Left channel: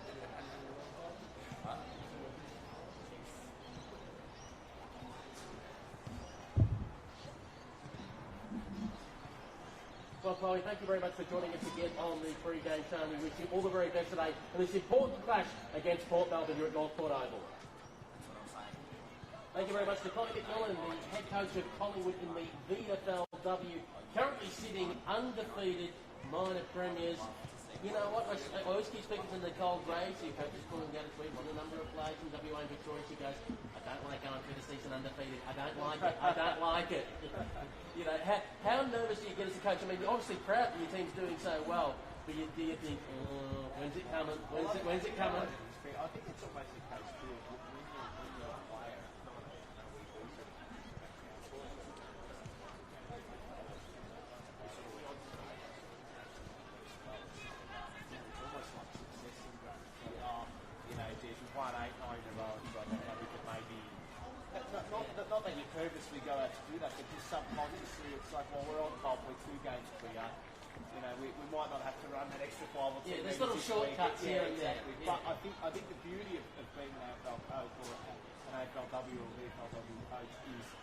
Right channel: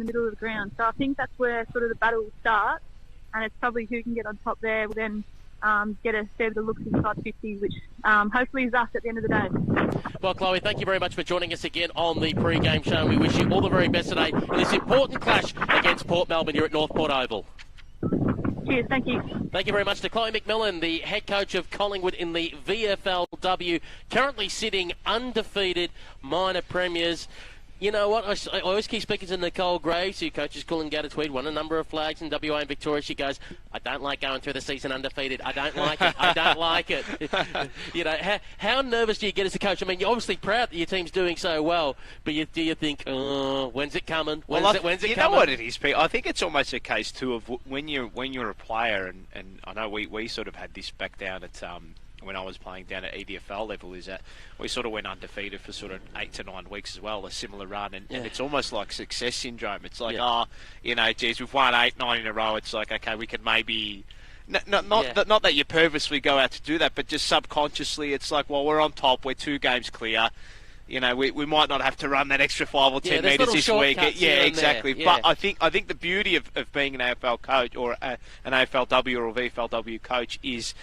the middle of the ground. So I think that's where sort of the battle will start, and it's probably who can get on top there will then get a fair bit of looks inside 50, which hopefully is us at the end of the day. Well, Chloe, thank you very much for joining us again on the pre-game show. We wish you all the very best today in this important clash against Port Melbourne here at Northport Oval. Cheers, thank you. Thank you very much to Chloe McMillan, the head coach of Collingwood in the VFLW, currently sitting undefeated minor premiers. You know what, I always keep speaking to Nicole Graves, who coaches Coolangatta Tweed, won a number of flags in WA and Victoria. She goes, I don't like going through the season undefeated. I don't like it. I don't like it. You know, how nervous do you get as a coach? I mean, you're obviously proud that your team's doing so well, but do you think, oh, when's it coming? When's it coming? You know what it is, Pete? I think it's almost a case, too, of when you're a player, and I know we sort of had this back down at when I was playing down at EDFL level, is that we sort of went undefeated for sort of 8 to 9 weeks as well, a similar run, and it's almost like success syndrome. It's like, you know, geez, we've won 8, 9 in a row. It's like, okay, we could maybe... Not that you purposely go out to do that, but just subconsciously, it's like, well, we're on top, we're 2 games clear. You know, we might not have to run that extra 5 or 10 metres this week. Yeah, exactly. But I think the beauty of being an AFL coach or an AFLW or a VFLW coach is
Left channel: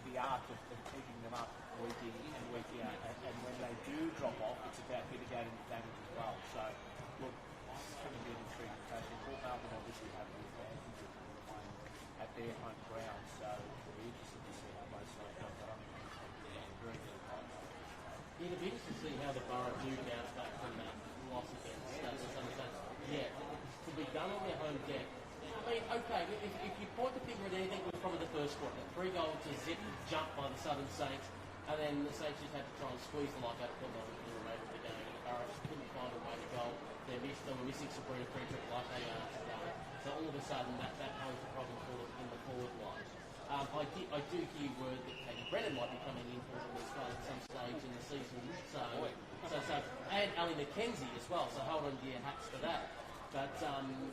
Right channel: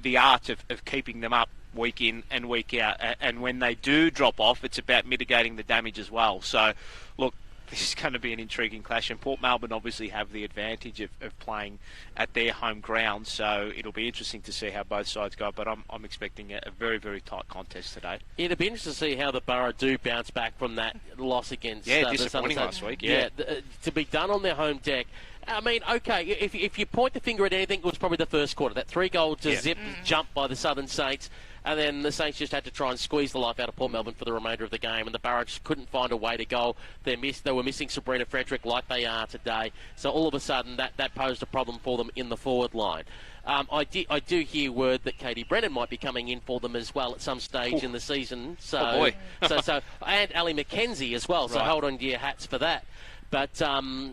the art of keeping them up week in and week out. And when they do drop off, it's about mitigating the damage as well. So, look, this is going to be an intriguing clash, and Port Melbourne obviously have the advantage of playing at their home ground, so it'll be interesting to see how both sides go, but I'm expecting a very, very tight contest today. Yeah, it'll be interesting to see how the Borough do bounce back from that loss against disappointing last week. To be done on their home deck. I mean, okay, if you point the finger at anything, it was probably the first quarter, that 3-goal to zip jump by the Southern Saints. And then the Saints just had to try and squeeze the life out of Port Melbourne for the remainder of the game. And the Borough just couldn't find a way to go. They were missing Sabrina Frederick like they are today. So all of a sudden, that posed a problem for them in the forward line. I do hear word that Katie Brennan might be coming in for them as well at some stage in the season. So, and Ali McKenzie as well. So hold on to your hats for that. But in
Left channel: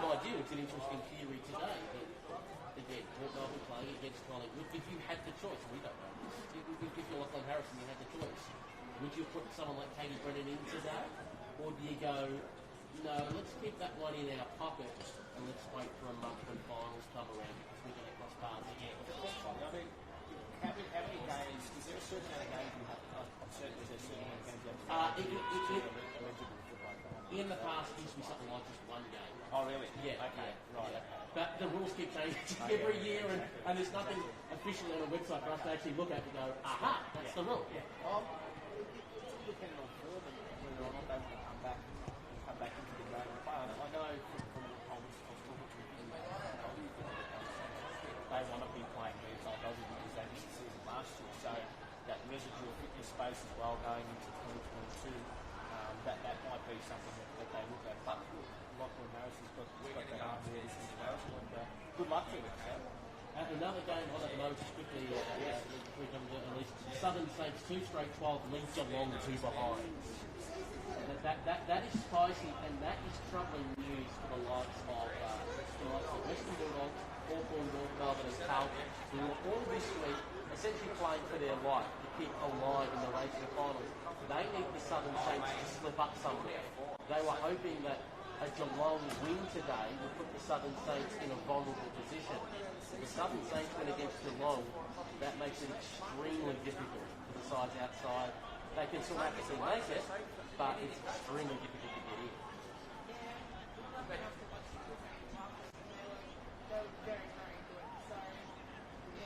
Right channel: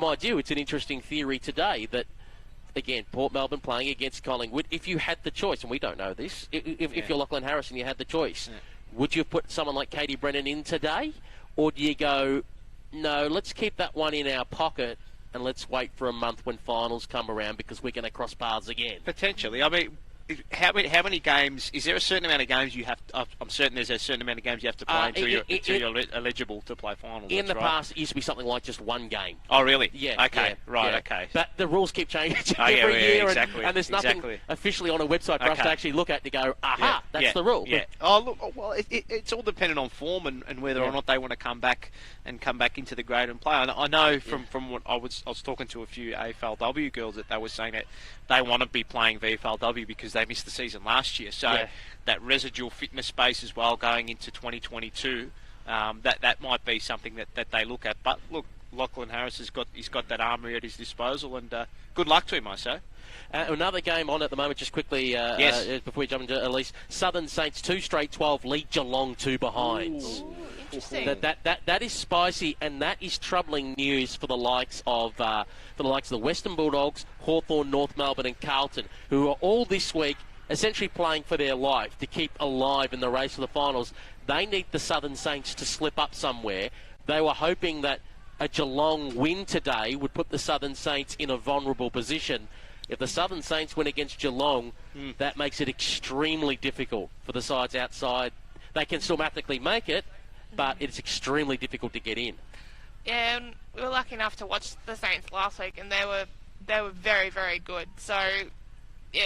my view, it's an interesting theory today that, again, Port Melbourne playing against Collingwood. If you had the choice, and we don't know this, if you're Lachlan Harris and you had the choice, would you have put someone like Katie Brennan in today? Or do you go, no, let's keep that one in our pocket and let's wait for a month when finals come around because we're going to cross paths again? Potentially. I mean, how many games, is there a certain amount of games you have to, I'm certain there's a certain amount of games you have to play until you're eligible to play finals. In the past, it used to be something like just 1 game. Oh, really? Yeah. Okay, okay. But the rules keep changing every year, and there's nothing officially on a website for us to actually look at to go, aha, that's the rule. Yeah. Oh, look, well, it's all dependent on form and whether or not they want to come back into the grade and play. I know from what I was talking to a few AFLW girls that they were saying that they want to be playing VFLW because they missed the season last year. So that residual fitness space as well going into 2022, that might be something that they look at. But look, Lachlan Harris he's got that armoury at his disposal, and good luck to him, I say. Another game on at the moment, just quickly, before we jump into Elise. Southern Saints 2 straight 12 lead Geelong 2 behinds. That is spicy, and that is troubling news for the likes of the Western Bulldogs, Hawthorn, North Melbourne, and Carlton, who are all this week essentially playing for their life to keep alive in the race for the finals. They need the Southern Saints to slip up somewhere. They were hoping that a Geelong win today would put the Southern Saints in a vulnerable position. If the Southern Saints win against Geelong, that makes it extremely difficult for the sides outside. They can still mathematically make it, but it's extremely difficult to get in. Yeah, and we were lucky enough to watch the Saints last week, and they were very, very good. So, yeah,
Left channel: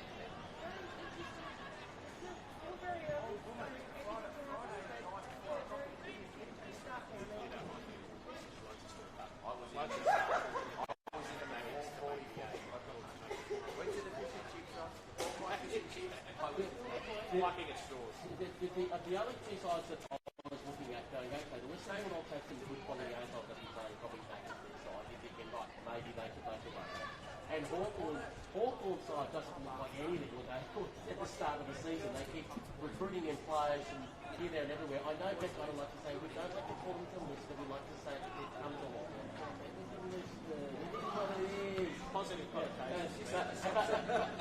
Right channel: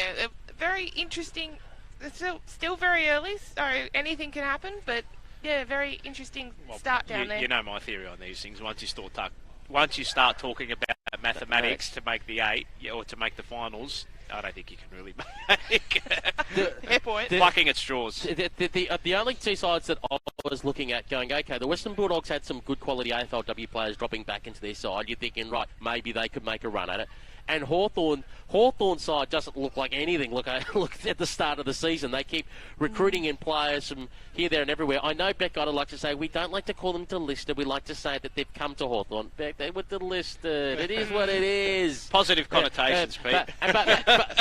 very interesting. It's still very early, so anything can happen, but yeah, very interesting start down there. You know my theory on these things. Once you start talking about mathematics to make the 8 or to make the finals, I don't think you can really make plucking at straws. The only 2 sides that I was looking at going, okay, the Western Bulldogs had some good quality AFLW players dropping back into their side. You're thinking, right, maybe they could make a run at it. And Hawthorn's side doesn't look like anything. Look at the start of the season. They keep recruiting in players from here, there and everywhere. I know Beck I'd like to say we don't like to call them delisted. We like to say that they've come to Hawthorn. Beck, they were delisted. It is what it is. Positive connotations, Pete.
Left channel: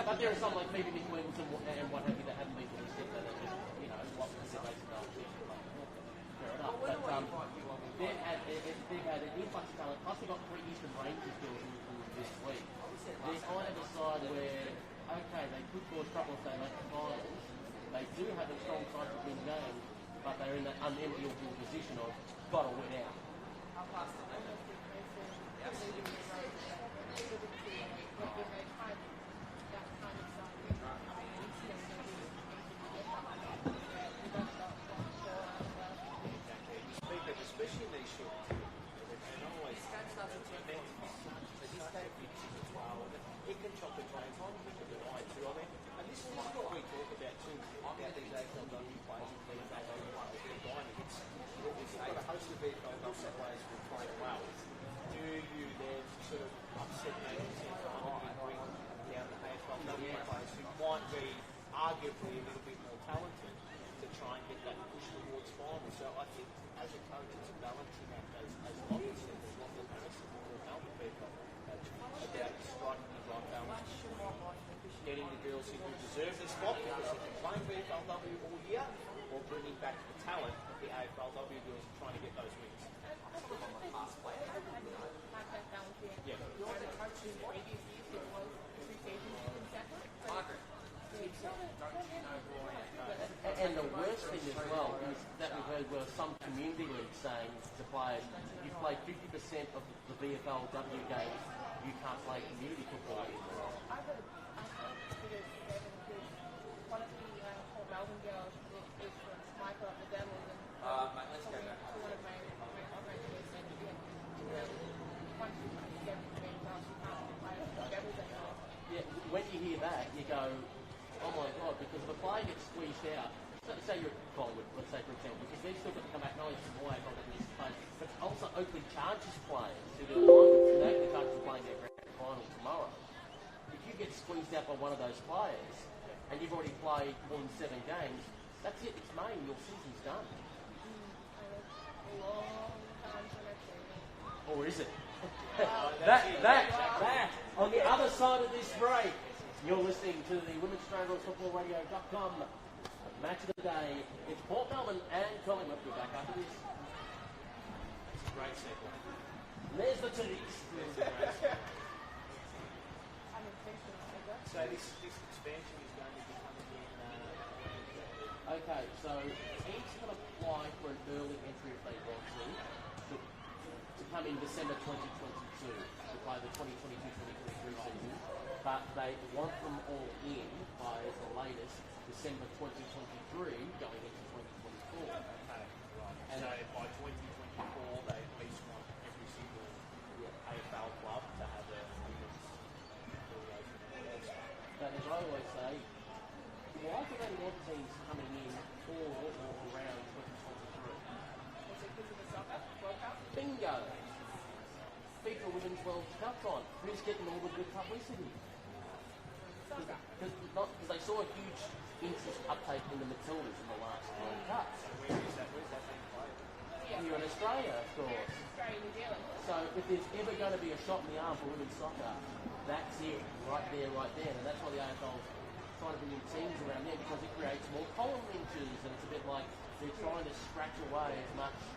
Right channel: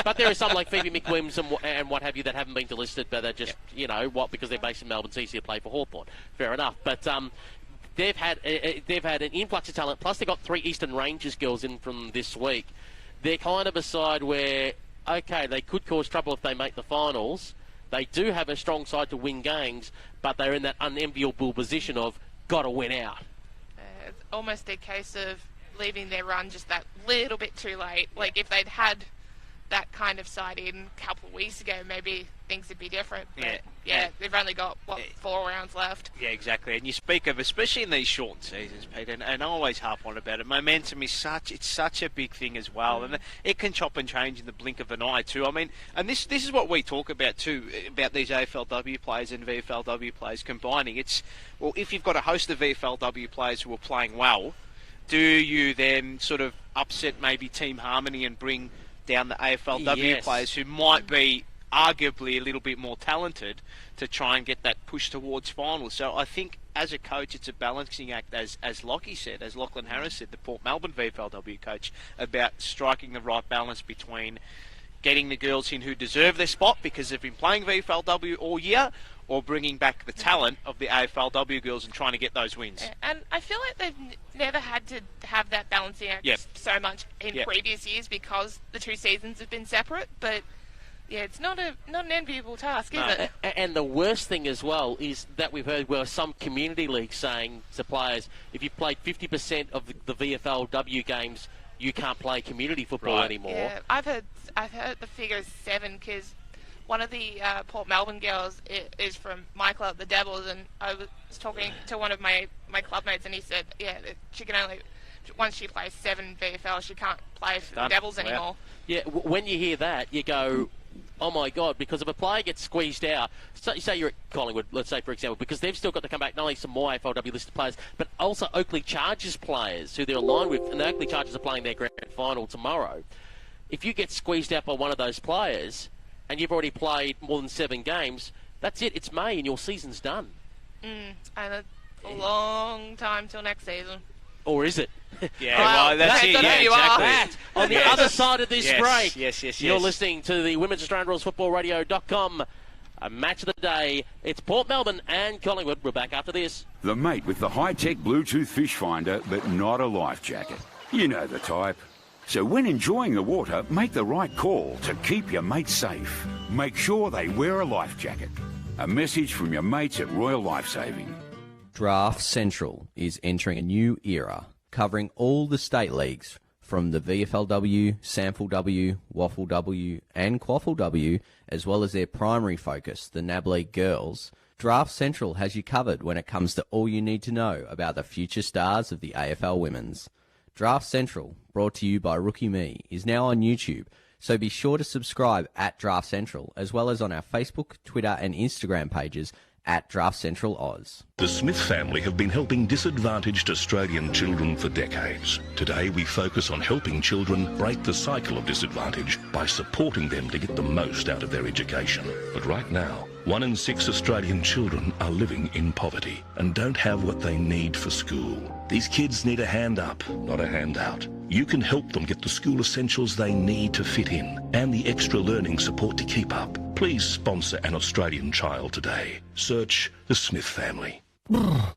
But there are some like Phoebe McWilliams and what have you that haven't been delisted, but they're just, because they're based in Melbourne, it's easier to play for Hawthorn. Fair enough. But they've had an influx of talent. Plus, they got 3 Eastern Rangers girls in from this week. They're kind of a side where, okay, they could cause trouble if they make the finals. They do have a strong side to win games, but they're in that unenviable position of got to win out. It's almost a case of leaving their run just that little bit too late. Like if they'd had that kind of side in a couple of weeks ago, maybe things would be different. But yeah, they've only got, 4 rounds left. Yeah, exactly. And you speak of, especially in these short seasons, Pete, and I always harp on about it, momentum is such a big thing as well, and it can chop and change in the blink of an eye too. I mean, and this is what we talk about too, about these AFLW players and VFLW players combining. It's, well, if you've got a host of VFLW players who are playing well, do you then sort of upset maybe team harmony and bring down the AFLW players who might be arguably a little bit more talented to try and get that push towards finals? So I think as a coach it's a balancing act, as Lockie said, as Lachlan Harris said, the Port Melbourne VFLW coach, about striking the right balance between getting the girls in who deserve their spot because they've been playing VFLW all year, or bringing back the talent of the AFLW girls and trying to get those wins. And I feel like they've never had to have that balancing act so much in previous years because the 2 seasons have been separate, but yeah, it's not an enviable task, is it? And the worst thing as well is that we've heard where some community leagues saying to players, if you've played 50% of the VFLW games, you can't play community football anymore. Yeah, I've heard the figure is 7 because one of the Port Melbourne girls is from my club, the Devils, and I was talking to one of my clubmates, and he said, that she can only, once she plays 7 VFL, she can't play for the Devils anymore. Yeah, when you hear that, you go, oh my God, because if a player gets squeezed out, so say you're at Collingwood, let's say, for example, because they've still got to come back, not only some more AFLW listed players, but also Oakley Chargers players who they're aligned with, and the Oakley Chargers are playing their grand final tomorrow. If you get squeezed out by one of those players, and you've already played more than 7 games, that's it. It's May and your season's done. And a long time till next season. Or is it? Yeah, well, that's it. Yeah, exactly. That, on the other side of this break. Yes. You're listening to the Women's Australian Rules Football Radio.com. A match of the day. It's Port Melbourne and Collingwood. We're back after this. The mate with the high-tech Bluetooth fish finder, but not a life jacket. You know the type. So when enjoying the water, make the right call to keep your mates safe. Make sure they wear a life jacket. A message from your mates at Royal Lifesaving. Draft Central is entering a new era, covering all the state leagues, from the VFLW, SAMFLW, WFLW and QFLW, as well as their primary focus, the NAB League Girls. Draft Central has you covered when it comes to all you need to know about the future stars of the AFL Women's. Draft Central, brought to you by Rookie Me, is now on YouTube, so be sure to subscribe at Draft Central, as well as on our Facebook, Twitter and Instagram pages at Draft Central Oz. The Smith family have been helping disadvantaged Australian children for decades. Today we focus on helping children break the cycle of disadvantage by supporting them to get the most out of their education. But right now, 1 in 6 Australian children are living in poverty and don't have what they need for school. These kids need a hand up, not a handout. You can help them get the school essentials they need to fit in and the extra learning support to keep up. Please sponsor an Australian child today. Search the Smith family.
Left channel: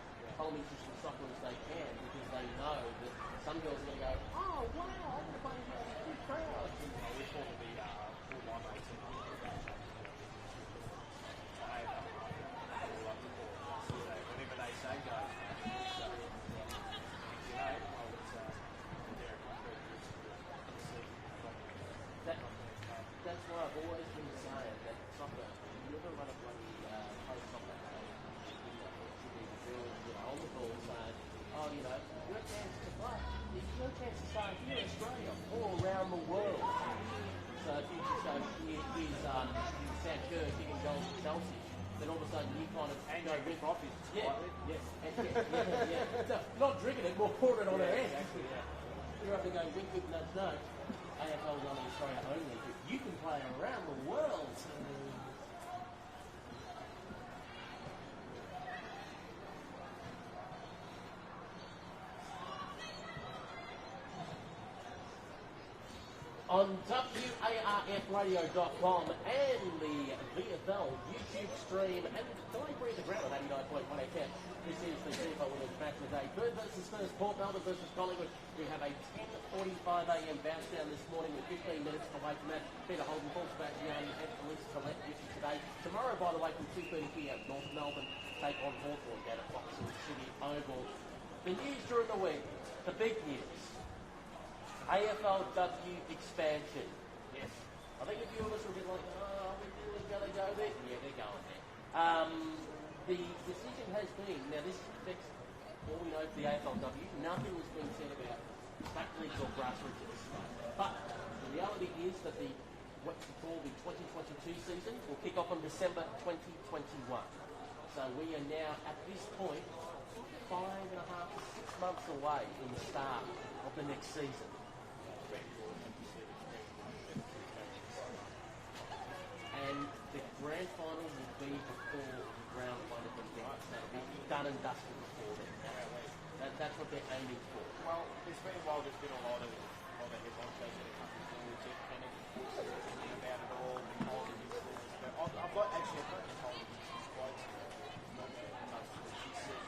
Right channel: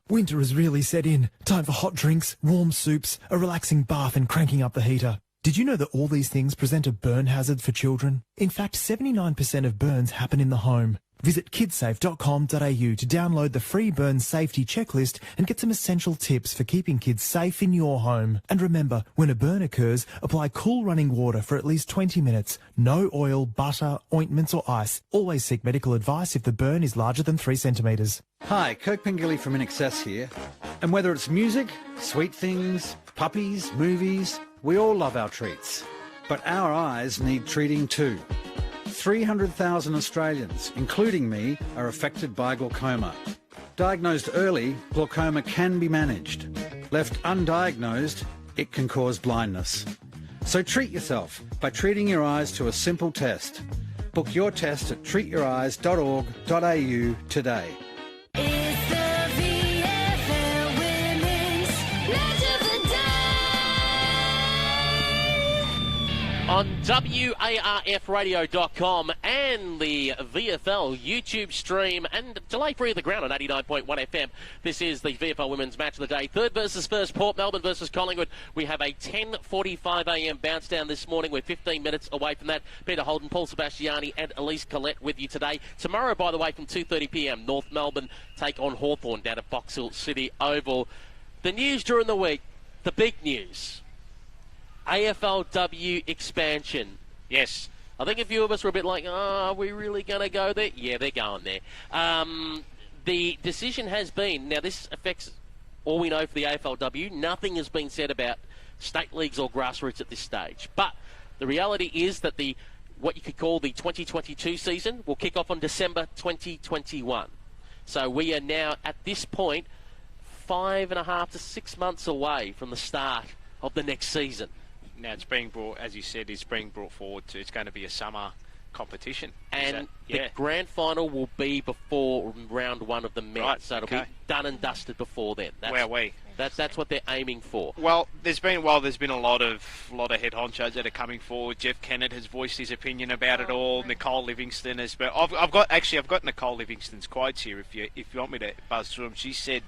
Winter has really set in. Time for hot drinks, warm soups, a relaxing bath and cranking up the heater. Did you know that all these things present a burn hazard for children? In fact, 79% of burns happen in the home. Visit kidsafe.com.au to download the free burn safety checklist and get some essential tips for keeping kids safe in your home. And remember, when a burn occurs, apply cool running water for at least 20 minutes. No oil, butter, ointments or ice. Always seek medical advice if the burn is larger than 3 centimetres. Hi, Kirk Pengilly from InXS here. And whether it's music, sweet things, puppies, movies, we all love our treats. But our eyes need treating too. 300,000 Australians, including me, are affected by glaucoma. Diagnosed early, glaucoma can be managed. Left undiagnosed, it can cause blindness. So treat yourself by treating your eyes to a simple test. Book your test at treatyoureyes.org.au today. It's the VFL Women's Match of the Day. on WARFradio.com and the VFL YouTube stream and delay free of the ground on 89.1 FM. This is the VFL Women's Match of the Day. Third versus first, Port Melbourne versus Collingwood. We have a 10:45 a.m. bounce down this morning. We're 15 minutes away from that. Peter Holden, Paul Sebastiani and Elise Collette with you today. Tomorrow, by the way, from 2:30 p.m, North Melbourne take on Hawthorn down at Box Hill City Oval. The news during the week, the big news. AFLW expansion. Yes. I think a few of us were a bit like, are we really going to go there? Yeah, they're going there. The decision has been, now this affects all we know for the AFLW. Nothing has been said about state leagues or grassroots at this stage. But the reality is that what you could call the 2022 season will kick off on December 2021. So we are now, at this point, 5.5 to 6 months away from the start of the next season. Now it's being brought, as you said, it's being brought forward to, it's going to be a summer competition. And the grand final will be before round one of the men. Right, so it'll be done and dusted before then. That's what they're aiming for. Well, there's been a lot of head honchos that are coming forward. Jeff Kennett has voiced his opinion about it all. Nicole Livingston has. But I've got Nicole Livingston's quotes here. If you want me to buzz through them, she said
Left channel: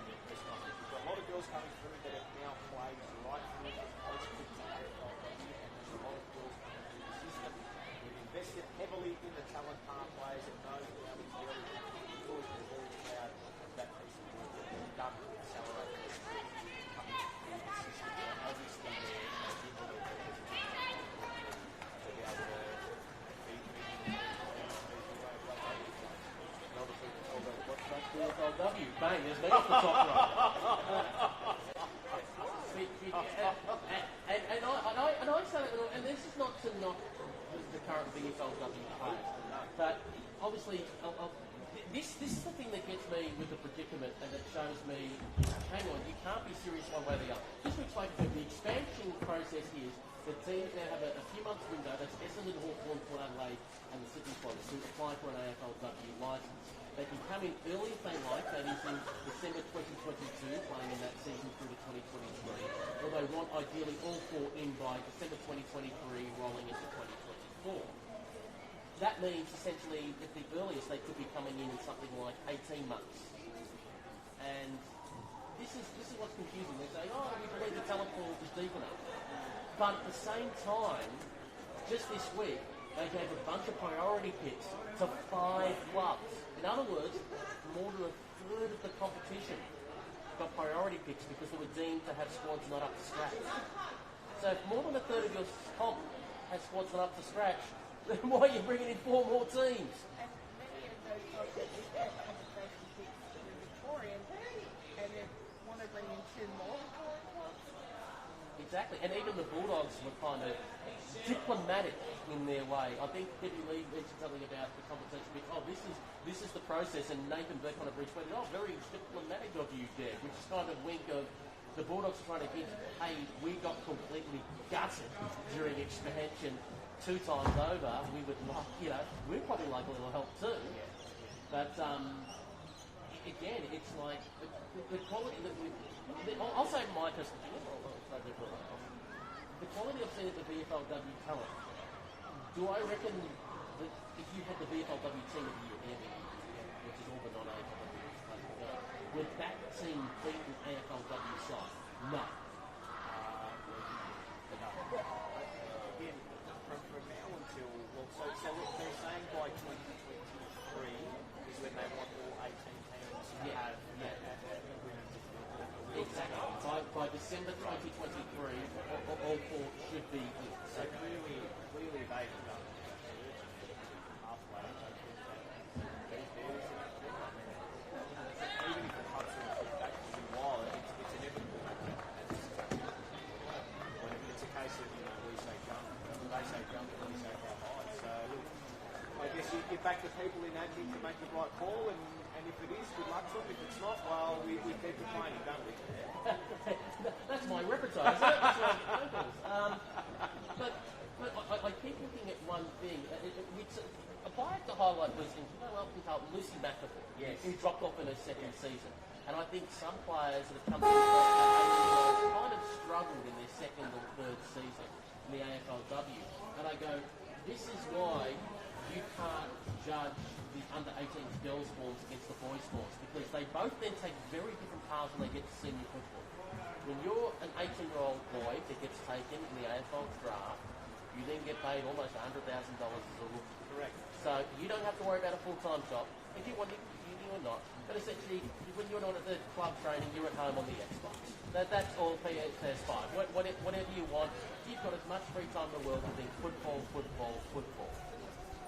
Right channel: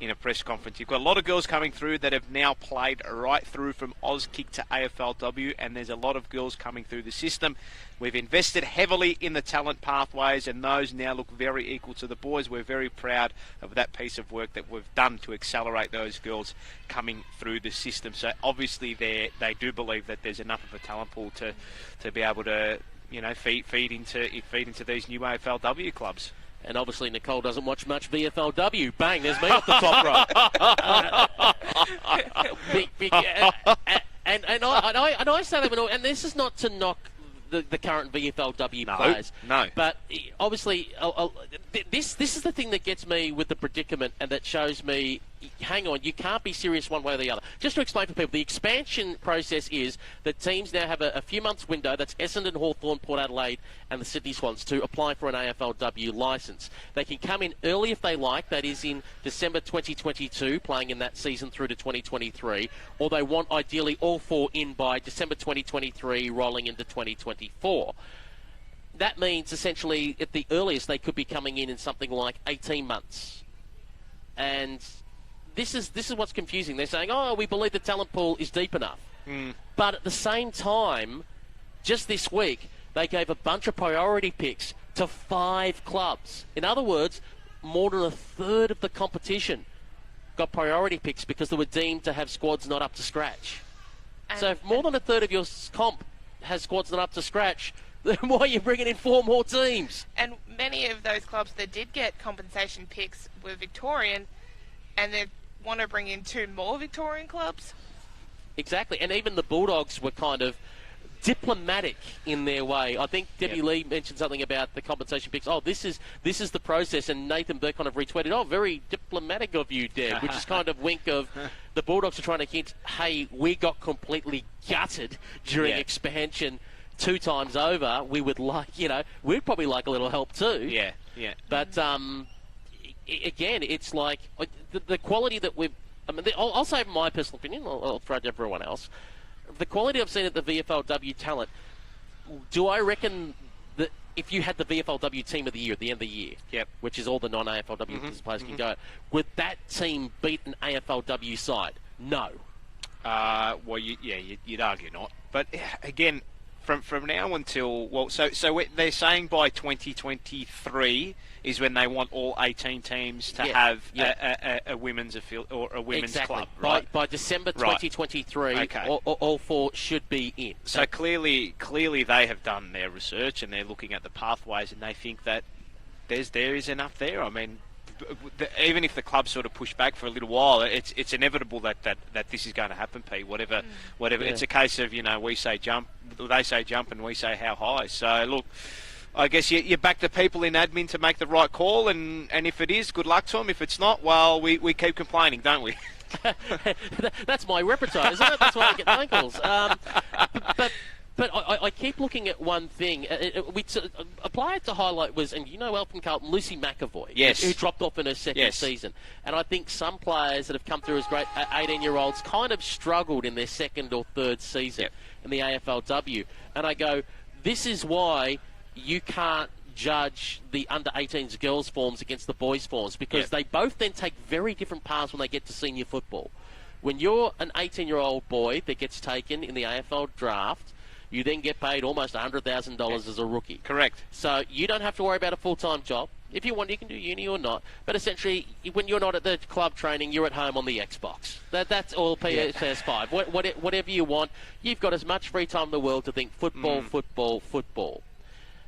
in a press conference, you've got a lot of girls coming through that have now played right through from Auskick to AFLW, and there's a lot of girls coming through the system. We've invested heavily in the talent pathways, and those now look very equal to the boys. We're very proud of that piece of work that we've done to accelerate those girls coming through the system. So obviously they do believe that there's enough of a talent pool to be able to, feed into these new AFLW clubs. And obviously Nicole doesn't watch much VFLW. Bang, there's me off the top row. And I say that, and this is not to knock the current VFLW players. No. But obviously, this is the thing that gets me with the predicament, and that shows me, hang on, you can't be serious one way or the other. Just to explain for people, the expansion process is that teams now have a few months window, that's Essendon, Hawthorn, Port Adelaide and the Sydney Swans, to apply for an AFLW licence. They can come in early if they like, that is in December 2022, playing in that season through to 2023, or they want ideally all four in by December 2023, rolling into 2024. That means essentially at the earliest they could be coming in something like 18 months. And this is what's confusing. They're saying, oh, we believe the talent pool is deep enough. But at the same time, just this week, they gave a bunch of priority picks to 5 clubs. In other words, more than a third of the competition got priority picks because they were deemed to have squads not up to scratch. So if more than a third of your comp has squads not up to scratch, then why are you bringing in 4 more teams? And many of those clubs that did get compensation picks were Victorian, and they want to bring in 2 more Victorian clubs. Exactly, and even the Bulldogs were kind of diplomatic in their way. I think Debbie Lee mentioned something about the compensation picks. Oh, this is the process, and Nathan Burke kind of retweeted, oh, very diplomatic of you, Deb, which is kind of wink of the Bulldogs are trying to hint, hey, we got completely gutted during expansion 2 times over. We would like, we'd probably like a little help too. Yeah. But again, it's like the quality that we've. I mean, I'll say my personal opinion. I'll throw it to everyone else. The quality I've seen at the VFLW talent. Do I reckon that if you had the VFLW team of the year at the end of the year, which is all the non-AFLW players can go, would that team beat an AFLW side? No. Well, you'd argue not. But again, from now until they're saying by 2023 is when they want all 18 teams to have a women's or a women's club, right? By December 2023, all 4 should be in. So clearly they have done their research and they're looking at the pathways, and they think that there is enough there. I mean, even if the clubs sort of push back for a little while, it's inevitable that this is going to happen, Pete. Whatever. It's a case of, we say jump, they say jump, and we say how high. So look, I guess you back the people in admin to make the right call, and if it is, good luck to them. If it's not, well, we keep complaining, don't we? That's my repertoire, isn't it? That's why I get phone calls. But I keep looking at one thing. A player to highlight was, and Elton Carlton, Lucy McAvoy, who dropped off in her second season. And I think some players that have come through as great 18-year-olds kind of struggled in their second or third season. in the AFLW. And I go, this is why you can't judge the under-18s girls' forms against the boys' forms, because they both then take very different paths when they get to senior football. When you're an 18-year-old boy that gets taken in the AFL draft, you then get paid almost $100,000 as a rookie. Correct. So you don't have to worry about a full-time job. If you want, you can do uni or not. But essentially, when you're not at the club training, you're at home on the Xbox. That's all PS5. Whatever you want, you've got as much free time in the world to think football, football, football.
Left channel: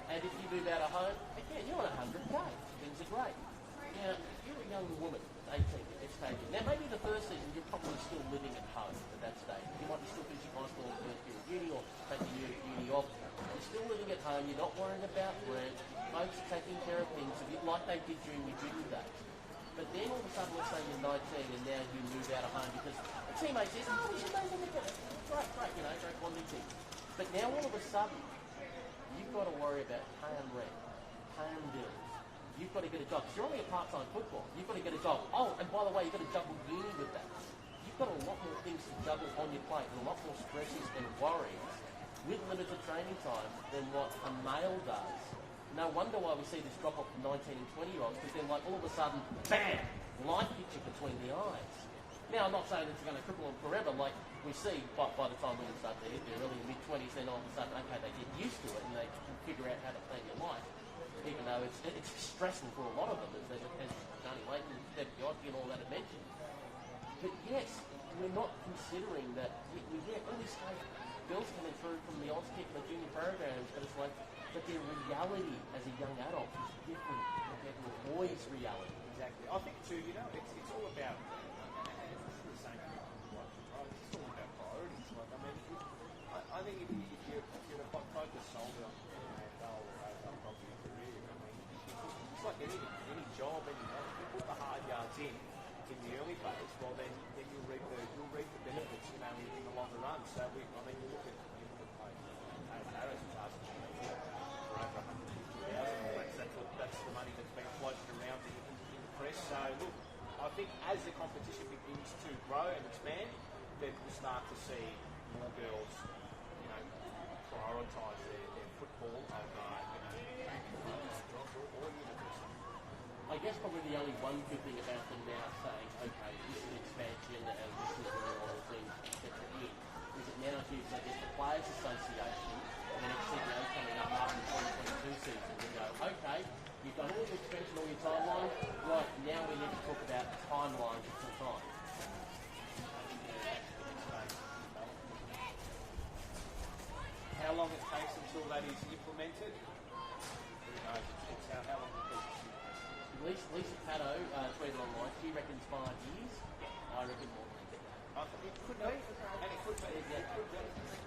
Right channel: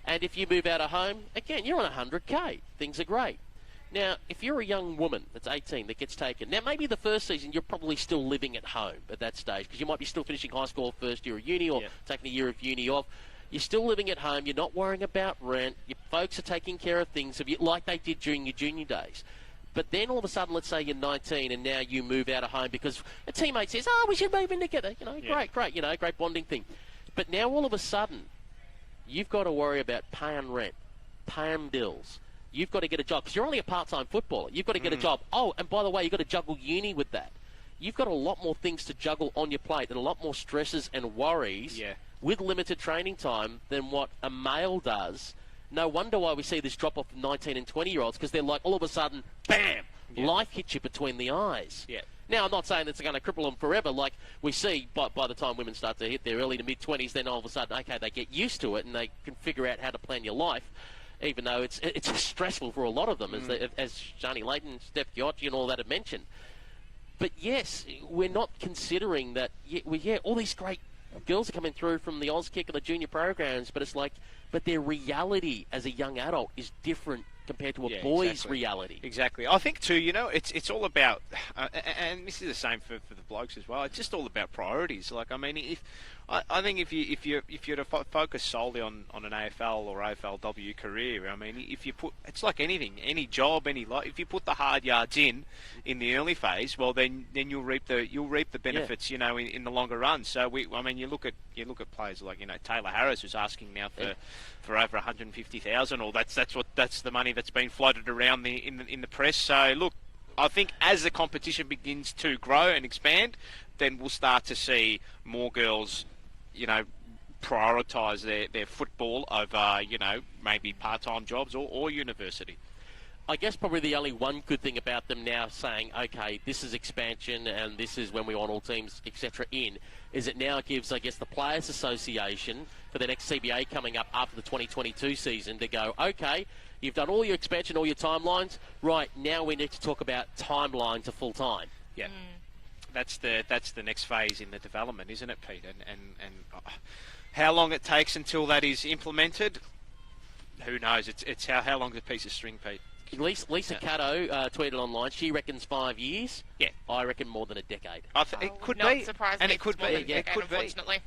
And if you move out of home, again, you're on 100K. Things are great. Now, if you're a young woman that's 18 that gets taken, now maybe the first season you're probably still living at home at that stage, because you might be still finishing high school first year of uni or taking a year of uni off. You're still living at home. You're not worrying about rent. Your folks are taking care of things like they did during your junior days. But then all of a sudden, let's say you're 19 and now you move out of home because a teammate says, we should move in together. Great, great bonding thing. But now all of a sudden, you've got to worry about paying rent, paying bills. You've got to get a job, because you're only a part-time footballer. You've got to get a job. Oh, and by the way, you've got to juggle uni with that. You've got a lot more things to juggle on your plate and a lot more stresses and worries with limited training time than what a male does. No wonder why we see this drop off of 19 and 20-year-olds, because they're like, all of a sudden, bam, life hits you between the eyes. Now, I'm not saying that's going to cripple them forever. Like we see, by the time women start to hit their early to mid-20s, then all of a sudden, okay, they get used to it and they can figure out how to plan your life, even though it's stressful for a lot of them, as Shani Layton, Steph Giocchi and all that have mentioned. But yes, we're not considering that, all these great girls are coming through from the Auskick and the junior programs, but it's like, but their reality as a young adult is different compared to a boy's reality. Exactly. I think too, it's all about, and this is the same for the blokes as well. It's just all about priorities. Like, I mean, I think if you're to focus solely on an AFL or AFLW career, I mean, if you put, it's like anything, any job, if you put the hard yards in the early phase, well then you'll reap the benefits, in the longer run. So you look at players like Taylor Harris, who's asking now for over 150,000, or that's the money that's been floated around in the press. So look, I think as the competition begins to grow and expand, then we'll start to see more girls, prioritise their football over, maybe part-time jobs or university. I guess probably the only one good thing about them now saying, okay, this is expansion and this is when we want all teams, etc. is it now gives, I guess, the Players Association for the next CBA coming up after the 2022 season to go, okay, you've done all your expansion, all your timelines, right, now we need to talk about timeline to full-time. Yeah. That's the next phase in the development, isn't it, Pete? And how long it takes until that is implemented, who knows? It's how long's a piece of string, Pete? Lisa Caddo tweeted online. She reckons 5 years. Yeah, I reckon more than a decade. It could Not be, surprised and me it could it's more be. than a decade, unfortunately.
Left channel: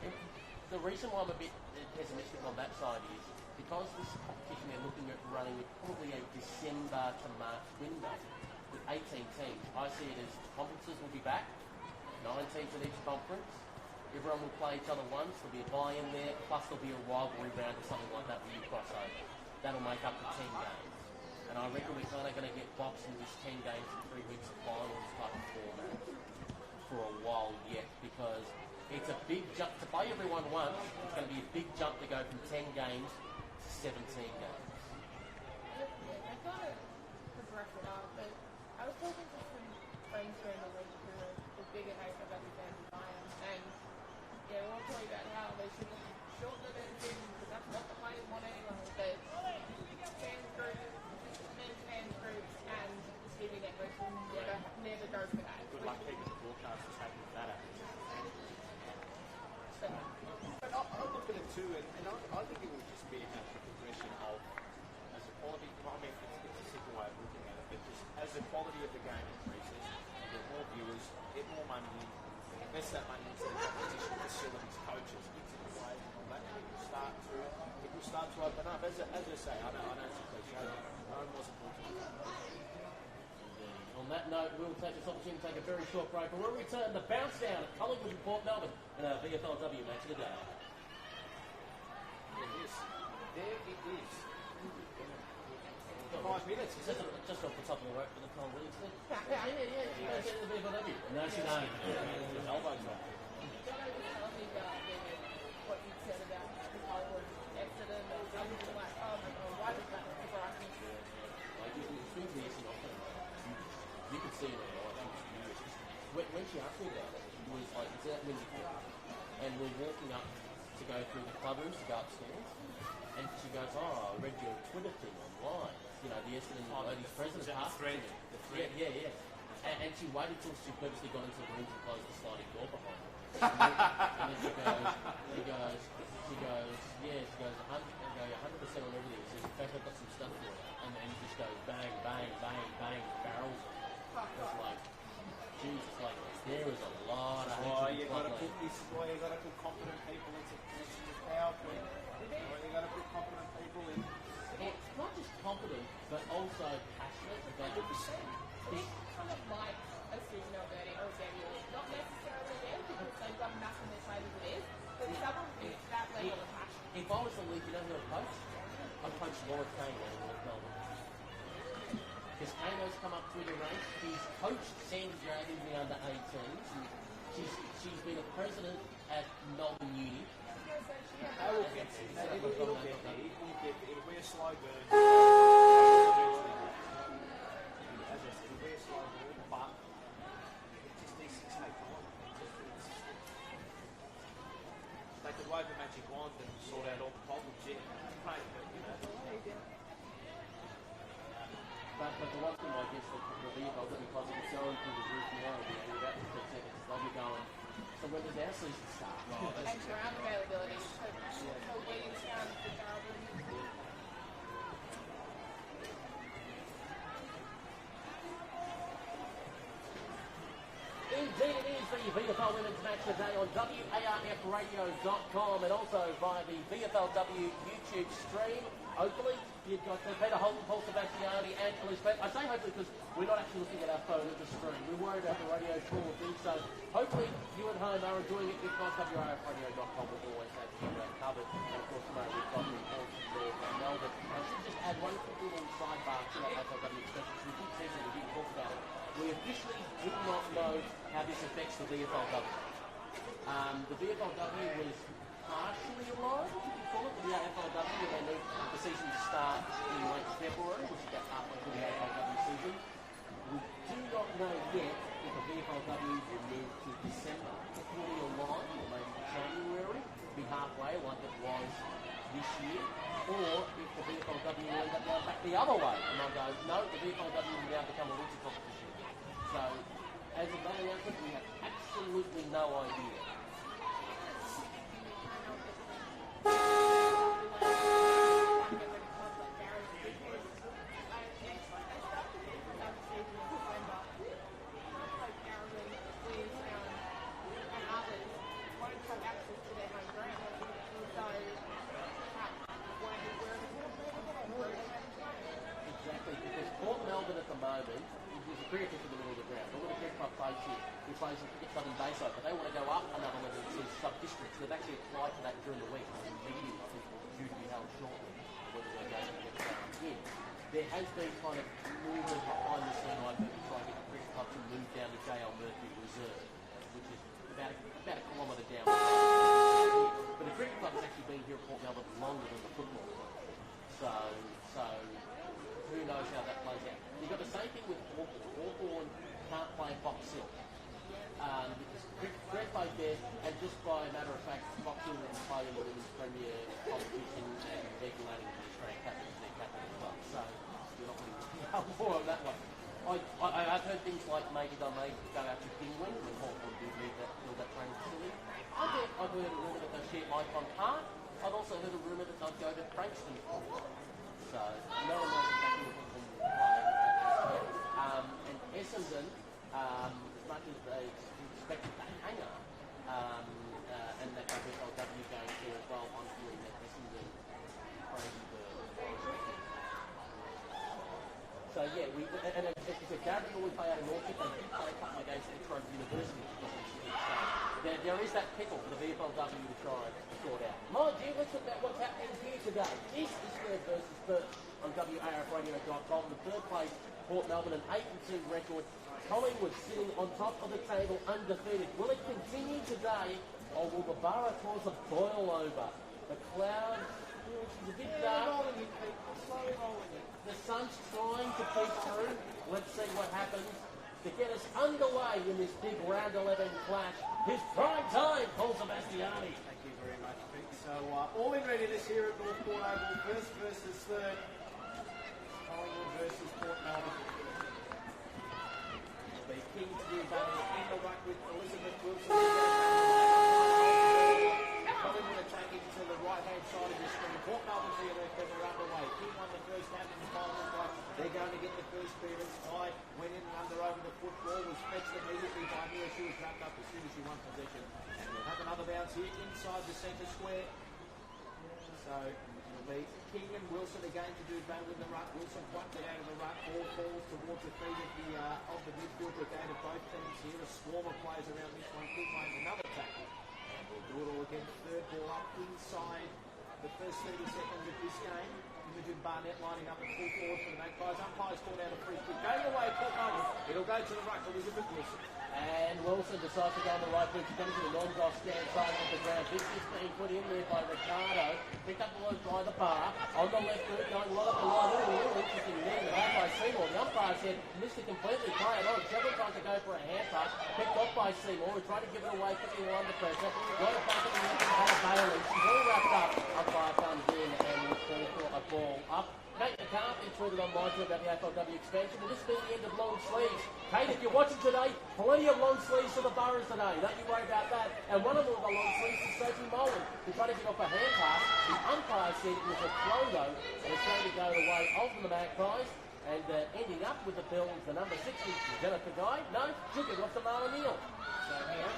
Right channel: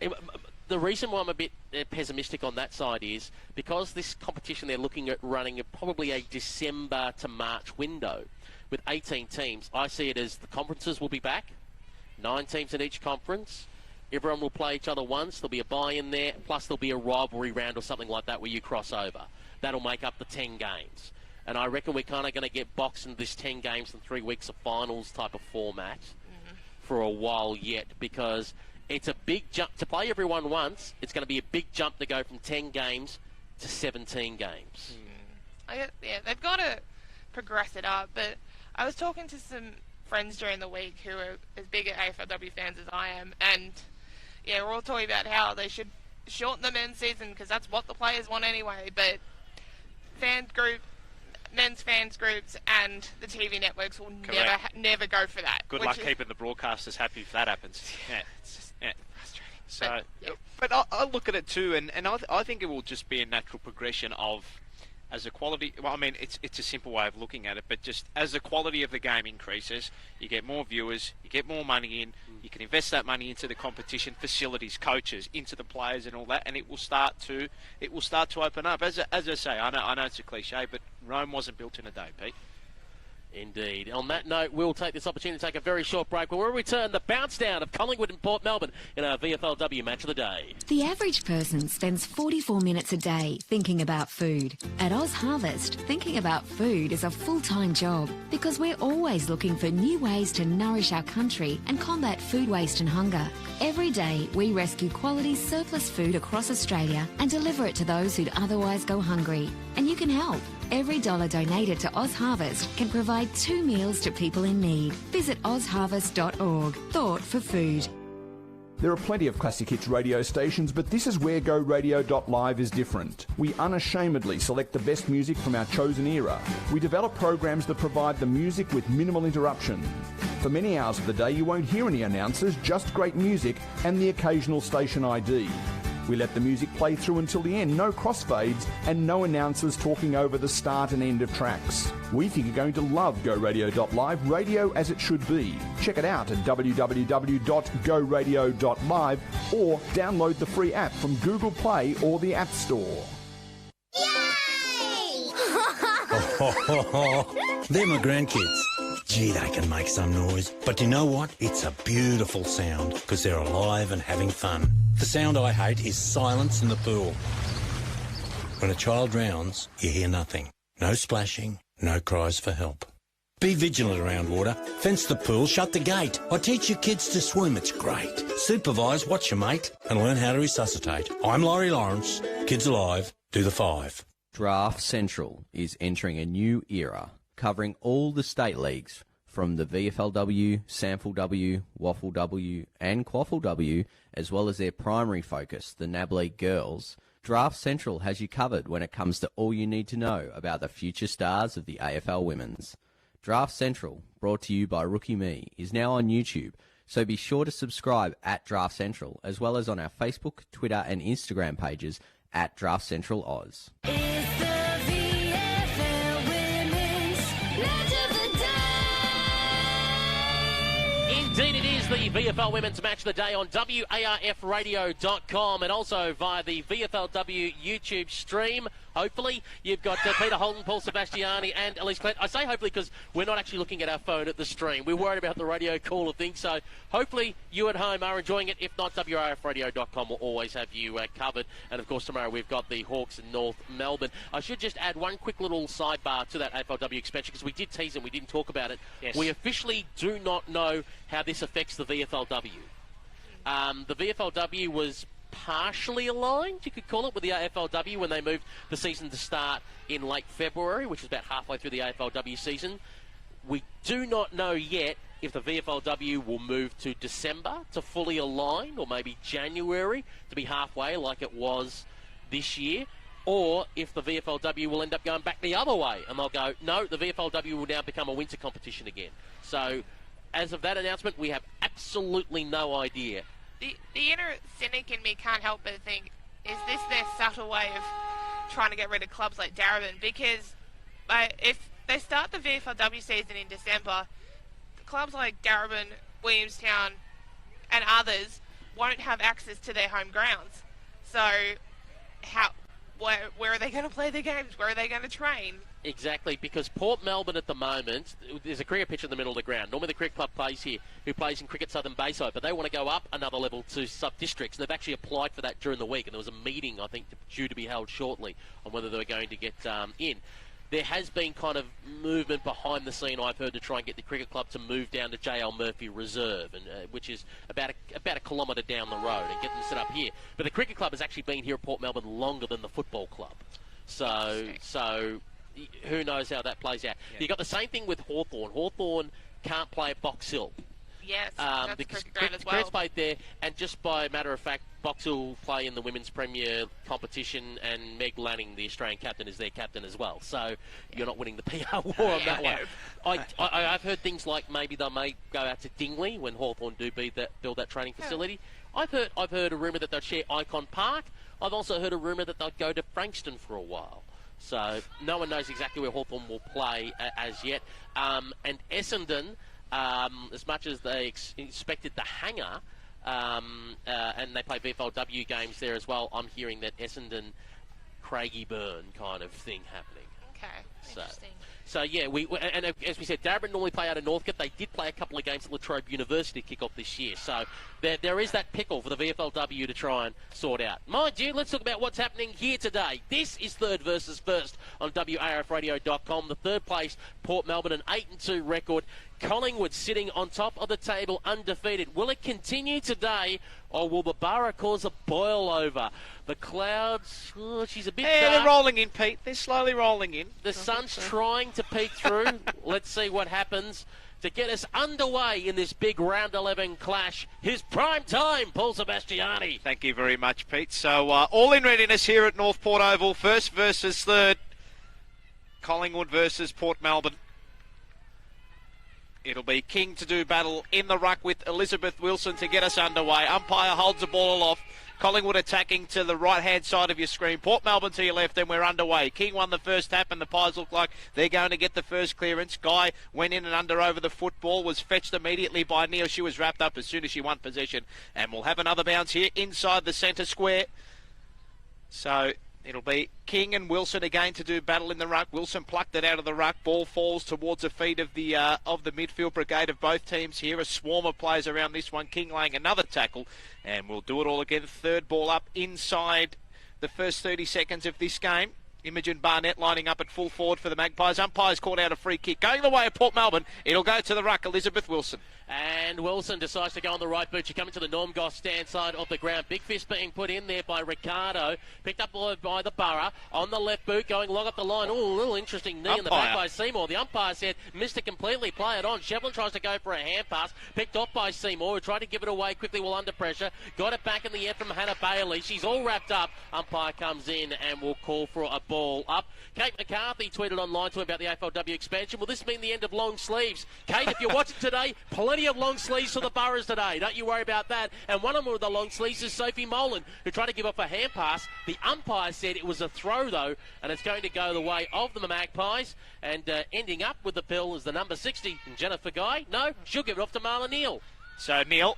The reason why I'm a bit pessimistic on that side is because this competition they're looking at running probably a December to March window with 18 teams. I see it as the conferences will be back, 9 teams in each conference. Everyone will play each other once. There'll be a buy-in there, plus there'll be a rivalry round or something like that where you cross over. That'll make up the 10 games. And I reckon we're kind of going to get boxed into this 10 games and 3 weeks of finals type of format for a while yet, because it's a big jump. To play everyone once, it's going to be a big jump to go from 10 games to 17 games. They've got to progress it up, but I was talking to some friends during the week who are as big AFLW fans as I am, and we're all talking about how they should shorten the men's season because that's what the players want anyway, but men's fans groups and the TV networks will never go for that. Good luck keeping the broadcasters happy if that happens. But I look at it too, and I think it will just be a natural progression of, as the quality, well, I mean, it's a simple way of looking at it, but just as the quality of the game increases, you get more viewers, you get more money in, you can invest that money into the competition, facilities, coaches, into the players and all that, and it will start to open up. As I say, I know it's a cliche, but Rome wasn't built in a day, Pete. Indeed. On that note, we'll take this opportunity to take a very short break. When we return, the bounce down of Collingwood and Port Melbourne in our VFLW match of the day. The average person spends 44 minutes a day thinking about food. At Oz Harvest, thinking about food is a full-time job because we're always looking for new ways to nourish our country and combat food waste and hunger. Every day, we rescue quality surplus food across Australia and deliver it to those who'd otherwise go hungry. And you can help. Every dollar donated to Oz Harvest can provide 2 meals to people in need. Visit ozharvest.org. Thought for food. There are plenty of classic hits radio stations, but this is where GoRadio.live is different. We unashamedly select the best music from our chosen era. We develop programs that provide the music with minimal interruption. For many hours of the day, you won't hear any announcers, just great music and the occasional station ID. We let the music play through until the end, no crossfades and no announcers talking over the start and end of tracks. We think you're going to love GoRadio.live, radio as it should be. Check it out at www.goradio.live or download the free app from Google Play or the App Store. They're my grandkids. Gee, they can make some noise. But you know what? It's a beautiful sound because they're alive and having fun. The sound I hate is silence in the pool. When a child drowns, you hear nothing. No splashing, no cries for help. Be vigilant around water. Fence the pool, shut the gate. I teach your kids to swim, it's great. Supervise, watch your mate, and learn how to resuscitate. I'm Laurie Lawrence. Kids alive, do the 5. Draft Central is entering a new era, covering all the state leagues, from the VFLW, SANFLW, WFLW and QFLW, as well as their primary focus, the NAB League Girls. Draft Central has you covered when it comes to all you need to know about the future stars of the AFL Women's. Draft Central, brought to you by Rookie Me, is now on YouTube, so be sure to subscribe at Draft Central, as well as on our Facebook, Twitter and Instagram pages at Draft Central Oz. It's the VFL Women's Match of the Day. Indeed, it is the VFL Women's Match of the Day on WARFradio.com and also via the VFLW YouTube stream. Hopefully, you've got Peter Holton, Paul Sebastiani and Elise Clent. I say hopefully because we're not actually looking at our phone at the stream. We're worried about the radio call of things, so hopefully you at home are enjoying it. If not, WARFradio.com will always have you covered. And of course, tomorrow we've got the Hawks in North Melbourne. I should just add one quick little sidebar to that AFLW expansion because we did tease it, we didn't talk about it. Yes. We officially do not know how this affects the VFLW. The VFLW was partially aligned, you could call it, with the AFLW when they moved the season to start in late February, which is about halfway through the AFLW season. We do not know yet if the VFLW will move to December to fully align, or maybe January to be halfway like it was this year, or if the VFLW will end up going back the other way and they'll go, no, the VFLW will now become a winter competition again. So as of that announcement, we have absolutely no idea. The inner cynic in me can't help but think, is this their subtle way of trying to get rid of clubs like Darabin? Because if they start the VFLW season in December, clubs like Darabin, Williamstown and others won't have access to their home grounds. So where are they going to play their games? Where are they going to train? Exactly, because Port Melbourne at the moment, there's a cricket pitch in the middle of the ground. Normally the cricket club plays here, who plays in Cricket Southern Bayside, but they want to go up another level to sub-districts. They've actually applied for that during the week, and there was a meeting, I think, due to be held shortly on whether they were going to get in. There has been kind of movement behind the scene, I've heard, to try and get the cricket club to move down to JL Murphy Reserve, and, which is about a kilometre down the road, and get them set up here. But the cricket club has actually been here at Port Melbourne longer than the football club. So who knows how that plays out. You've got the same thing with Hawthorn. Hawthorn can't play at Box Hill. Yes, because as well. Cricket's played there, and just by a matter of fact, Box Hill will play in the Women's Premier competition, and Meg Lanning, the Australian captain, is their captain as well. So you're not winning the PR war on that one. I've heard things like maybe they may go out to Dingley when Hawthorn do build that training facility. I've heard a rumour that they'll share Icon Park. I've also heard a rumour that they'll go to Frankston for a while. So no one knows exactly where Hawthorn will play as yet. And Essendon, as much as they expected the hangar, and they play VFLW games there as well, I'm hearing that Essendon, Craigieburn kind of thing happening. Okay. So, yeah, and as we said, Darabin normally play out of Northcote. They did play a couple of games at Latrobe University to kick off this year. So there is that pickle for the VFLW to try and sort out. Mind you, let's talk about what's happening here today. This is third versus first on WARFradio.com. The third place, Port Melbourne, an 8-2 record. Collingwood sitting on top of the table, undefeated. Will it continue today, or will the Borough cause a boil over? The clouds, she's a bit dark. They're rolling in, Pete. They're slowly rolling in. The sun's trying to peek through. Let's see what happens to get us underway in this big round 11 clash. Here's prime time, Paul Sebastiani. Thank you very much, Pete. So all in readiness here at North Port Oval. First versus third. Collingwood versus Port Melbourne. It'll be King to do battle in the ruck with Elizabeth Wilson to get us underway. Umpire holds the ball aloft. Collingwood attacking to the right-hand side of your screen. Port Melbourne to your left, and we're underway. King won the first tap, and the Pies look like they're going to get the first clearance. Guy went in and under over the football, was fetched immediately by Neil. She was wrapped up as soon as she won possession. And we'll have another bounce here inside the centre square. So it'll be King and Wilson again to do battle in the ruck. Wilson plucked it out of the ruck. Ball falls towards the feet of the midfield brigade of both teams here. A swarm of players around this one. King laying another tackle. And we'll do it all again. Third ball up inside the first 30 seconds of this game. Imogen Barnett lining up at full forward for the Magpies. Umpires called out a free kick. Going the way of Port Melbourne. It'll go to the ruck. Elizabeth Wilson. And Wilson decides to go on the right boot. She comes to the Norm Goss stand side of the ground. Big fist being put in there by Ricardo. Picked up by the Borough. On the left boot, going long up the line. Oh, a little interesting knee in the back by Seymour. The umpire said, missed it completely. Play it on. Shevlin tries to go for a hand pass. Picked off by Seymour, who tried to give it away quickly while under pressure. Got it back in the end from Hannah Bailey. She's all wrapped up. Umpire comes in and will call for a ball up. Kate McCarthy tweeted online to about the AFLW expansion. Will this mean the end of long sleeves? Kate, if you're watching today, plenty of long sleeves for the Boroughs today. Don't you worry about that. And one of the long sleeves is Sophie Molan, who tried to give up a hand pass. The umpire said it was a throw, though, and it's going to go the way of the Magpies. And ending up with the bill is the number 60, Jennifer Guy. No, she'll give it off to Marla Neal. So Neal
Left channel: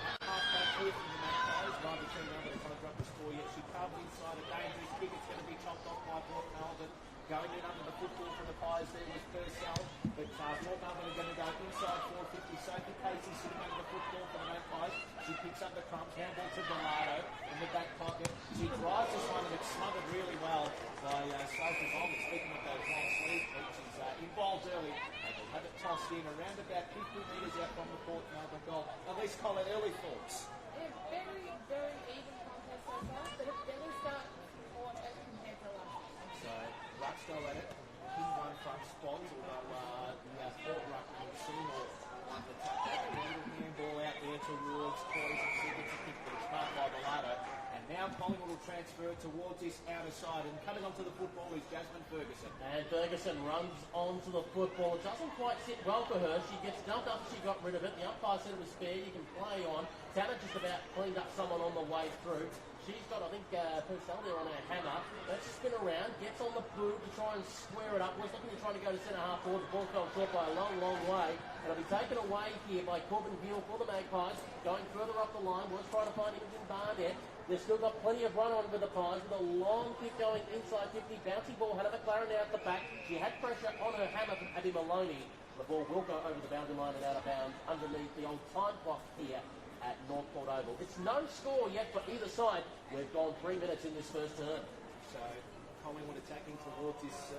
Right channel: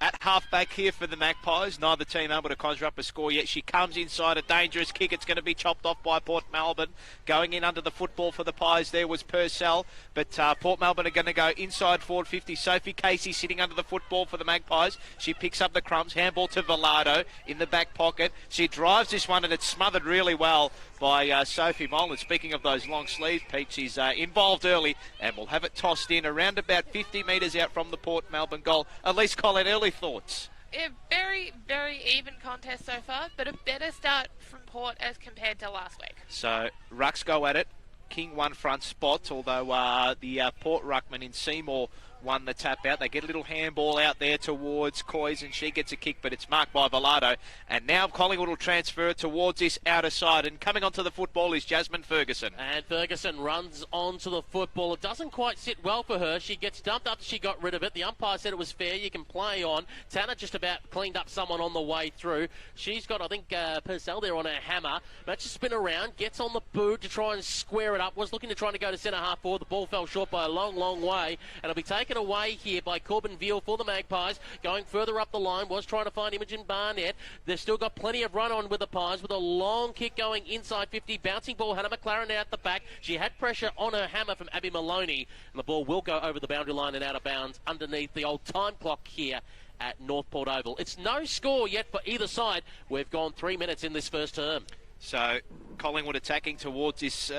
at halfback here for the Magpies. Neither team able to conjure up a score yet. She comes inside, a dangerous kick. It's going to be chopped off by Port Melbourne. Going in under the football for the Pies there was Purcell. But Port Melbourne are going to go inside forward 50. Sophie Casey sitting under the football for the Magpies. She picks up the crumbs. Handball to Velado in the back pocket. She drives this one and it's smothered really well by Sophie Molan. Speaking of those long sleeves, Pete, she's involved early and we'll have it tossed in around about 50 metres out from the Port Melbourne goal. Elise Collin, early thoughts? A very, very even contest so far, but a better start from Port as compared to last week. So rucks go at it. King won front spot, although the Port ruckman in Seymour won the tap out. They get a little handball out there towards Coys and she gets a kick, but it's marked by Velado. And now Collingwood will transfer towards this outer side. And coming onto the football is Jasmine Ferguson. And Ferguson runs onto the football. It doesn't quite sit well for her. She gets dumped up. She got rid of it. The umpire said it was fair. You can play on. Tanner just about cleaned up someone on the way through. She's got, I think, Purcell there on her hammer. But to spin around, gets on the boot to try and square it up. Was looking to try to go to centre half forward. The ball fell short by a long, long way. And it'll be taken away here by Corbin Veal for the Magpies. Going further up the line, was trying to find Imogen Barnett. They've still got plenty of run on with the Pies with a long kick going inside 50. Bouncing ball, Hannah McLaren out the back. She had pressure on her hammer from Abby Maloney. And the ball will go over the boundary line and out of bounds underneath the old time clock here at North Port Oval. It's no score yet for either side. We've gone 3 minutes in this first term. So Collingwood attacking towards this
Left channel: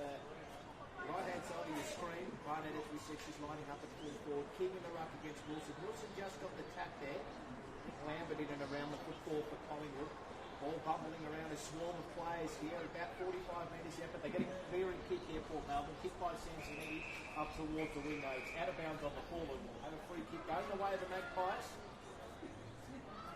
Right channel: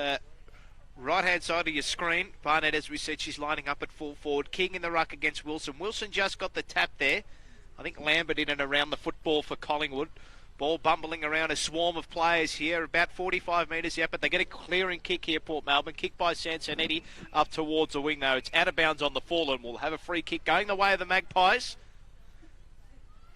right-hand side of your screen. Barnett, as we said, she's lining up at full forward. King in the ruck against Wilson. Wilson just got the tap there. I think Lambert in and around the football for Collingwood. Ball bumbling around a swarm of players here, about 45 metres out, but they get a clearing kick here, Port Melbourne. Kick by Sansonetti up towards the wing, though. It's out of bounds on the full, and we'll have a free kick going the way of the Magpies.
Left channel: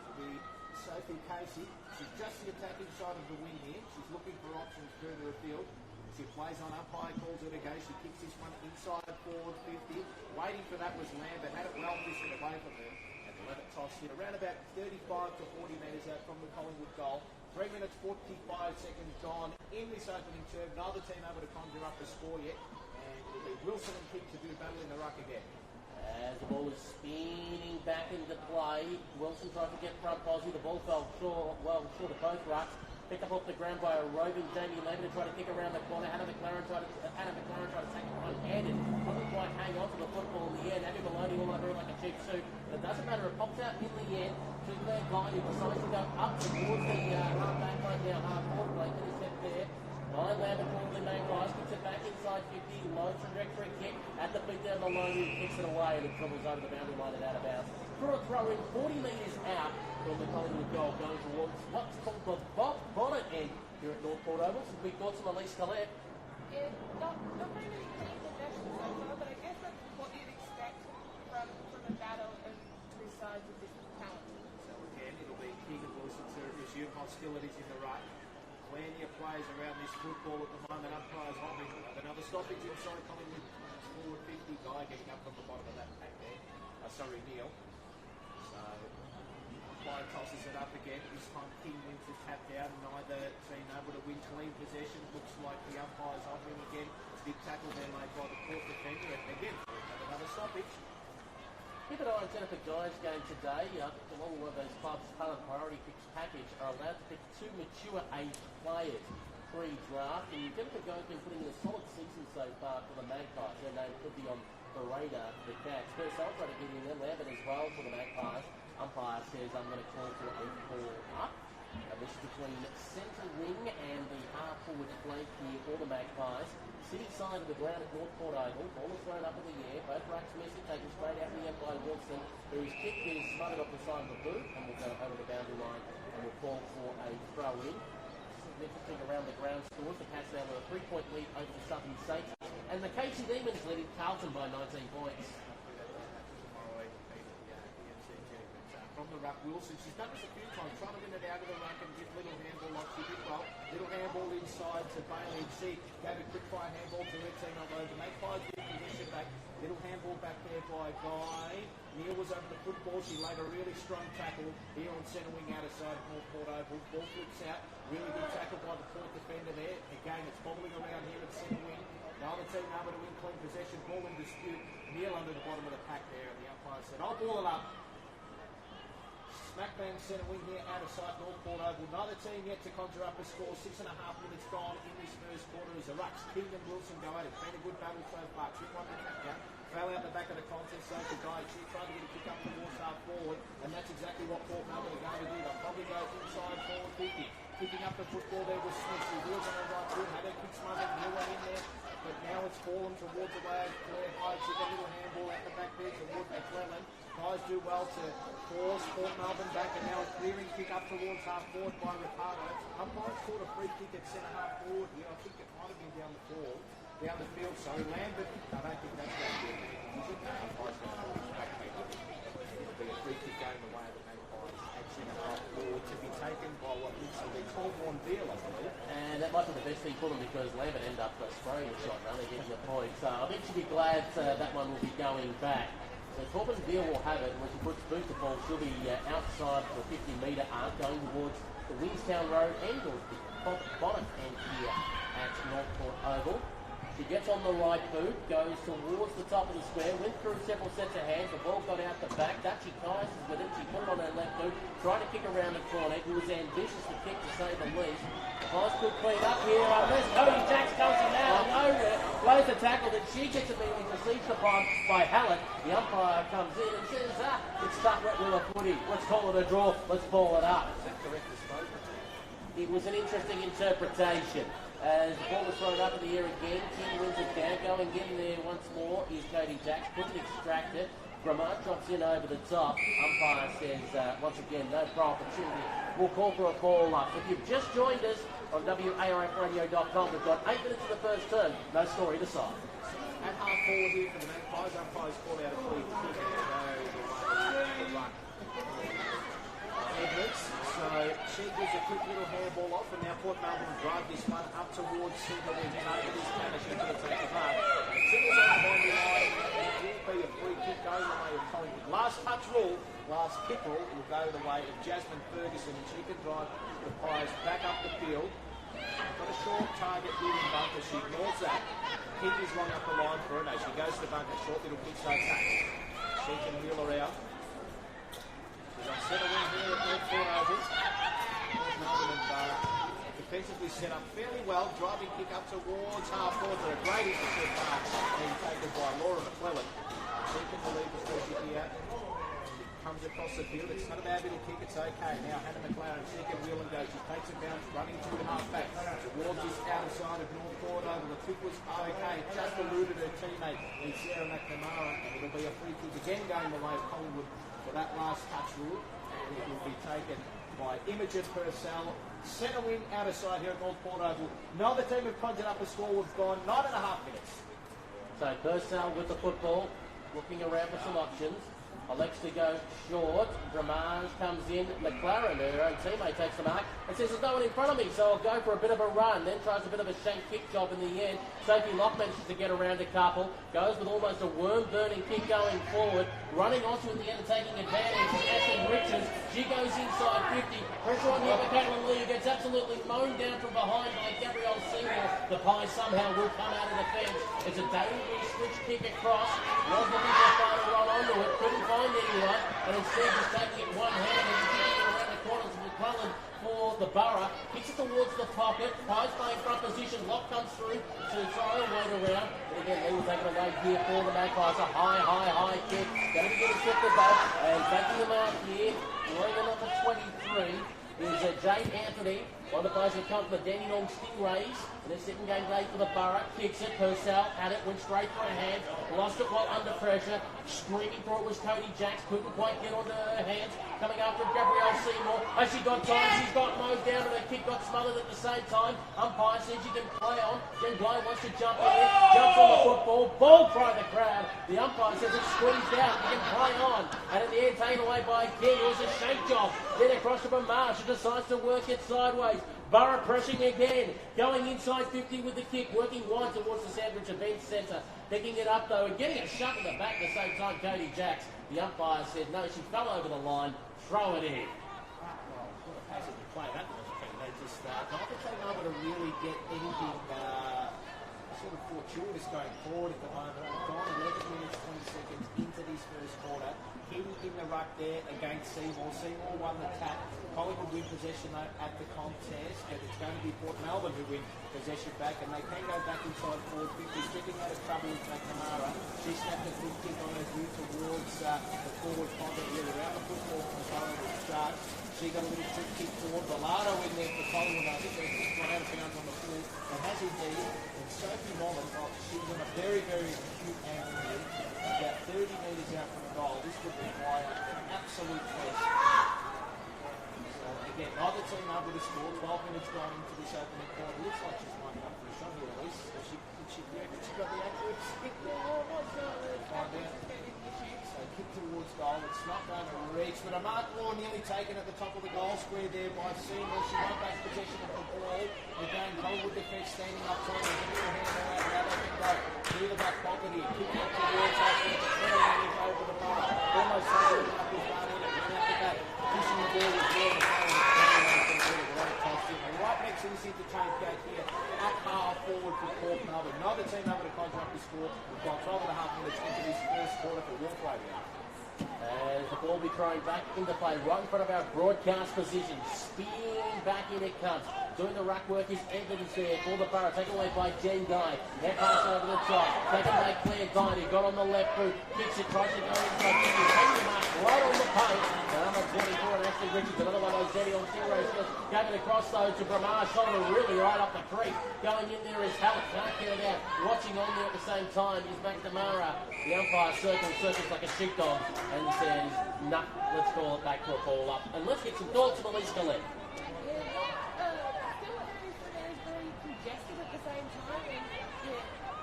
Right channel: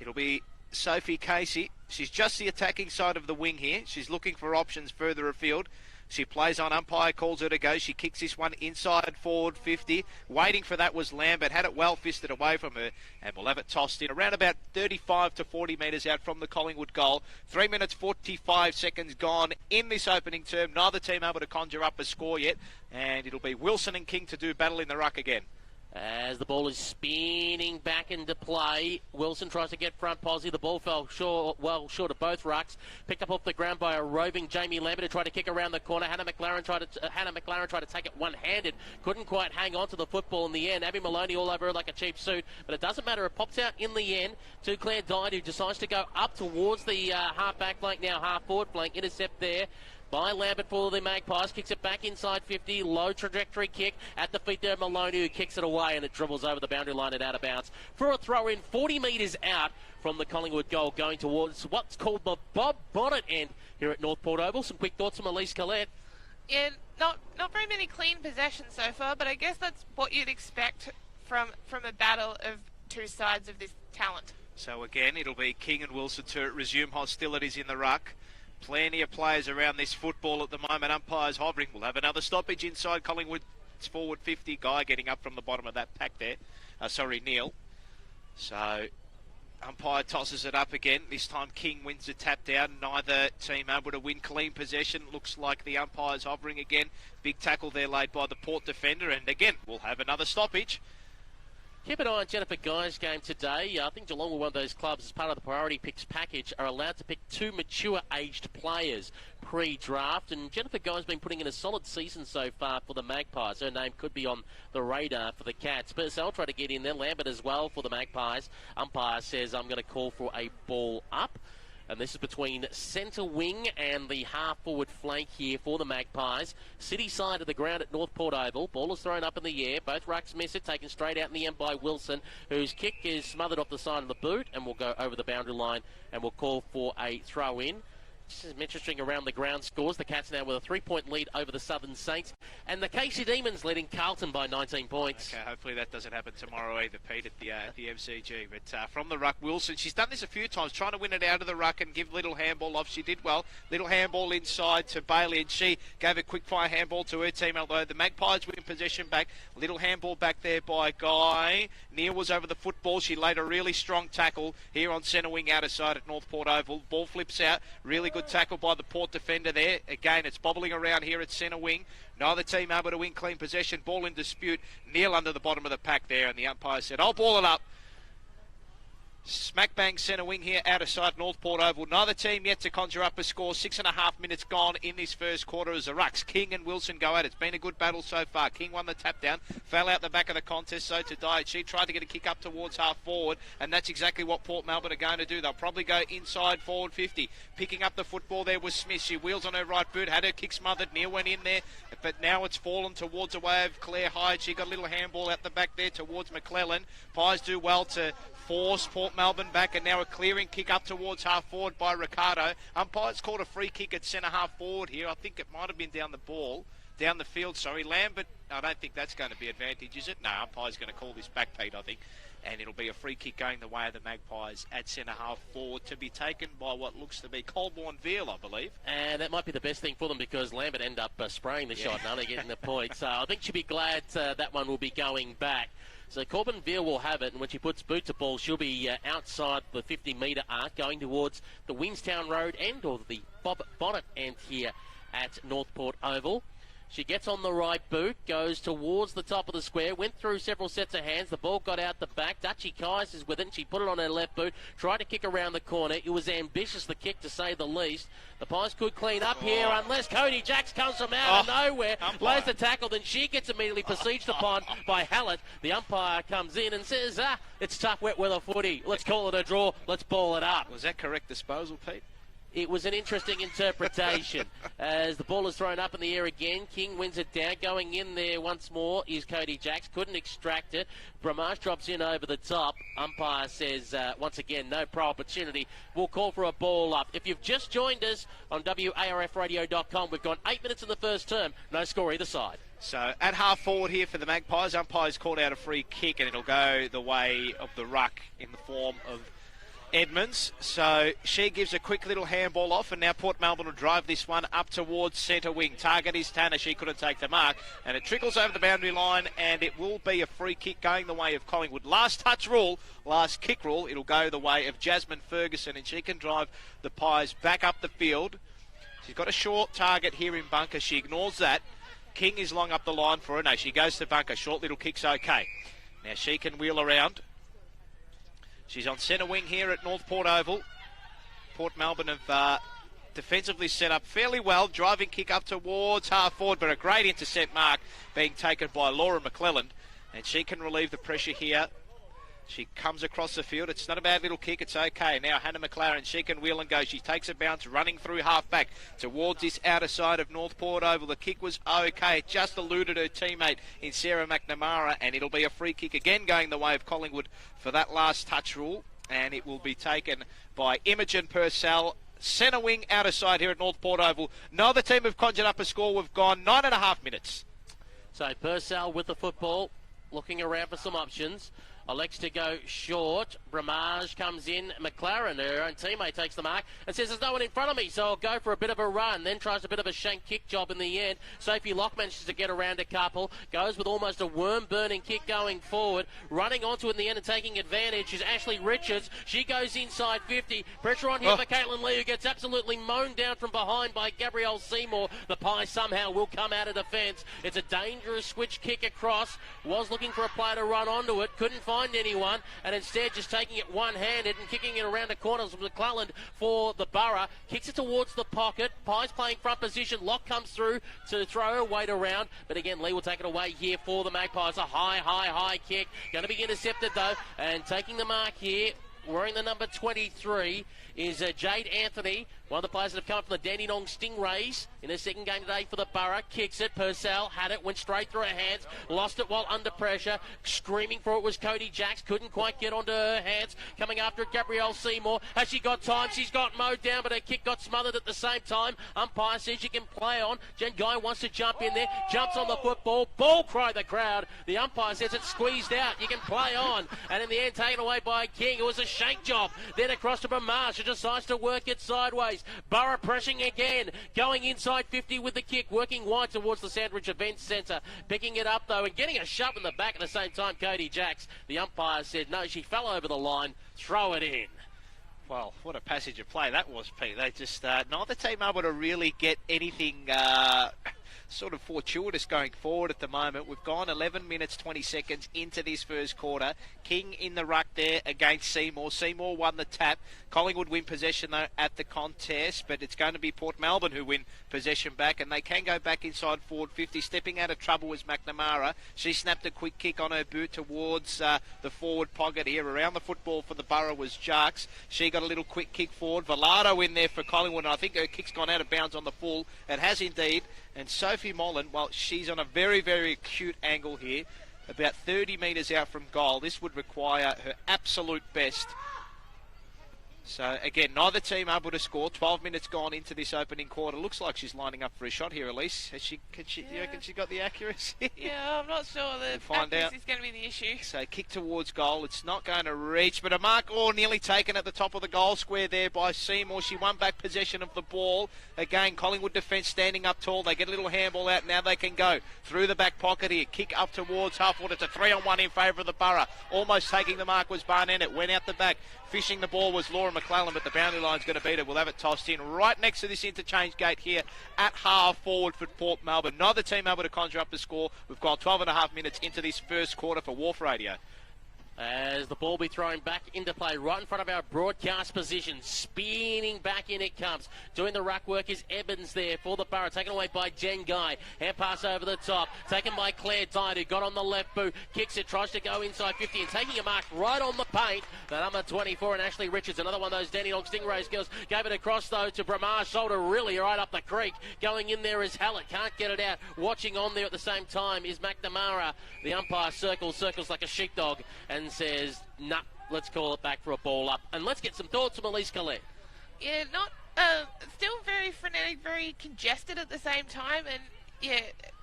It'll be Sophie Casey. She's just the attacking side of the wing here. She's looking for options further afield. She plays on, umpire calls her to go. She kicks this one inside forward 50. Waiting for that was Lambert. Had it well fisted away from her. And we'll have it tossed in around about 35 to 40 metres out from the Collingwood goal. 3 minutes 45 seconds gone in this opening term. Neither team able to conjure up a score yet. And it'll be Wilson and King to do battle in the ruck again. As the ball is spinning back into play, Wilson tries to get front posse. The ball fell short of both rucks. Picked up off the ground by a roving Jamie Lambert who tried to kick around the corner. Hannah McLaren tried to take it one-handed. Couldn't quite hang on to the football in the end. Abby Maloney all over her like a cheap suit. But it doesn't matter. It pops out in the end to Claire Dine, who decides to go up towards the half-back flank, now half-forward flank. Intercept there by Lambert for the Magpies, kicks it back inside 50, low trajectory kick at the feet there of Maloney, who kicks it away, and it dribbles over the boundary line and out of bounds for a throw in 40 metres out from the Collingwood goal, going towards what's called the Bob Bonnet end here at North Port Oval. Some quick thoughts from Elise Collette. Yeah, not very many clean possessions so far, but I guess that's what you'd expect from a battle of two sides of this talent. So again, it'll be King and Wilson to resume hostilities in the ruck. Plenty of players around this football at the moment. Umpires hovering. We'll have another stoppage inside Collingwood. It's forward 50. Guy getting up from the bottom of that pack there. Neil. So umpire tosses it up again. This time King wins the tap down. Neither team able to win clean possession. Looks like the umpire's hovering again. Big tackle there laid by the Port defender. And again, we'll have another stoppage. Keep an eye on Jennifer Guy's game today. I think Geelong were one of those clubs, as part of the priority picks package, are allowed to pick 2 mature-aged players pre-draft. And Jennifer Guy's been putting in a solid season so far for the Magpies. Her name could be on the radar for the Cats. Purcell trying to get in there. Lambert as well for the Magpies. Umpire says, I'm going to call for a ball up. And this is between centre wing and the half-forward flank here for the Magpies. City side of the ground at North Port Oval. Ball is thrown up in the air. Both rucks miss it, taken straight out in the end by Wilson, whose kick is smothered off the side of the boot and will go over the boundary line and will call for a throw-in. Just as interesting around the ground scores. The Cats now with a 3-point lead over the Southern Saints. And the Casey Demons leading Carlton by 19 points. Okay, hopefully that doesn't happen tomorrow either, Pete, at the FCG. But from the ruck, Wilson, she's done this a few times, trying to win it out of the ruck and give little handball off. She did well. Little handball inside to Bailey, and she gave a quick-fire handball to her team, although the Magpies win possession back. Little handball back there by Guy. Neil was over the football. She laid a really strong tackle here on centre wing outer side at North Port Oval. Ball flips out. Really good tackle by the Port defender there. Again, it's bobbling around here at centre wing. Neither team able to win clean possession. Ball in dispute. Neil under the bottom of the pack there, and the umpire said, I'll ball it up. Smack bang centre wing here out of sight North Port Oval. Neither team yet to conjure up a score. 6.5 minutes gone in this first quarter as the rucks, King and Wilson, go at it. It's been a good battle so far. King won the tap down, fell out the back of the contest, so to Diet. She tried to get a kick up towards half forward, and that's exactly what Port Melbourne are going to do. They'll probably go inside forward 50. Picking up the football there was Smith. She wheels on her right boot, had her kick smothered. Neil went in there, but now it's fallen towards the way of Claire Hyde. She got a little handball out the back there towards McClellan. Pies do well to force Port Melbourne back, and now a clearing kick up towards half forward by Ricardo. Umpires called a free kick at centre half forward here. I think it might have been down the field, sorry. Lambert, I don't think that's going to be advantage, is it? No, umpire's going to call this back, Pete, I think. And it'll be a free kick going the way of the Magpies at centre half forward, to be taken by what looks to be Colborne Veal, I believe. And that might be the best thing for them, because Lambert ended up spraying the shot, and only getting the point. So I think she'll be glad that one will be going back. So Corbin Veal will have it, and when she puts boot to ball, she'll be outside the 50-metre arc, going towards the Wingstown Road end, or the Bob Bonnet end here at North Port Oval. She gets on the right boot, goes towards the top of the square, went through several sets of hands. The ball got out the back. Dutchie Kais is with it. She put it on her left boot, tried to kick around the corner. It was ambitious, the kick, to say the least. The Pies could clean up here unless Cody Jacks comes from out of nowhere, lays the tackle, then she gets immediately besieged upon by Hallett. The umpire comes in and says, it's tough wet weather footy. Let's call it a draw. Let's ball it up. Is that correct disposal, Pete? It was an interesting interpretation. As the ball is thrown up in the air again, King wins it down. Going in there once more is Cody Jacks. Couldn't extract it. Bramage drops in over the top. Umpire says, once again, no pro opportunity. We'll call for a ball up. If you've just joined us on WARFradio.com, we've got 8 minutes of the first term. No score either side. So at half forward here for the Magpies, umpire's called out a free kick, and it'll go the way of the ruck in form of Edmonds. So she gives a quick little handball off, and now Port Melbourne will drive this one up towards centre wing. Target is Tanner. She couldn't take the mark, and it trickles over the boundary line, and it will be a free kick going the way of Collingwood. Last touch rule, last kick rule, it'll go the way of Jasmine Ferguson, and she can drive the Pies back up the field. We've got a short target here in bunker. She ignores that. King is long up the line for her. No, she goes to bunker. Short little kick's okay. Now she can wheel around. She's on centre wing here at North Port Oval. Port Melbourne have defensively set up fairly well. Driving kick up towards half forward, but a great intercept mark being taken by Laura McClellan. And she can relieve the pressure here. She comes across the field. It's not a bad little kick. It's okay. Now Hannah McLaren, she can wheel and go. She takes a bounce running through half back towards this outer side of North Port Oval. The kick was okay. It just eluded her teammate in Sarah McNamara, and it'll be a free kick again going the way of Collingwood for that last touch rule. And it will be taken by Imogen Purcell. Centre wing outer side here at North Port Oval. No other team have conjured up a score. We've gone 9.5 minutes. So Purcell with the football, looking around for some options. Elects to go short. Bramage comes in. McLaren, her own teammate, takes the mark and says there's no one in front of me, so I'll go for a bit of a run. Then tries a bit of a shank kick job in the end. Sophie Locke manages to get around a couple. Goes with almost a worm-burning kick going forward. Running onto it in the end and taking advantage is Ashley Richards. She goes inside 50. Pressure on here for Caitlin Lee, who gets absolutely mown down from behind by Gabrielle Seymour. The Pies somehow will come out of defence. It's a dangerous switch kick across. Was looking for a player to run onto it. Couldn't find anyone, and instead just taking it one-handed and kicking it around the corners with McClellan for the Borough. Kicks it towards the pocket. Pies playing front position. Locke comes through to throw her weight around, but again Lee will take it away here for the Magpies. A high kick. Going to be intercepted though, and taking the mark here, wearing the number 23, is Jade Anthony, one of the players that have come from the Dandenong Stingrays in their second game today for the Borough. Kicks it, Purcell had it, went straight through her hands, lost it while under pressure. Screaming for it was Cody Jacks, couldn't quite get onto her hands. Coming after Gabrielle Seymour. Has she got time? She's got mowed down, but her kick got smothered at the same time. Umpire says you can play on. Jen Guy wants to jump in there, jumps on the football, ball cried the crowd. The umpire says it's squeezed out, you can play on. And in the end, taken away by King. It was a shank job. Then across to Bramage, who decides to work it sideways. Borough pressing again, going inside 50 with the kick, working wide towards the Sandwich Events Centre. Picking it up though and getting a shove in the back at the same time, Cody Jacks. The umpire said no, she fell over the line, throw it in. Well, what a passage of play that was, Pete. They just, neither team able to really get anything sort of fortuitous going forward at the moment. We've gone 11 minutes 20 seconds into this first quarter. King in the ruck there against Seymour. Seymour won the tap. Collingwood win possession though at the contest, but it's going to be Port Melbourne who win possession back, and they can go back inside forward 50. Stepping out of trouble was McNamara. She snapped a quick kick on her boot towards the forward pocket here. Around the football for the Borough was Jarks. She got a little quick kick forward. Bellardo in there for Collingwood, and I think her kick's gone out of bounds on the full, and has indeed. And Sophie Mollen, well, she's on a very, very acute angle here, about 30 metres out from goal. This would require her absolute best. So, again, neither team able to score. 12 minutes gone into this opening quarter. Looks like she's lining up for a shot here, Elise. Do you reckon she got the accuracy? Yeah, I'm not sure. The accuracy is going to be the issue. So, kick towards goal. It's not going to reach, but a mark nearly taken at the top of the goal square there by Seymour. She won back possession of the ball. Again, Collingwood defence standing up tall. They get a little handball out. Now they can go through the back pocket here. Kick up towards half forward. It's a 3-on-1 in favour of the Borough. Almost taking the mark was Barnett. Went out the back. Fishing the ball was Laura McClellan, but the boundary line's going to beat it. We'll have it tossed in right next to this interchange gate here at half forward for Port Melbourne. Neither team able to conjure up the score. We've got 12.5 minutes into this first quarter for Wharf Radio. As the ball be thrown back into play right in front of our broadcast position. Spinning back in it comes. Doing the ruck work is Evans there for the Borough. Taken away by Jen Guy. Hand pass over the top. Taken by Claire Dyer, who got on the left boot. Kicks it, tries to go inside 50. Taking the mark right on the paint. And number 24 and Ashley Richards, another one of those Dandenong Stingrays girls. Gave it across though to Bramage. Shoulder really right up the creek. Going in there is Hallett. Can't get it out. Watching on there at the same time is McNamara. The umpire circles like a sheepdog and says, nah, let's call it back for a ball up. And let's get some thoughts from Elise Collette. Yeah, still very frenetic, very congested at the same time, and yeah,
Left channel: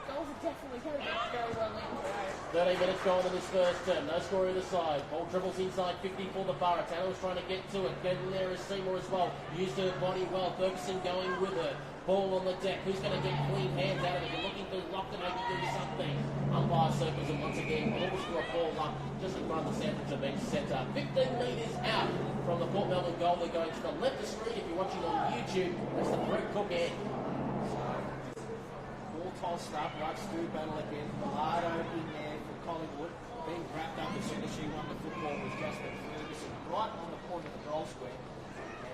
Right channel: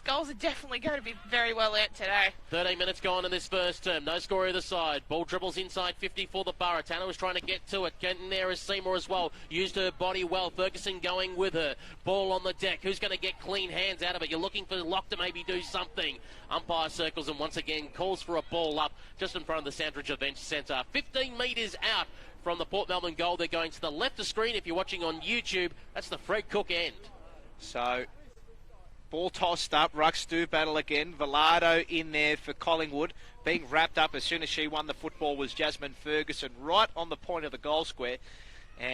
goals are definitely going to be very well earned today. 13 minutes gone in this first term. No score either side. Ball dribbles inside 50 for the Borough. Tanner was trying to get to it. Getting there is Seymour as well. Used her body well. Ferguson going with her. Ball on the deck. Who's going to get clean hands out of it? You're looking for Locke to maybe do something. Umpire circles and once again calls for a ball up just in front of the Sandwich Events Centre. 15 metres out from the Port Melbourne goal. They're going to the left of screen. If you're watching on YouTube, that's the Fred Cook end. So Ball tossed up. Rucks do battle again. Vflw in there for Collingwood. Being wrapped up as soon as she won the football was Jasmine Ferguson, right on the point of the goal square.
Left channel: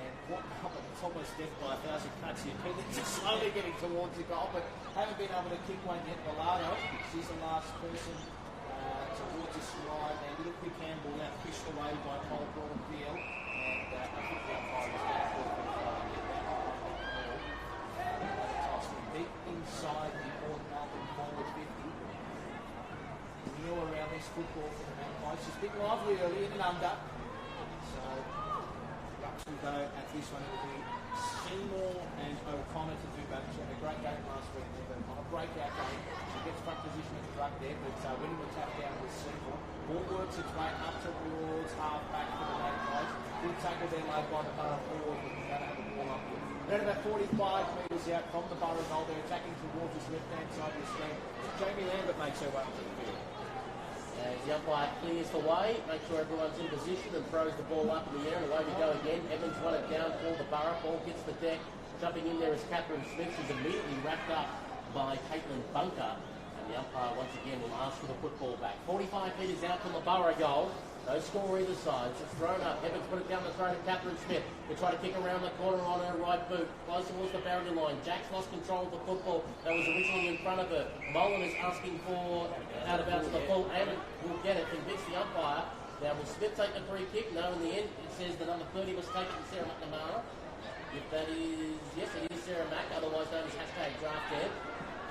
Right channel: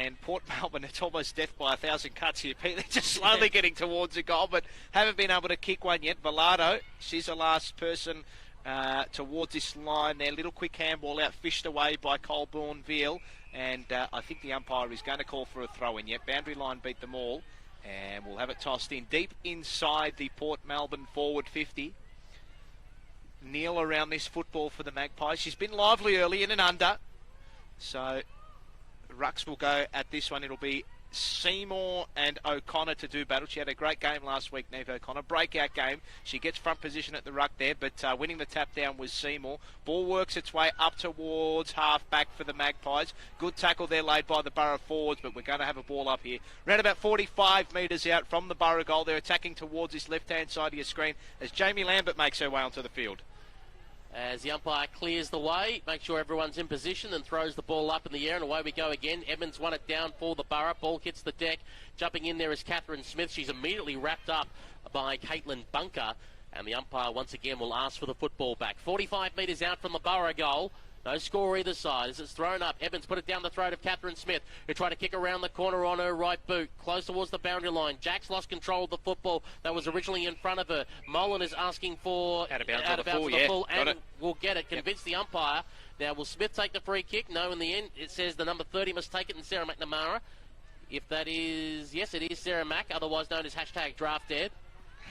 And Port Melbourne, it's almost death by 1,000 cuts here. They're just slowly getting towards the goal, but haven't been able to kick one yet. Vflw, she's the last person towards this line there. Little quick handball out, fished away by Colborne Veal. And I think the umpire is going to call for a throw-in yet. Boundary line beat them all. And we'll have it tossed in deep inside the Port Melbourne forward 50. Neil around this football for the Magpies. She's been lively early in and under. So Rucks will go at this one. It'll be Seymour and O'Connor to do battle. She had a great game last week, Neve O'Connor. Breakout game. She gets front position at the ruck there, but winning the tap down was Seymour. Ball works its way up towards half back for the Magpies. Good tackle there laid by the Borough forwards, but we're going to have a ball up here. Around about 45 metres out from the Borough goal. They're attacking towards this left-hand side of your screen as Jamie Lambert makes her way onto the field. As the umpire clears the way, make sure everyone's in position and throws the ball up in the air, and away we go again. Evans won it down for the Borough. Ball hits the deck. Jumping in there is Catherine Smith. She's immediately wrapped up by Caitlin Bunker, and the umpire once again will ask for the football back. 45 metres out from the Borough goal. No score either side as it's thrown up. Evans put it down the throat of Catherine Smith, who tried to kick around the corner on her right boot. Close towards the boundary line. Jack's lost control of the football that was originally in front of her. Mullen is asking for out of bounds for the full, and will get it. Convince the umpire. Now, will Smith take the free kick? No, in the end, it says the number 30 must take it, and Sarah McNamara. If that is, yes, it is Sarah Mack, otherwise known as #DraftDead.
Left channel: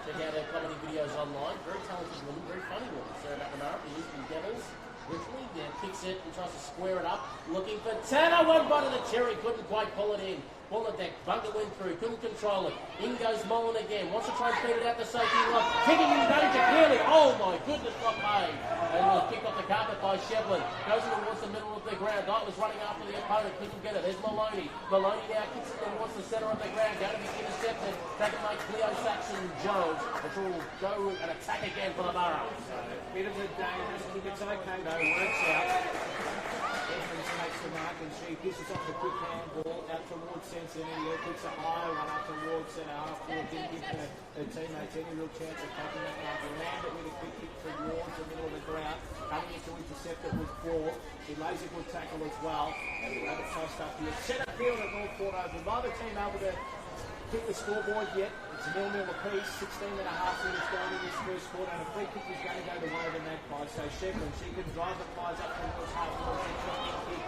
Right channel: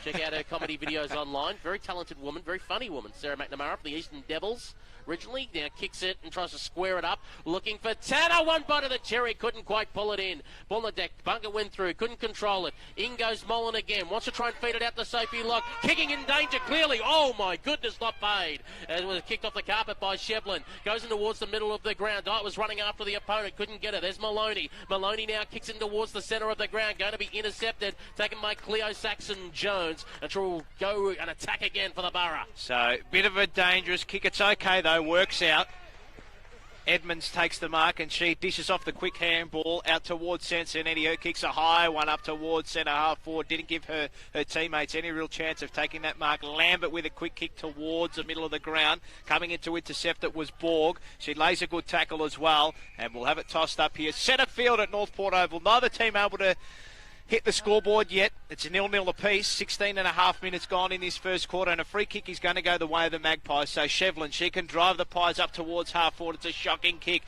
Check out her comedy videos online. Very talented woman, very funny woman, Sarah McNamara for the Eastern Devils. Originally, now kicks it and tries to square it up. Looking for Tanner, one bite of the cherry, couldn't quite pull it in. Ball on deck, Bunker went through, couldn't control it. In goes Mullen again, wants to try and feed it out the safety line. Kicking in danger, clearly. Oh my goodness, not made. And it was kicked off the carpet by Shevlin. Goes in towards the middle of the ground. Knight was running after the opponent, couldn't get it. There's Maloney. Maloney now kicks it towards the centre of the ground, going to be intercepted. Taken by Cleo Saxon-Jones. And she will go and attack again for the Borough. So, bit of a dangerous kick. It's okay though, works out. Edmonds takes the mark and she dishes off the quick handball out towards Sansonetti, who kicks a high one up towards centre half forward. Didn't give her teammates any real chance of taking that mark. Lambert with a quick kick towards the middle of the ground. Coming in to intercept it was Borg. She lays a good tackle as well, and we'll have it tossed up here. Centre field at North Port Oval. Neither team able to hit the scoreboard yet. It's 0-0 apiece. 16 and a half minutes gone in this first quarter, and a free kick is going to go the way of the Magpies. So Shevlin, she can drive the Pies up towards half forward. It's a shocking kick.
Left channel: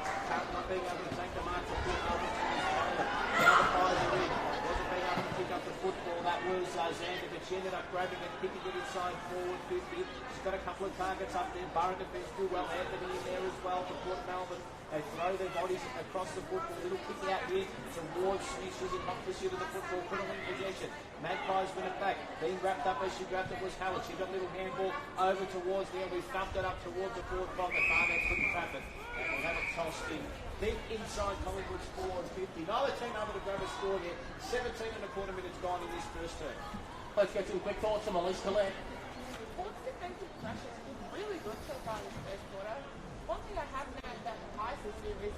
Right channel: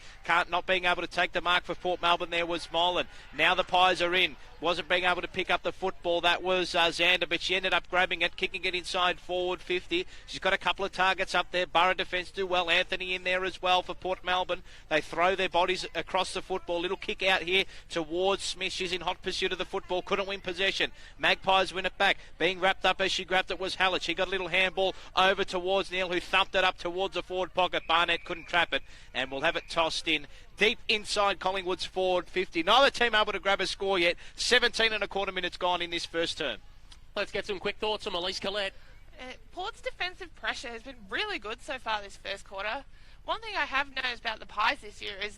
Not being able to take the mark for Port Melbourne there was Molan. Now the Pies are in. Wasn't being able to pick up the football. That was Zander, but she ended up grabbing it, kicking it inside forward 50. She's got a couple of targets up there. Borough defence do well. Anthony in there as well for Port Melbourne. They throw their bodies across the football. Little kick out here towards Smith. She's in hot pursuit of the football. Couldn't win possession. Magpies win it back. Being wrapped up as she grabbed it was Hallett. She got a little handball over towards Neil, who thumped it up towards the forward pocket. Barnett couldn't trap it, and we'll have it tossed in deep inside Collingwood's forward 50. Neither team able to grab a score yet. 17 and a quarter minutes gone in this first term. Let's get some quick thoughts from Elise Collette. Port's defensive pressure has been really good so far this first quarter. One thing I have noticed about the Pies this year is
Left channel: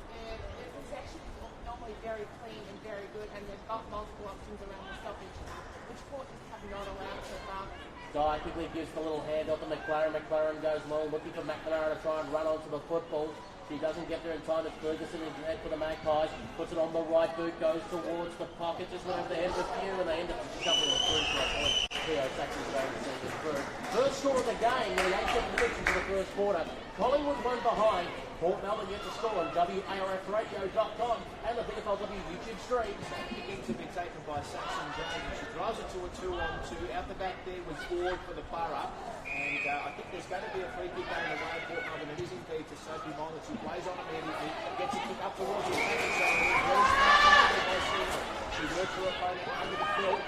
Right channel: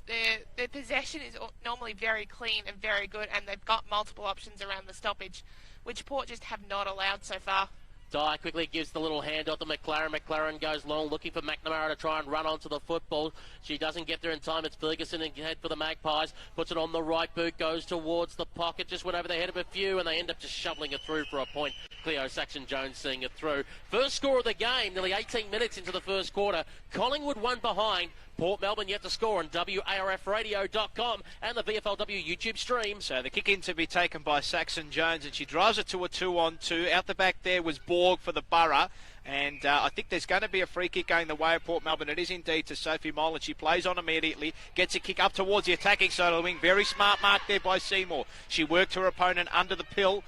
their possession is normally very clean and very good, and they've got multiple options around the stoppage, which Port just have not allowed so far. Dye quickly gives the little handoff to McLaren. McLaren goes long, looking for McNamara to try and run onto the football. She doesn't get there in time. It's Ferguson in head for the Magpies. Puts it on the right boot, goes towards the pocket. Just went over the head of a few, and they end up just shoveling it through for a point. Cleo Saxon-Jones seeing it through. First score of the game, nearly 18 minutes into the first quarter. Collingwood one behind. Port Melbourne yet to score on WARFradio.com and the VFLW YouTube stream. So the kick in to be taken by Saxon-Jones, and she drives it to a 2-on-2. Out the back there was Borg for the Borough. And I think there's going to be a free kick going the way of Port Melbourne. It is indeed to Sophie Molan. She plays on immediately, gets a kick up towards the attacking side of the wing. Very smart mark there by Seymour. She worked her opponent under the pill.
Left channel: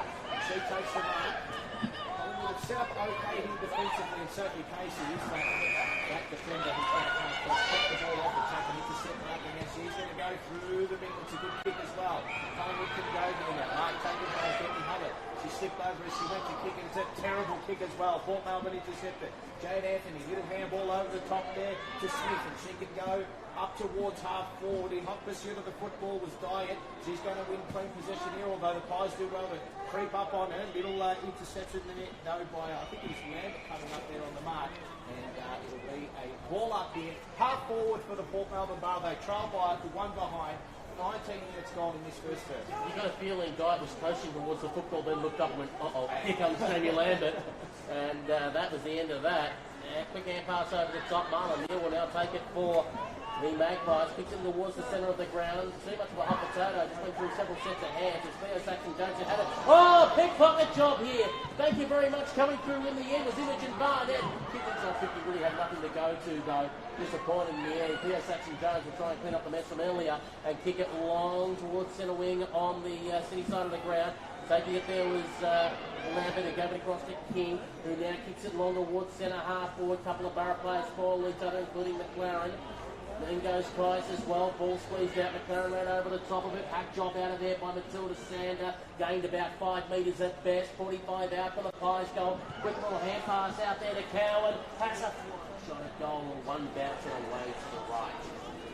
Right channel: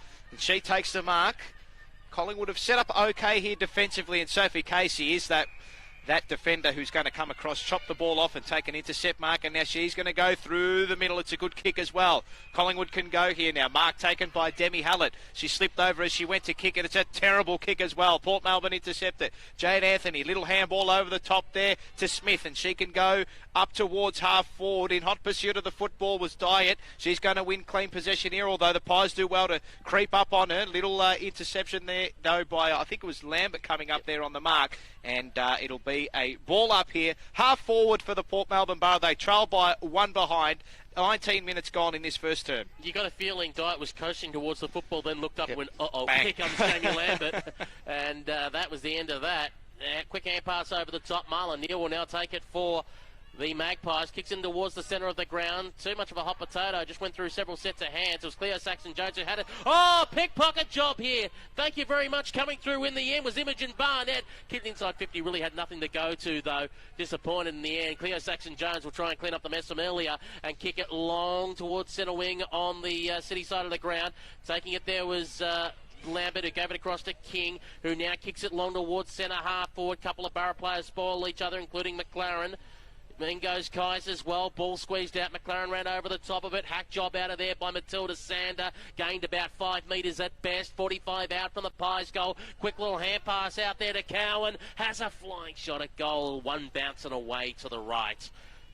She takes the mark. Collingwood have set up okay here defensively, and Sophie Casey is that defender who's going to come across, chop the ball off and take an intercept mark, and now she's going to go through the middle. It's a good kick as well. Collingwood can go here now. Mark taken by Demi Hallett. She slipped over as she went to kick it. It's a terrible kick as well. Port Melbourne intercepted. Jade Anthony, little handball over the top there to Smith, and she can go up towards half forward. In hot pursuit of the football was Diet. She's going to win clean possession here, although the Pies do well to creep up on her. Little interception there, though, by I think it was Lambert coming up there on the mark. And it'll be a ball up here. Half forward for the Port Melbourne Bar. They trail by one behind. 19 minutes gone in this first term. You got a feeling Diet was coasting towards the football, then looked up and went, uh-oh, here comes Jamie Lambert. And that was the end of that. Quick hand pass over the top. Marlon Neal will now take it for the Magpies. Kicks in towards the centre of the ground. Too much of a hot potato. Just went through several sets of hands. It was Cleo Saxon-Jones who had it. Oh, pickpocket job here. Thank you very much. Coming through in the end was Imogen Barnett. Kid inside 50 really had nothing to go to, though. Disappointed in the end. Cleo Saxon-Jones will try and clean up the mess from earlier and kick it long towards centre wing on the city side of the ground. Taking it there was Lambert, who gave it across to King, who now kicks it long towards centre half forward. Couple of Borough players spoil each other, including McLaren. Then goes Kais as well. Ball squeezed out. McLaren ran over the top of it. Hack job out of there by Matilda Sander. Gained about 5 metres at best. 45 out from the Pies goal. Quick little hand pass out there to Cowan. Has a flying shot at goal. One bouncing away to the right.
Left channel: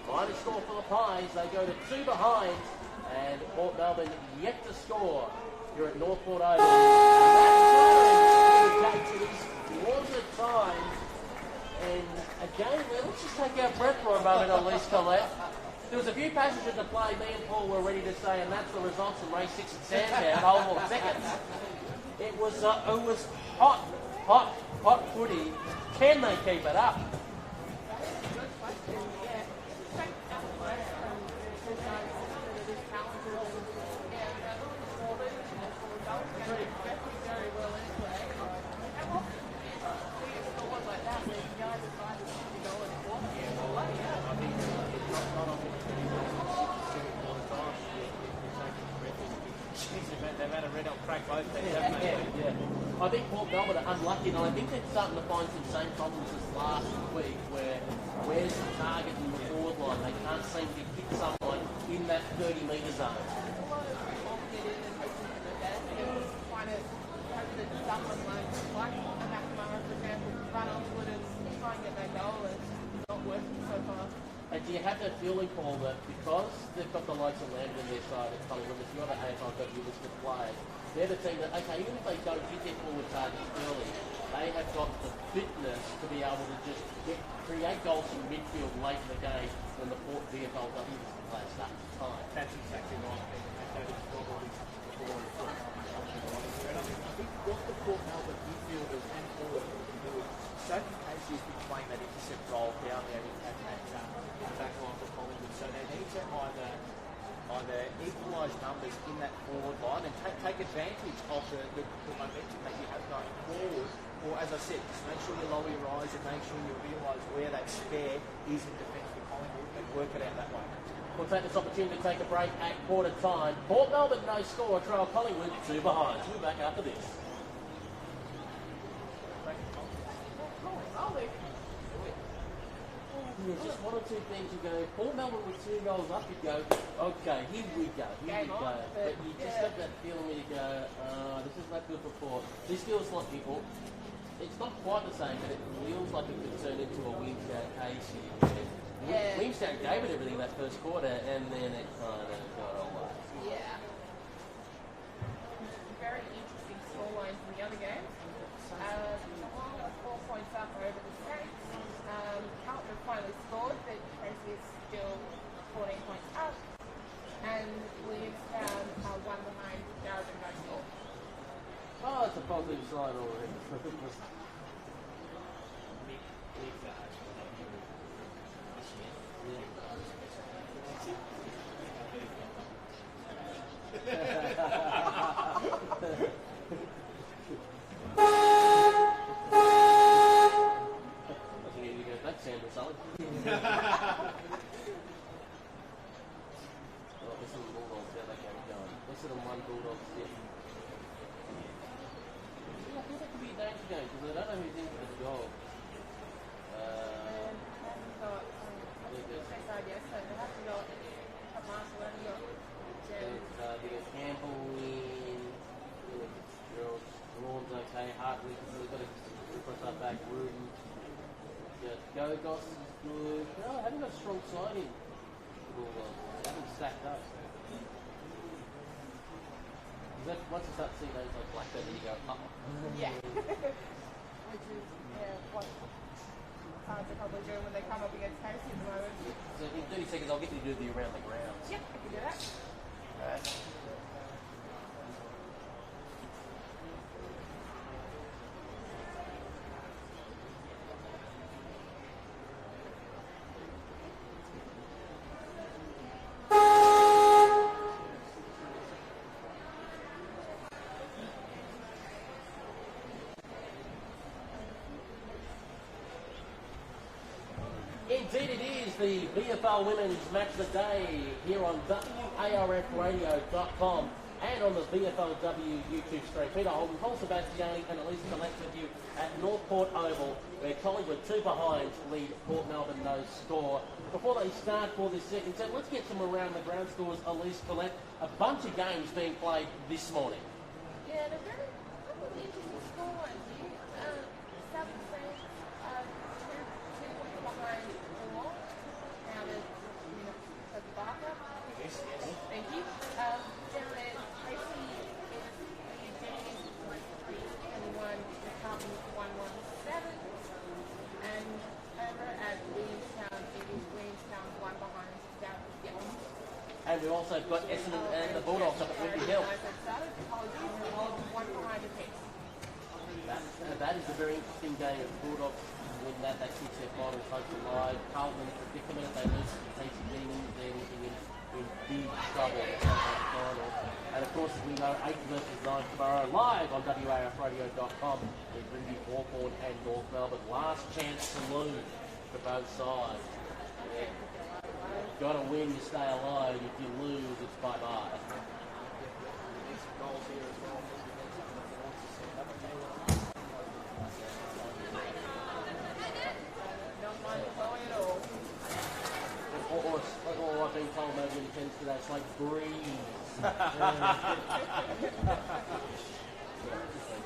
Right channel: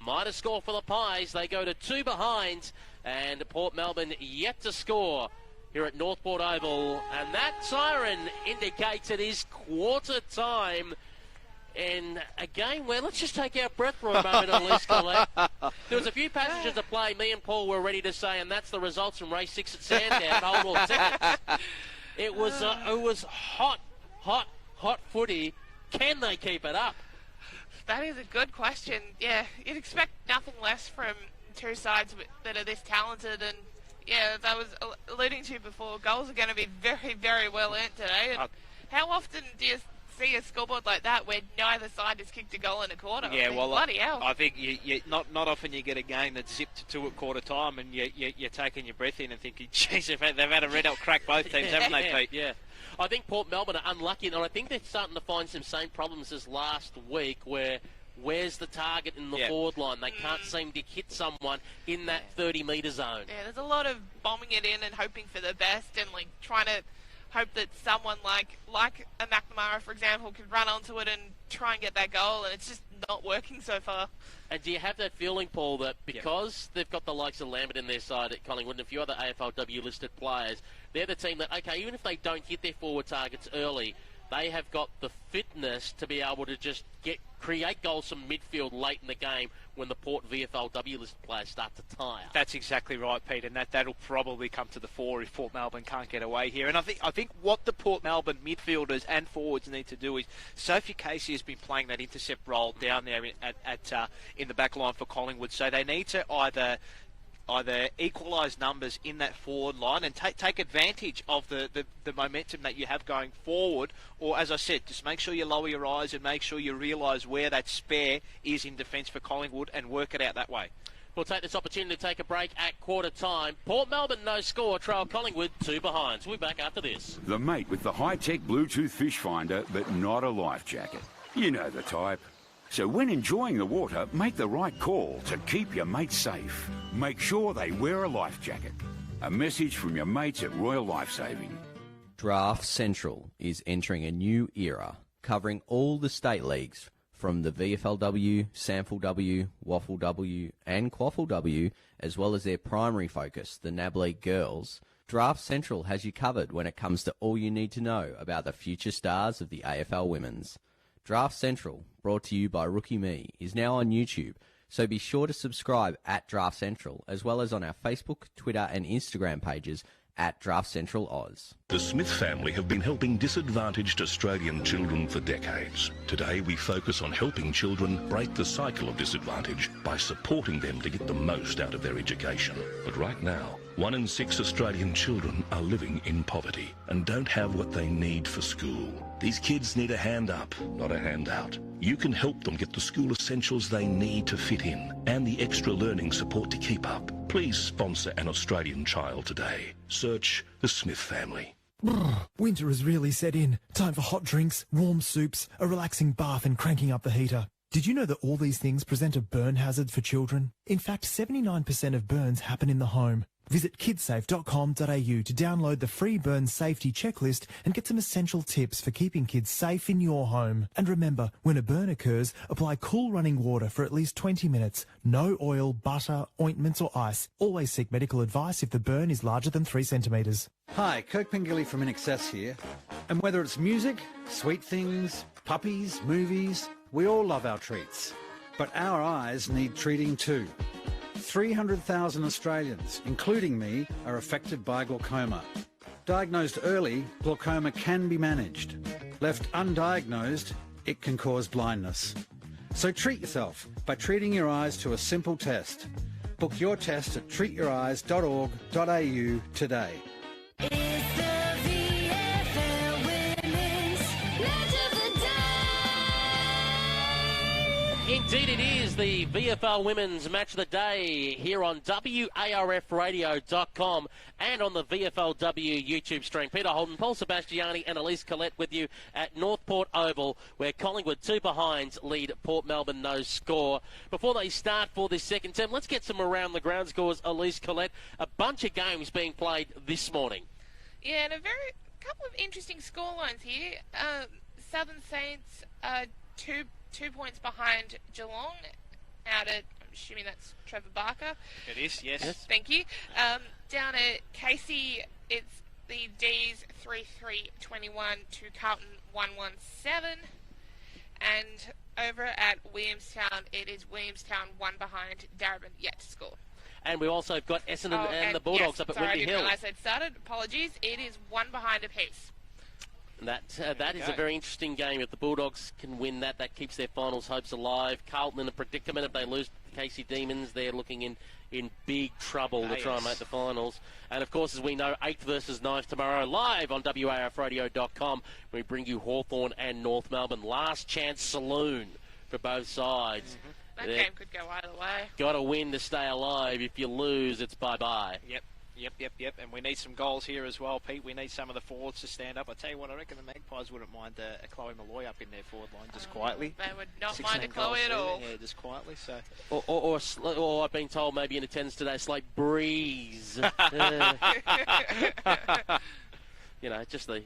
Minor score for the Pies. They go to 2 behind. And Port Melbourne yet to score here at Northport Oval. And that siren indicates it is quarter time. And again, well, let's just take our breath for a moment at least, Colette. There was a few passages of play me and Paul were ready to say, and that's the results from race 6 at Sandown, Holborn seconds. It was hot footy. Can they keep it up? That is a good question. Yeah, you'd expect nothing less from two sides that are this talented, and yeah, as I was alluding to before, goals are going to be very, very well earned today. And how often do you see a scoreboard like that where neither side has kicked a goal in a quarter? Yeah, well, bloody hell. I think not often you get a game that's 6-2 at quarter time, and you're taking your breath in and thinking, geez, they've had a red hot crack both teams, haven't they, Pete? Yeah. I think Port Melbourne are unlucky, and I think they're starting to find some same problems as last week, where's the target in the forward line? They can't seem to hit someone in that 30-metre zone. Yeah, there's a lot of bombing it in and hoping for the best, and like trying to hope that someone like a McNamara, for example, can run onto it and try and get that goal, and it's just not working so far. And do you have that feeling, Paul, that because they've got the likes of Lambert in their side at Collingwood and a few other AFLW listed players, they're the team that, okay, even if they don't hit their forward targets early, they have got the fitness to be able to just create goals from midfield late in the game when the Port Vflw listed players start to time. That's exactly right, Pete, and that'll probably come to the fore if Port Melbourne can't get away here. And I think what the Port Melbourne midfielders and forwards need to do is, Sophie Casey has been playing that intercept role down there in the back line for Collingwood, so they need to either equalise numbers in that forward line and take advantage of the momentum that you have going forward, or as I said, just make sure you lower your eyes and make sure you realise where that spare is in defence for Collingwood and work it out that way. We'll take this opportunity to take a break at quarter time. Port Melbourne no score, trail Collingwood 2 behind. So we'll be back after this. The mate with the high-tech Bluetooth fish finder, but not a life jacket. You know the type. So when enjoying the water, make the right call to keep your mates safe. Make sure they wear a life jacket. A message from your mates at Royal Lifesaving. Draft Central is entering a new era, covering all the state leagues, from the VFLW, SANFLW, WFLW and QFLW, as well as their primary focus, the NAB League Girls. Draft Central has you covered when it comes to all you need to know about the future stars of the AFL Women's. Draft Central, brought to you by Rookie Me, is now on YouTube, so be sure to subscribe at Draft Central, as well as on our Facebook, Twitter and Instagram pages at Draft Central Oz. The Smith family have been helping disadvantaged Australian children for decades. Today we focus on helping children break the cycle of disadvantage by supporting them to get the most out of their education. But right now, 1 in 6 Australian children are living in poverty and don't have what they need for school. These kids need a hand up, not a handout. You can help them get the school essentials they need to fit in and the extra learning support to keep up. Please sponsor an Australian child today. Search the Smith family. Winter has really set in. Time for hot drinks, warm soups, a relaxing bath and cranking up the heater. Did you know that all these things present a burn hazard for children? In fact, 79% of burns happen in the home. Visit kidsafe.com.au to download the free burn safety checklist and get some essential tips for keeping kids safe in your home. And remember, when a burn occurs, apply cool running water for at least 20 minutes. No oil, butter, ointments or ice. Always seek medical advice if the burn is larger than 3 centimetres. Hi, Kirk Pengilly from In Excess here. And whether it's music, sweet things, puppies, movies, we all love our treats. But our eyes need treating too. 300,000 Australians, including me, are affected by glaucoma. Diagnosed early, glaucoma can be managed. Left undiagnosed, it can cause blindness. So treat yourself by treating your eyes to a simple test. Book your test at treatyoureyes.org.au today. Indeed it is the VFL Women's Match of the Day here on WARFradio.com and on the VFLW YouTube stream. Peter Holden, Paul Sebastiani and Elise Collette with you at Northport Oval, where Collingwood 2 behinds lead Port Melbourne no score. Before they start for this second term, let's get some around the ground scores. Elise Collette, a bunch of games being played this morning. Yeah, and a couple of interesting scorelines here. Southern Saints 2 points behind Geelong. Now I'm assuming that's Trevor Barker. It is, yes. Thank you. Down at Casey, it's the D's 3-3-21 to Carlton 1-1-7. And over at Williamstown, it is Williamstown 1 behind Darabin yet to score. And we've also got Essendon and the Bulldogs up at Whitby Hill. I didn't realise I'd started. Apologies. It is 1 behind apiece. That is a very interesting game. If the Bulldogs can win that, that keeps their finals hopes alive. Carlton in a predicament. If they lose to the Casey Demons, they're looking in big trouble to try and make the finals. And of course, as we know, 8th versus 9th tomorrow, live on WARFradio.com. We bring you Hawthorn and North Melbourne. Last chance saloon for both sides. That game could go either way. Got to win to stay alive. If you lose, it's bye-bye. Yep. And we need some goals here as well, Pete. We need some of the forwards to stand up. I'll tell you what, I reckon the Magpies would have minded Chloe Marie up in there for just quietly. They would not mind a Chloe at all. Yeah, just quietly. So. Or I've been told maybe in attendance today, it's like breeze. Just the,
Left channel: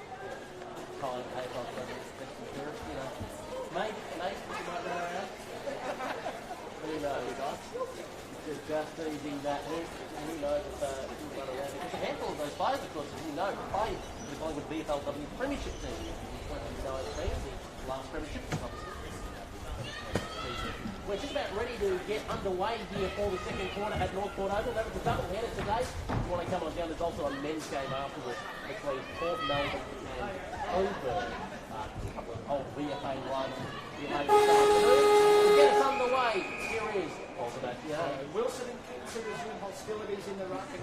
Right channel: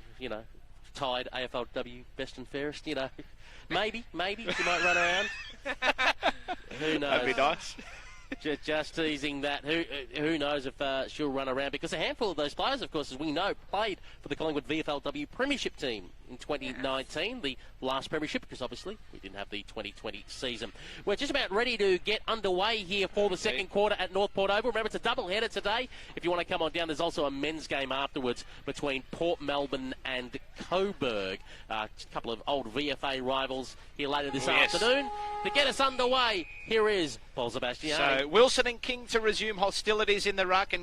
tied AFLW best and fairest, Maybe she might run around. Who knows? That'd be nice. Just teasing that. Who knows if she'll run around, because a handful of those players, of course, as we know, played for the Collingwood VFLW Premiership team in 2019. The last Premiership, because obviously we didn't have the 2020 season. We're just about ready to get underway here for the second quarter at Northport Oval. Remember, it's a double-header today. If you want to come on down, there's also a men's game afterwards between Port Melbourne and Coburg. A couple of old VFA rivals here later this afternoon. To get us underway, here is Paul Sebastian. So Wilson and King to resume hostilities in the ruck, and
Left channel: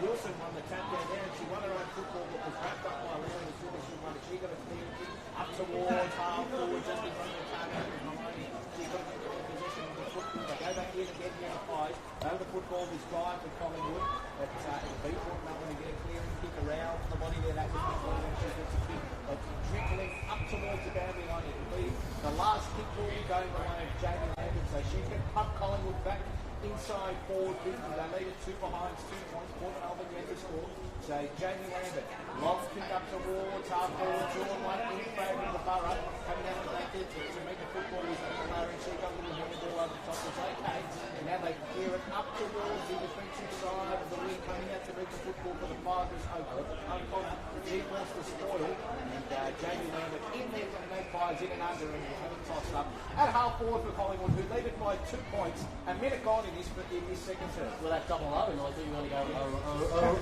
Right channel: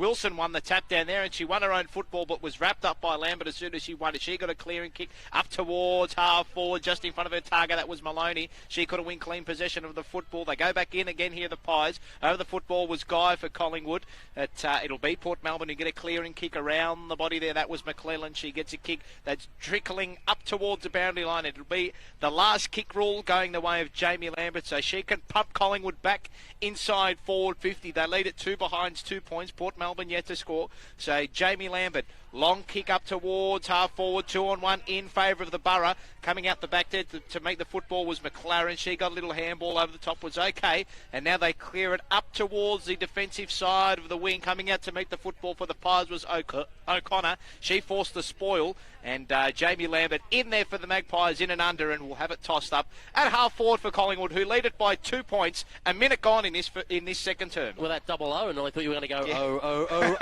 Wilson won the tap down there, and she won her own football, but was wrapped up by Lambert as soon as she won it. She got a clearing kick up towards half forward, just in front of her target. That was Maloney. She could have won clean possession of the football. They go back in again here, the Pies. Over the football was Guy for Collingwood. It'll be Port Melbourne to get a clearing kick around the body there. That was McClellan. She gets a kick that's trickling up towards the boundary line. It'll be the last kick rule going the way of Jamie Lambert, so she can pump Collingwood back inside forward 50. They lead at 2 behinds, 2 points. Port Melbourne yet to score. So Jamie Lambert, long kick up towards half forward, 2-on-1 in favour of the Borough. Coming out the back there to make the football was McLaren. She got a little handball over the top, was okay. And now they clear it up towards the defensive side of the wing. Coming out to meet the football for the Pies was O'Connor. She forced the spoil. And Jamie Lambert in there for the Magpies, in and under, and we'll have it tossed up at half forward for Collingwood, who lead it by 2 points. A minute gone in this second term. With that double O, and I thought you were going to go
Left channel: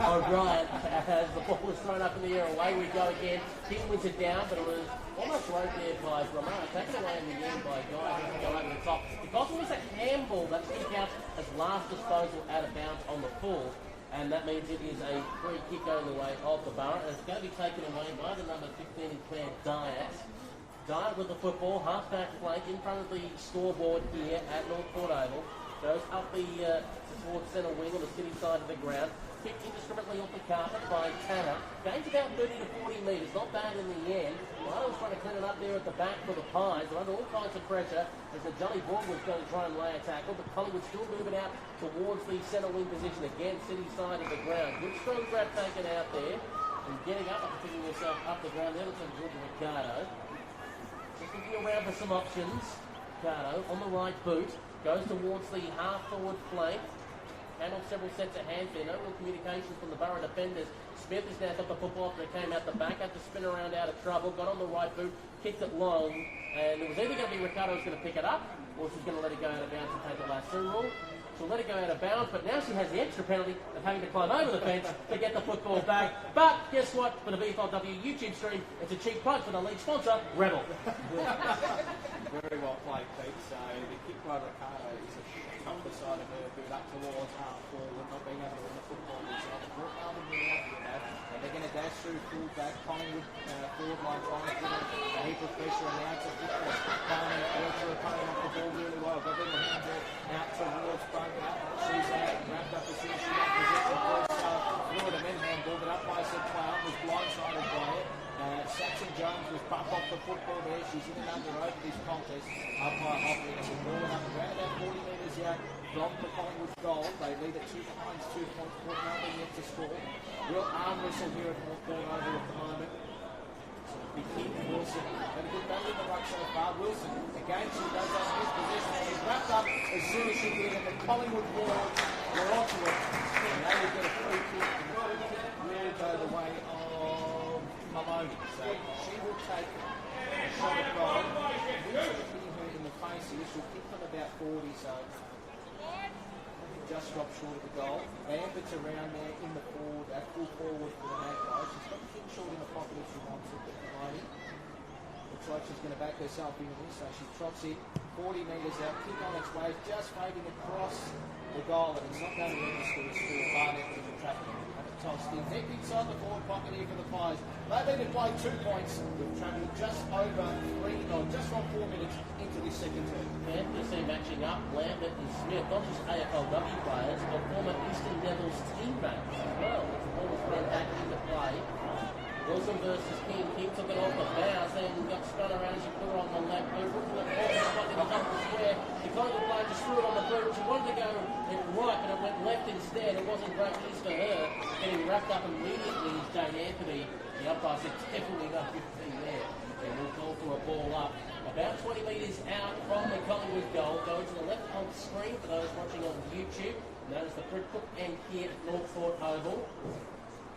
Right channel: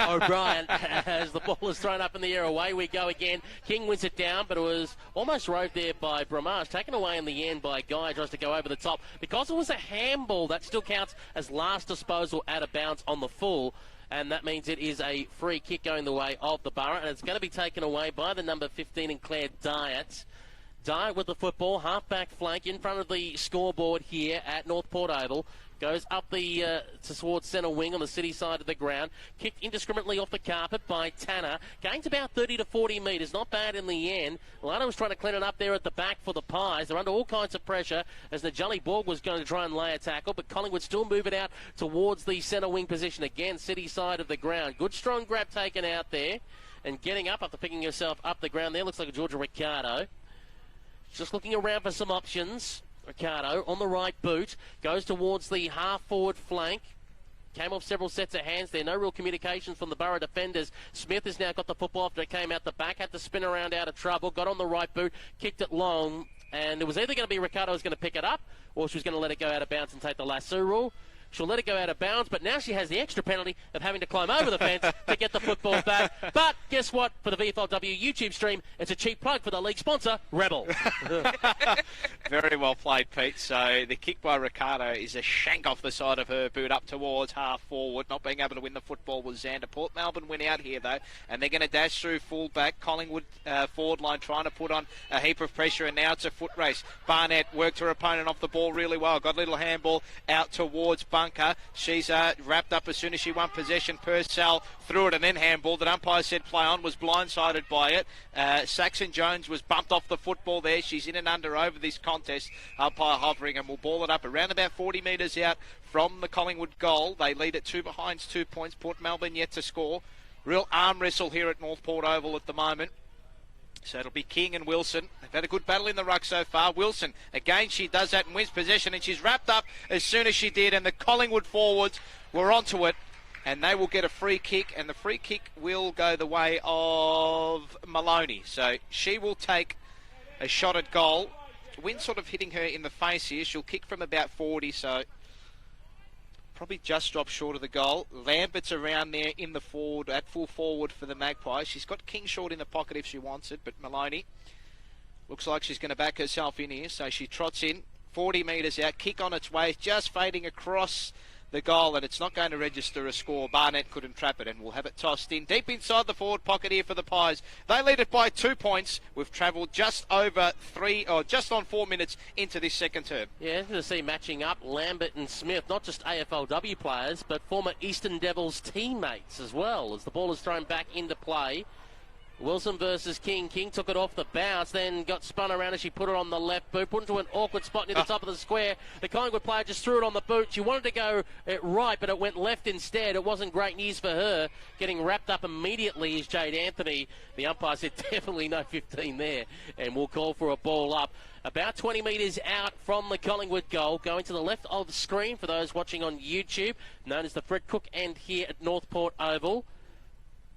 O'Brien as the ball is thrown up in the air. Away we go again. King wins it down, but it was almost rode there by Bramage, taken away in the end by Guy, tries to go over the top. Because it was a handball, that still counts as last disposal out of bounds on the full. And that means it is a free kick going the way of the Borough, and it's going to be taken away by the number 15 in Claire Diet. Dye with the football, half-back flank in front of the scoreboard here at North Port Oval. Goes up the towards centre wing on the city side of the ground. Kicked indiscriminately off the carpet by Tanner. Gains about 30 to 40 metres. Not bad in the end. Lana was trying to clean it up there at the back for the Pies. They're under all kinds of pressure as the Jolly Borg was going to try and lay a tackle, but Collingwood still moving out towards the centre wing position again, city side of the ground. Good strong grab taken out there and getting up after picking herself up the ground there. Looks like a Georgia Ricardo. Just looking around for some options. Ricardo on the right boot. Goes towards the half-forward flank. Came off several sets of hands there. No real communication from the Borough defenders. Smith has now got the football after it came out the back. Had to spin around out of trouble. Got on the right boot. Kicked it long. And it was either going to be Ricardo was going to pick it up or she was going to let it go out of bounds and take the lasso rule. She'll let it go out of bounds, but now she has the extra penalty of having to climb over the fence to get the football back. But guess what? For the VFLW YouTube stream, it's a cheap plug for the league sponsor, Rebel. Very well played, Pete. So the kick by Ricardo is a shank off the side of her boot up towards half forward. Not being able to win the football was Xander. Port Melbourne win out here, though, and they're going to dash through full back. Collingwood forward line trying to put on a heap of pressure, and now it's a foot race. Barnett worked her opponent off the ball really well. Got a little handball out towards Bunker. She's wrapped up as soon as she won possession. Purcell threw it and then handball. The umpire said play on, was blindsided by it. Saxon Jones was bumped off the football there. She's in and under over this contest. Umpire hovering and will ball it up around about 40 metres out from the Collingwood goal. They lead at 2 behinds, 2 points. Port Melbourne yet to score. Real arm wrestle here at North Port Oval at the moment. So it'll be King and Wilson. Had a good battle in the ruck so far. Wilson, again, she does that and wins possession, and she's wrapped up as soon as she did, and the Collingwood forwards were onto it, and they will get a free kick, and the free kick will go the way of Maloney. So she will take a shot at goal. Wind sort of hitting her in the face here. She'll kick from about 40, so probably just dropped short of the goal. Lambert's around there in the forward, at full forward for the Magpies. She's got King short in the pocket if she wants it, but Maloney looks like she's going to back herself in here, so she trots in 40 metres out, kick on its way, just fading across the goal, and it's not going to register a score. Barnett couldn't trap it, and we'll have it tossed in deep inside the forward pocket here for the Pies. They lead it by 2 points. We've travelled just over 4 minutes into this second term. Yeah, to see matching up Lambert and Smith, not just AFLW players, but former Eastern Devils teammates as well, as the ball is thrown back into play. Wilson versus King. King took it off the bounce, then got spun around as she put it on the left boot, put it to an awkward spot near the top of the square. The Collingwood player just threw it on the boot. She wanted to go right, but it went left instead. It wasn't great news for her. Getting wrapped up immediately is Jade Anthony. The umpire said definitely no 15 there, and we'll call for a ball up. About 20 metres out from the Collingwood goal, going to the left of the screen for those watching on YouTube, known as the Fred Cook end here at North Port Oval.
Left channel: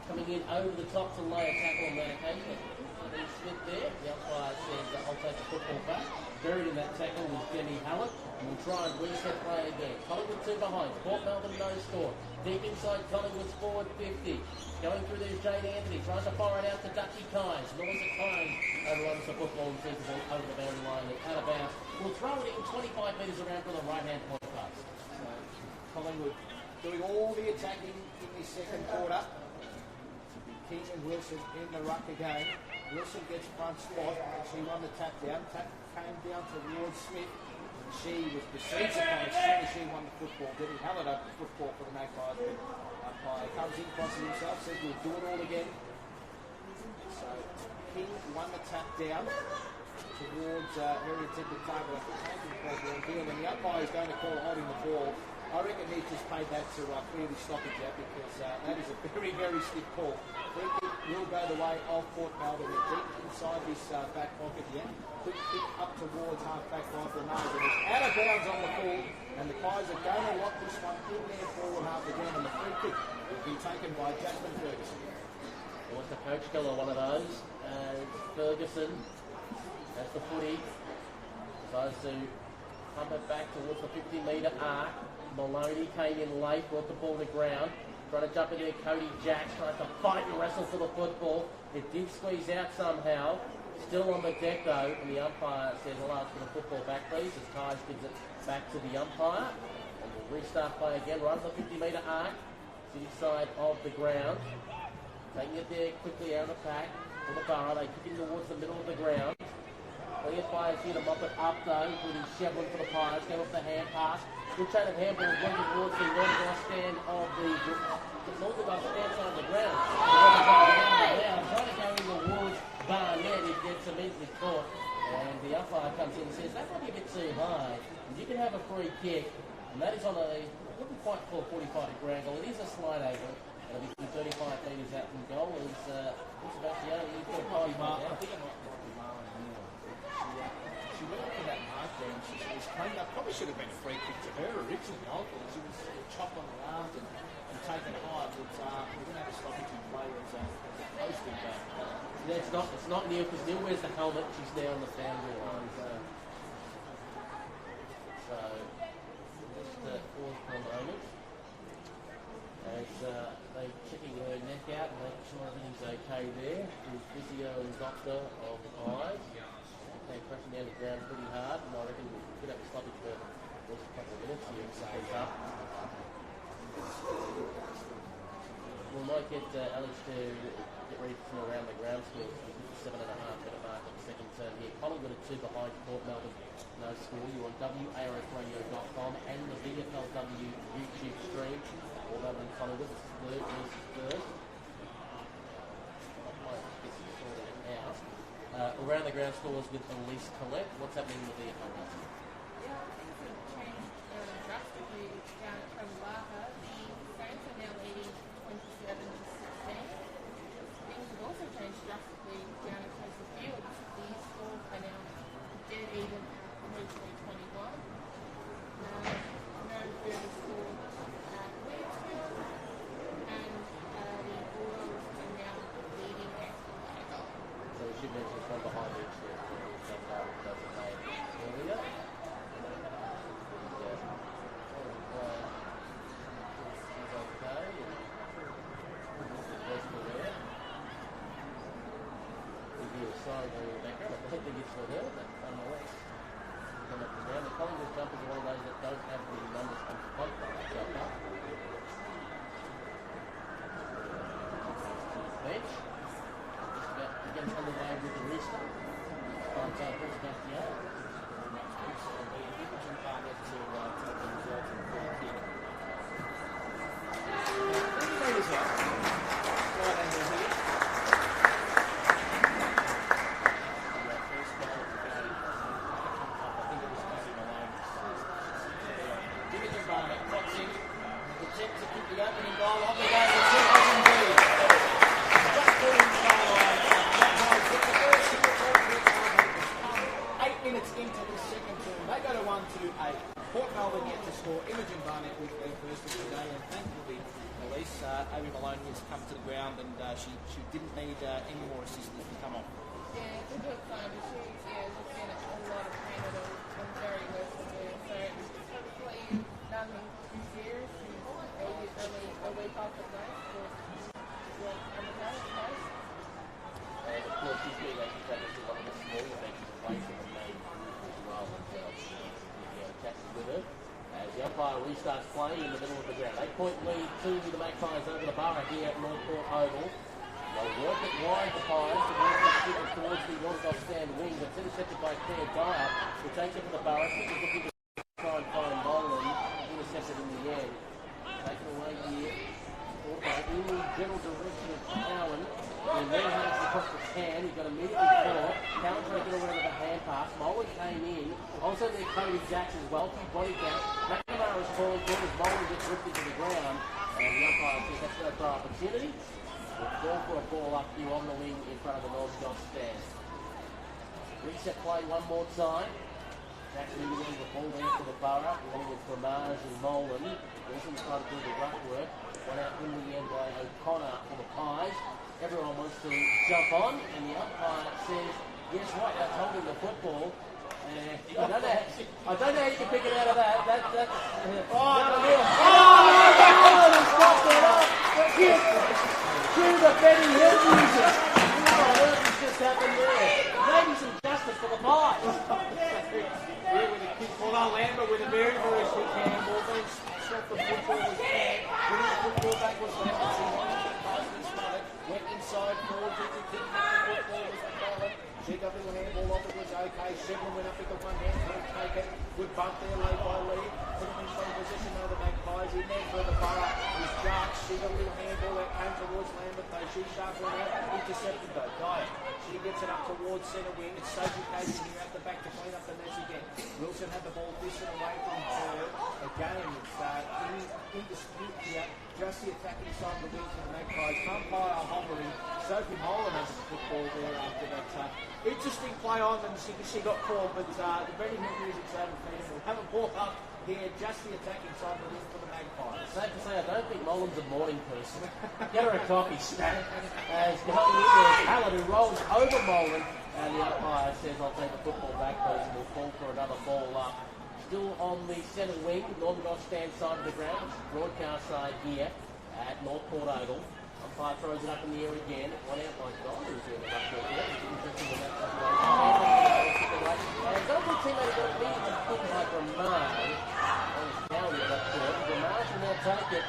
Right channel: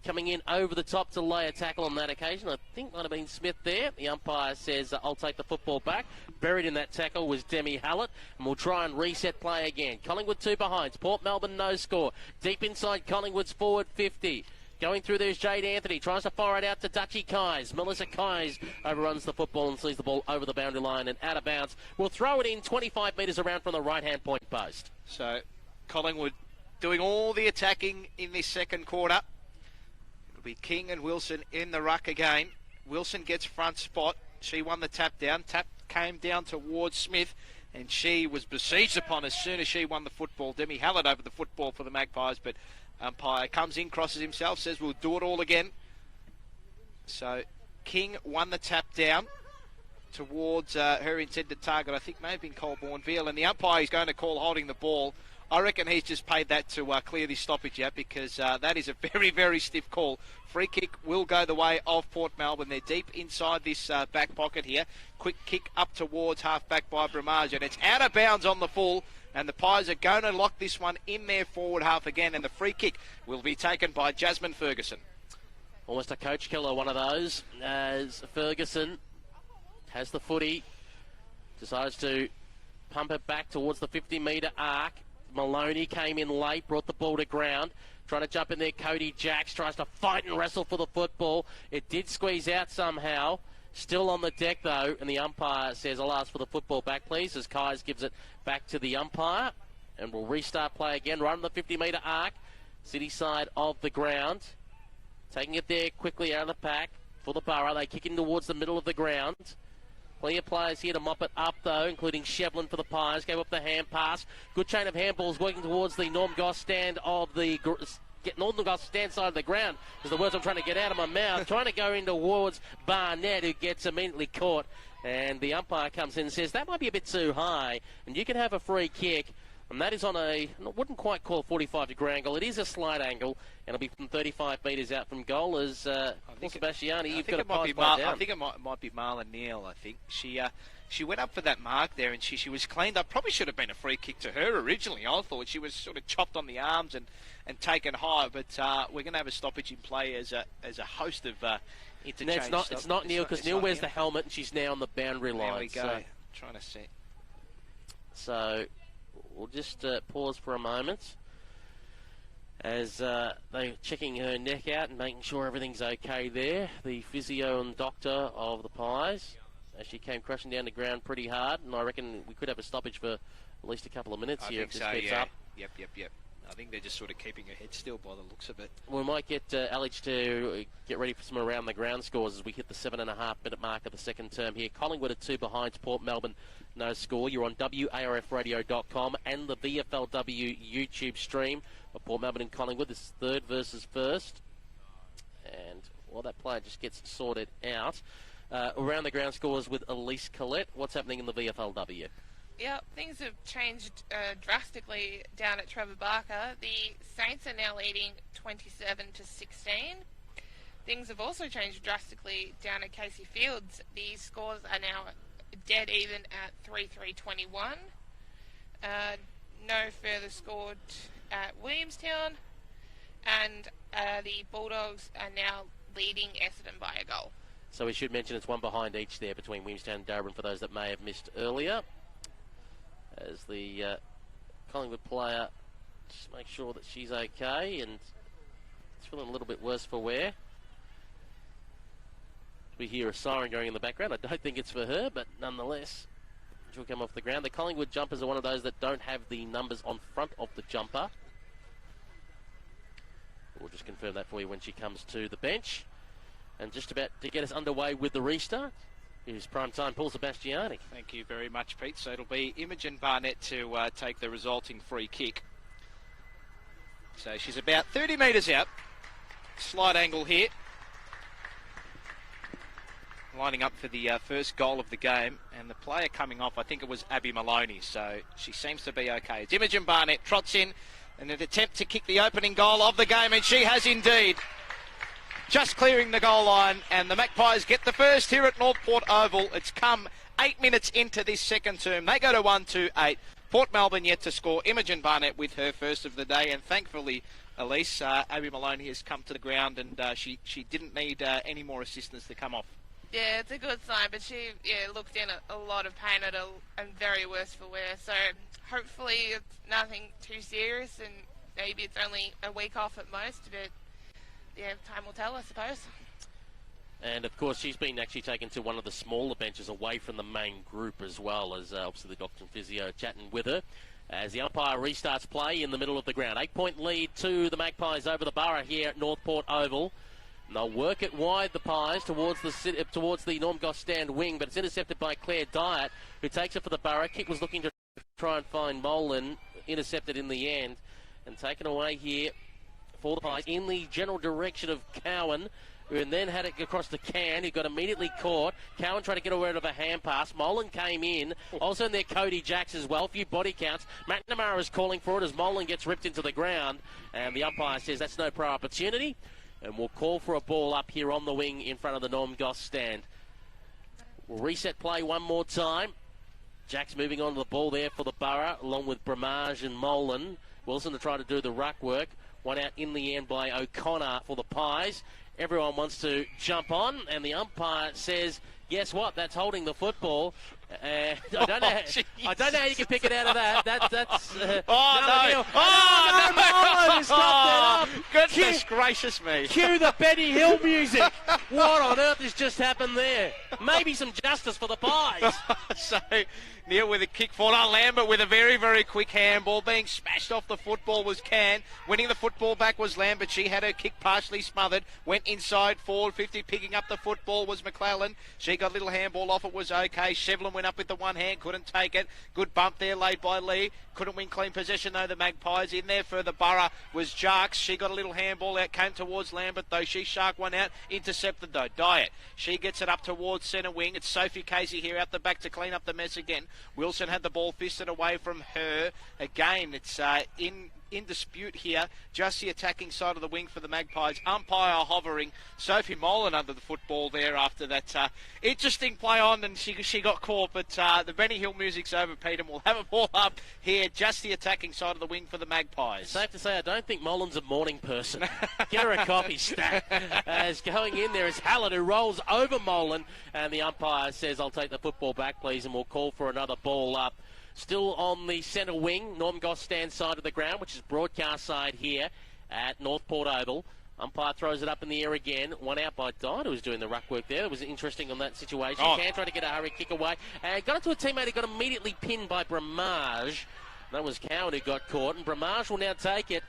Coming in over the top to lay a tackle on that occasion. I think it might have been Smith there. The umpire says, I'll take the football back. Buried in that tackle was Demi Hallett, and we'll try and reset play again. Collingwood 2 behinds. Port Melbourne no score. Deep inside Collingwood's forward 50. Going through there's Jade Anthony. Tries to fire it out to Dutchy Kais. Melissa Kais overruns the football and sees the ball over the boundary line and out of bounds. We'll throw it in 25 metres around from the right-hand point post. So Collingwood doing all the attacking in this second quarter. Be King and Wilson in the ruck again. Wilson gets front spot. She won the tap down. Tap came down towards Smith, and she was besieged upon as soon as she won the football. Demi Hallett over the football for the Magpies, but umpire comes in, crosses himself, says we'll do it all again. So King won the tap down towards her intended target. I think maybe Colborne Veal, and the umpire is going to call holding the ball. I reckon he's just paid that to clear this stoppage out, because that is a very, very stiff call. Free kick will go the way of Port Melbourne. They're deep inside this back pocket here. Quick kick up towards half-back by Bramage, and it's out of bounds on the full, and the Pies are going to lock this one in their forward half again, and the free kick will be taken by Jasmine Ferguson. Almost a coach killer, one of those, as Ferguson has the footy, decides to pump it back towards the 50-metre arc. Maloney came in late, brought the ball to ground. Trying to jump in there, Cody Jacks tries to fight and wrestle for the football. It did squeeze out somehow. Still on the deck, though, and the umpire says, I'll ask for the football back, please, as Kais gives it back to the umpire. And we'll restart play again, right on the 50-metre arc, city side of the ground. Taking it there quickly out of the pack for the Borough. They kick in towards the middle of the ground. Plenty of players here to mop it up, though, including Shevlin for the Pies. Gave up the hand pass. Good chain of handballs working towards the Northern Goss stand of the... Northern Goss stand side of the ground. So Northern trying to get out of my mouth. Trying to go in towards Barnett, who gets immediately caught. And the umpire comes in and says, that might be a bit too high. And you can have a free kick. And that is on a... I wouldn't quite call a 45-degree angle. It is a slight angle. And it'll be from 35 metres out from goal as... Sebastiani, you've got a pass down. I think it might be Marla Neal. I think she went up for that mark there, and she was cleaned up. Probably should have been a free kick to her originally. I thought she was sort of chopped on the arms and taken high. But we're going to have a stoppage in play as a host of interchange. No, it's not Neal, because Neal wears the helmet. She's now on the boundary line. There we go. Trying to see. So we'll just pause for a moment as they're checking her neck out and making sure everything's okay there. The physio and doctor of the Pies, as she came crashing down the ground pretty hard, and I reckon we could have a stoppage for at least a couple of minutes here if this gets up. Yep. I think they're just sort of keeping her head still by the looks of it. We might get Alex to get ready for some around the ground scores as we hit the 7.5-minute mark of the second term here. Collingwood are 2 behind Port Melbourne, no score. You're on WARFradio.com and the VFLW YouTube stream. Port Melbourne and Collingwood, this is third versus first. And while that play just gets it sorted out, around the ground scores with Elise Collette. What's happening in the VFLW? Yeah, things have changed drastically down at Trevor Barker. The Saints are now leading 27-16. Things have also changed drastically down at Casey Fields. The scores are now dead even at 3-3-21. No further scored at Williamstown, and the Bulldogs are now leading Essendon by a goal. So we should mention it's one behind each there between Williamstown and Darwin for those that may have missed earlier. As the Collingwood player just make sure that she's okay, and it's feeling a little bit worse for wear. We hear a siren going in the background. I don't think it's for her, but nonetheless, she'll come off the ground. The Collingwood jumpers are one of those that don't have the numbers on front of the jumper. We'll just confirm that for you when she comes to the bench. And just about to get us underway with the restart is prime time Paul Sebastiani. Thank you very much, Pete. So it'll be Imogen Barnett to take the resulting free kick. So she's about 30 metres out. Slight angle here. Lining up for the first goal of the game. Player coming off, I think it was Abby Maloney, so she seems to be okay. Imogen Barnett trots in an attempt to kick the opening goal of the game, and she has indeed. Just clearing the goal line, and the Magpies get the first here at Northport Oval. It's come 8 minutes into this second term. They go to 1-2-8. Port Melbourne yet to score. Imogen Barnett with her first of the day, and thankfully, Elise, Abby Maloney has come to the ground, and she didn't need any more assistance to come off. Yeah, it's a good sign, but she looked in a lot of pain and very worse for wear. So hopefully nothing too serious, and maybe it's only a week off at most. Time will tell, I suppose. And of course, she's been actually taken to one of the smaller benches away from the main group as well, as obviously the doctor and physio chatting with her. As the umpire restarts play in the middle of the ground. 8-point lead to the Magpies over the Borough here at Northport Oval. They'll work it wide, the Pies, towards the North Goss stand wing, but it's intercepted by Claire Dyer, who takes it for the Borough. Kickers looking to try and find Molan, intercepted in the end. And taken away here for the Pies in the general direction of Cowan, who then had it across to Can, who got immediately caught. Cowan trying to get away with a hand pass. Molan came in. Also there Cody Jacks as well. A few body counts. McNamara is calling for it as Molan gets ripped into the ground. And the umpire says that's no pro opportunity. And we'll call for a ball up here on the wing in front of the Norm Goss stand. We'll reset play one more time. Jack's moving on to the ball there for the Borough, along with Bramage and Molan. Wilson to try to do the ruck work. One out in the end by O'Connor for the Pies. Everyone wants to jump on, and the umpire says, guess what, that's holding the football. I don't know how you can pick it out of that. Goodness gracious me. Cue the Benny Hill music. What on earth has just happened there? Maybe some justice for the Pies. So Neil with a kick forward on Lambert with a very, very quick handball. Being smashed off the football was Can. Winning the football back was Lambert. She had her kick partially smothered. Went inside forward 50. Picking up the football was McClellan. She got a little handball off. It was okay. Shevlin went up with the one hand. Couldn't take it. Good bump there laid by Lee. Couldn't win clean possession though. The Magpies in there for the Borough was Jarks. She got a little handball out. Came towards Lambert though. She sharked one out. Intercepted though. Diet. She gets it up towards centre wing. It's Sophie Casey here out the back to clean up the mess again. Wilson had the ball fisted away from her. Again, it's in dispute here. Just the attacking side of the wing for the Magpies. Umpire hovering. Sophie Molan under the football there after that interesting play on, and she got caught. But the Benny Hill music's over, Peter. We'll have a ball up here. Just the attacking side of the wing for the Magpies. Safe to say, I don't think Molan's a morning person. Get her a coffee stack. As going in there is Allen, who rolls over Molan, and the umpire says, "I'll take the football back, please," and we'll call for another ball up. Still on the centre wing, Norm Goss stands side of the ground, which is broadcast side here at Northport Oval. Umpire throws it up in the air again. One out by Dinah, who's doing the ruck work there. It was interesting on that situation. Can trying to get a hurry kick away. And got into a teammate who got immediately pinned by Bramage. That was Coward who got caught. Bramage will now take it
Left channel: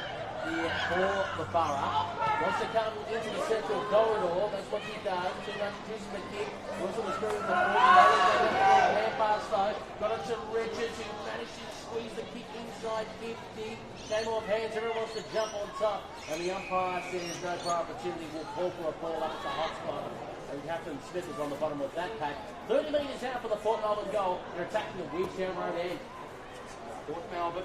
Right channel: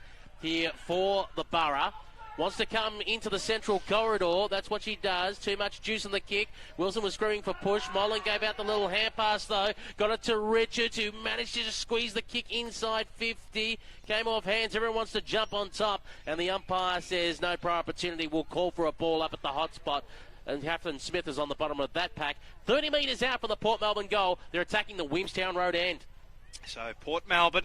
here for the Borough. Wants to come into the central corridor. That's what she does. Too much juice in the kick. Wilson was screaming for push. Molan gave out the little hand pass though. Got it to Richards, who managed to just squeeze the kick inside 50. Came off hands. Everyone wants to jump on top. And the umpire says no prior opportunity. We'll call for a ball up at the hot spot. And Catherine Smith is on the bottom of that pack. 30 metres out for the Port Melbourne goal. They're attacking the Williamstown Road end. So Port Melbourne,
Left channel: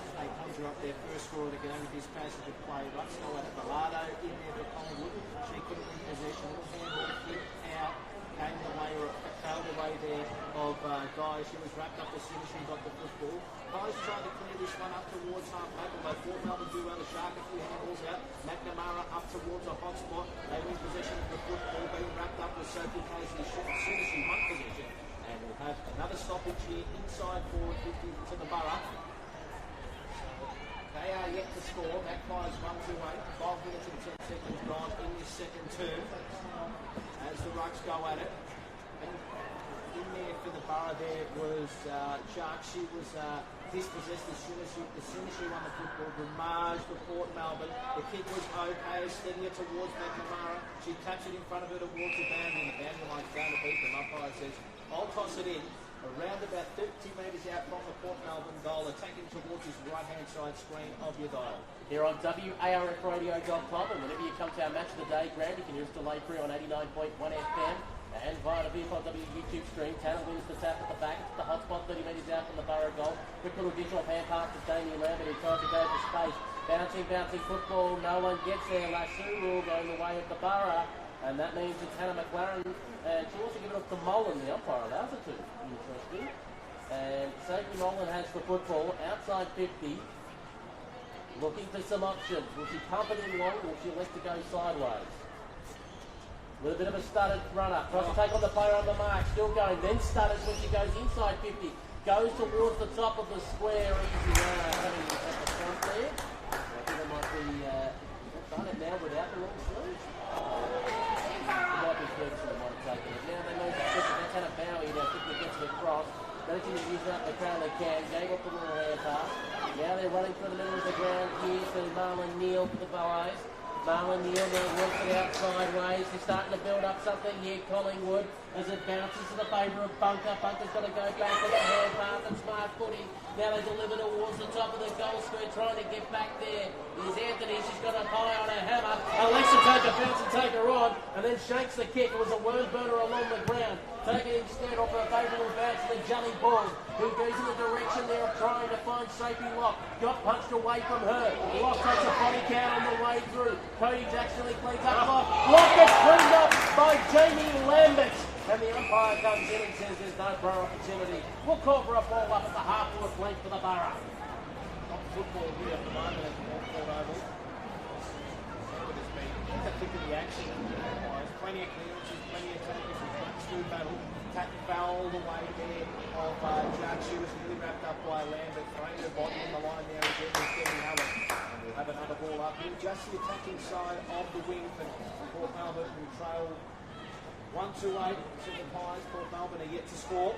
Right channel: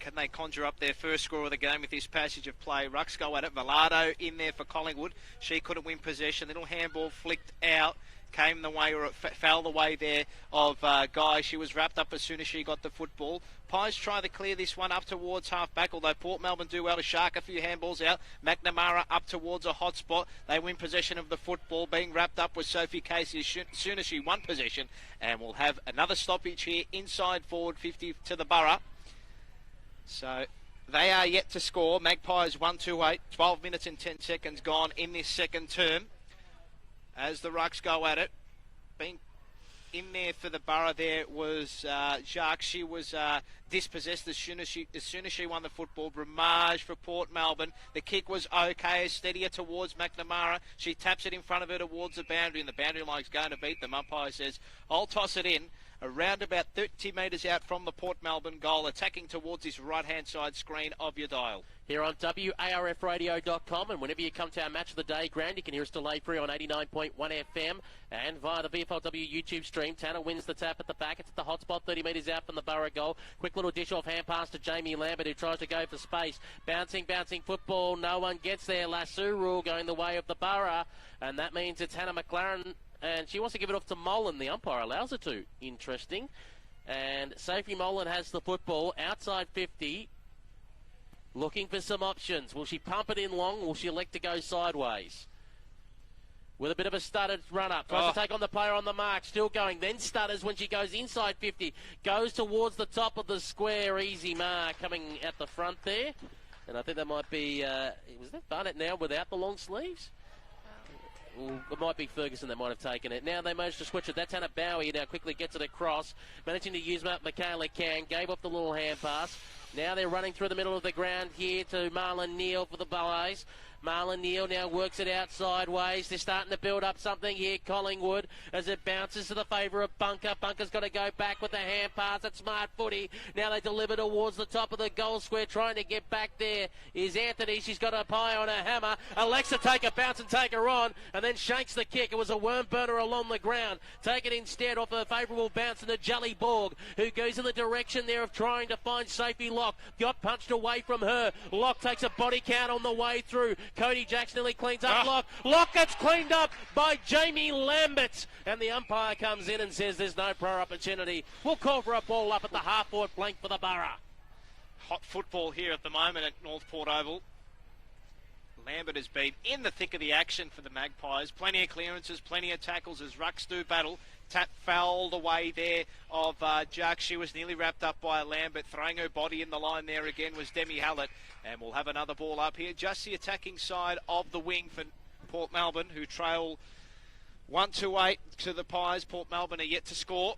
can they conjure up their first score of the game with this passage of play? Rucks go at it. Velado in there for Collingwood. She couldn't win possession. Little handball flicked out. Came the way, or fell the way there of Guy. She was wrapped up as soon as she got the football. Pies try to clear this one up towards half-back, although Port Melbourne do well to shark a few handballs out. McNamara up towards a hot spot. They win possession of the football, being wrapped up with Sophie Casey as soon as she won possession. And we'll have another stoppage here inside forward 50 to the Borough. So they are yet to score. Magpies 1-2-8. 12 minutes and 10 seconds gone in this second term. As the Rucks go at it. Being in there for the Borough there was Jacques. She was dispossessed as soon as she won the football. Ramage for Port Melbourne. The kick was okay, steadier towards McNamara. She taps it in front of her towards the boundary, and the boundary line's going to beat them. Umpire says, "I'll toss it in." Around about 30 metres out from the Port Melbourne goal, attacking towards this right-hand side screen of your dial. Here on WARFradio.com, and whenever you come to our match of the day, Grand, you can hear us delay free on 89.1 FM. And via the VFLW YouTube stream, Tanner wins the tap at the back. It's the hot spot, 30 metres out from the Borough goal. Quick little dish off hand pass to Jamie Lambert, who tries to go for space. Bouncing football. No one gets there. Lasso rule going the way of the Borough. And that means it's Hannah McLaren. And she wants to give it off to Molan. The umpire allows her to. Interesting. And Sophie Molan has the football outside 50. Looking for some options. Will she pump it in long, or will she elect to go sideways? With a bit of a stuttered runner. Tries to take on the player on the mark. Still going. Then stutters when she goes inside 50. Goes towards the top of the square. Easy mark coming out the front there. And I think that might be Barnett now without the long sleeves. It might be Ferguson that might have taken it. Now they managed to switch it. That's Hannah Bowie now quickly gets it across. Managing to use up Michaela Can. Gave up the little hand pass. Now they're running through the middle of the ground here to Marlon Neal for the Ballets. Marlon Neal now works it out sideways. They're starting to build up something here, Collingwood, as it bounces to the favour of Bunker. Bunker's got to go back with a hand pass and smart footy. Now they deliver towards the top of the goal square, trying to get back there is Anthony. She's got a pie on her hammer. Alexa take a bounce and take her on, and then shanks the kick. It was a worm burner along the ground. Taken instead off a favourable bounce to the Jelly Borg, who goes in the direction there of trying to find Sophie Locke. Got punched away from her. Locke takes a body count on the way through. Cody Jackson nearly cleans up Locke. Locke gets cleaned up by Jamie Lambert. And the umpire comes in and says there's no prior opportunity. We'll call for a ball up at the half-forward flank for the Borough. Hot football here at the moment at Northport Oval. Lambert has been in the thick of the action for the Magpies. Plenty of clearances, plenty of tackles as Rucks do battle. Tap foul the way there of Jack. She was nearly wrapped up by a Lambert. Throwing her body in the line there again was Demi Hallett. And we'll have another ball up here. Just the attacking side of the wing for Port Melbourne, who trail 1-8 to the Pies. Port Melbourne are yet to score.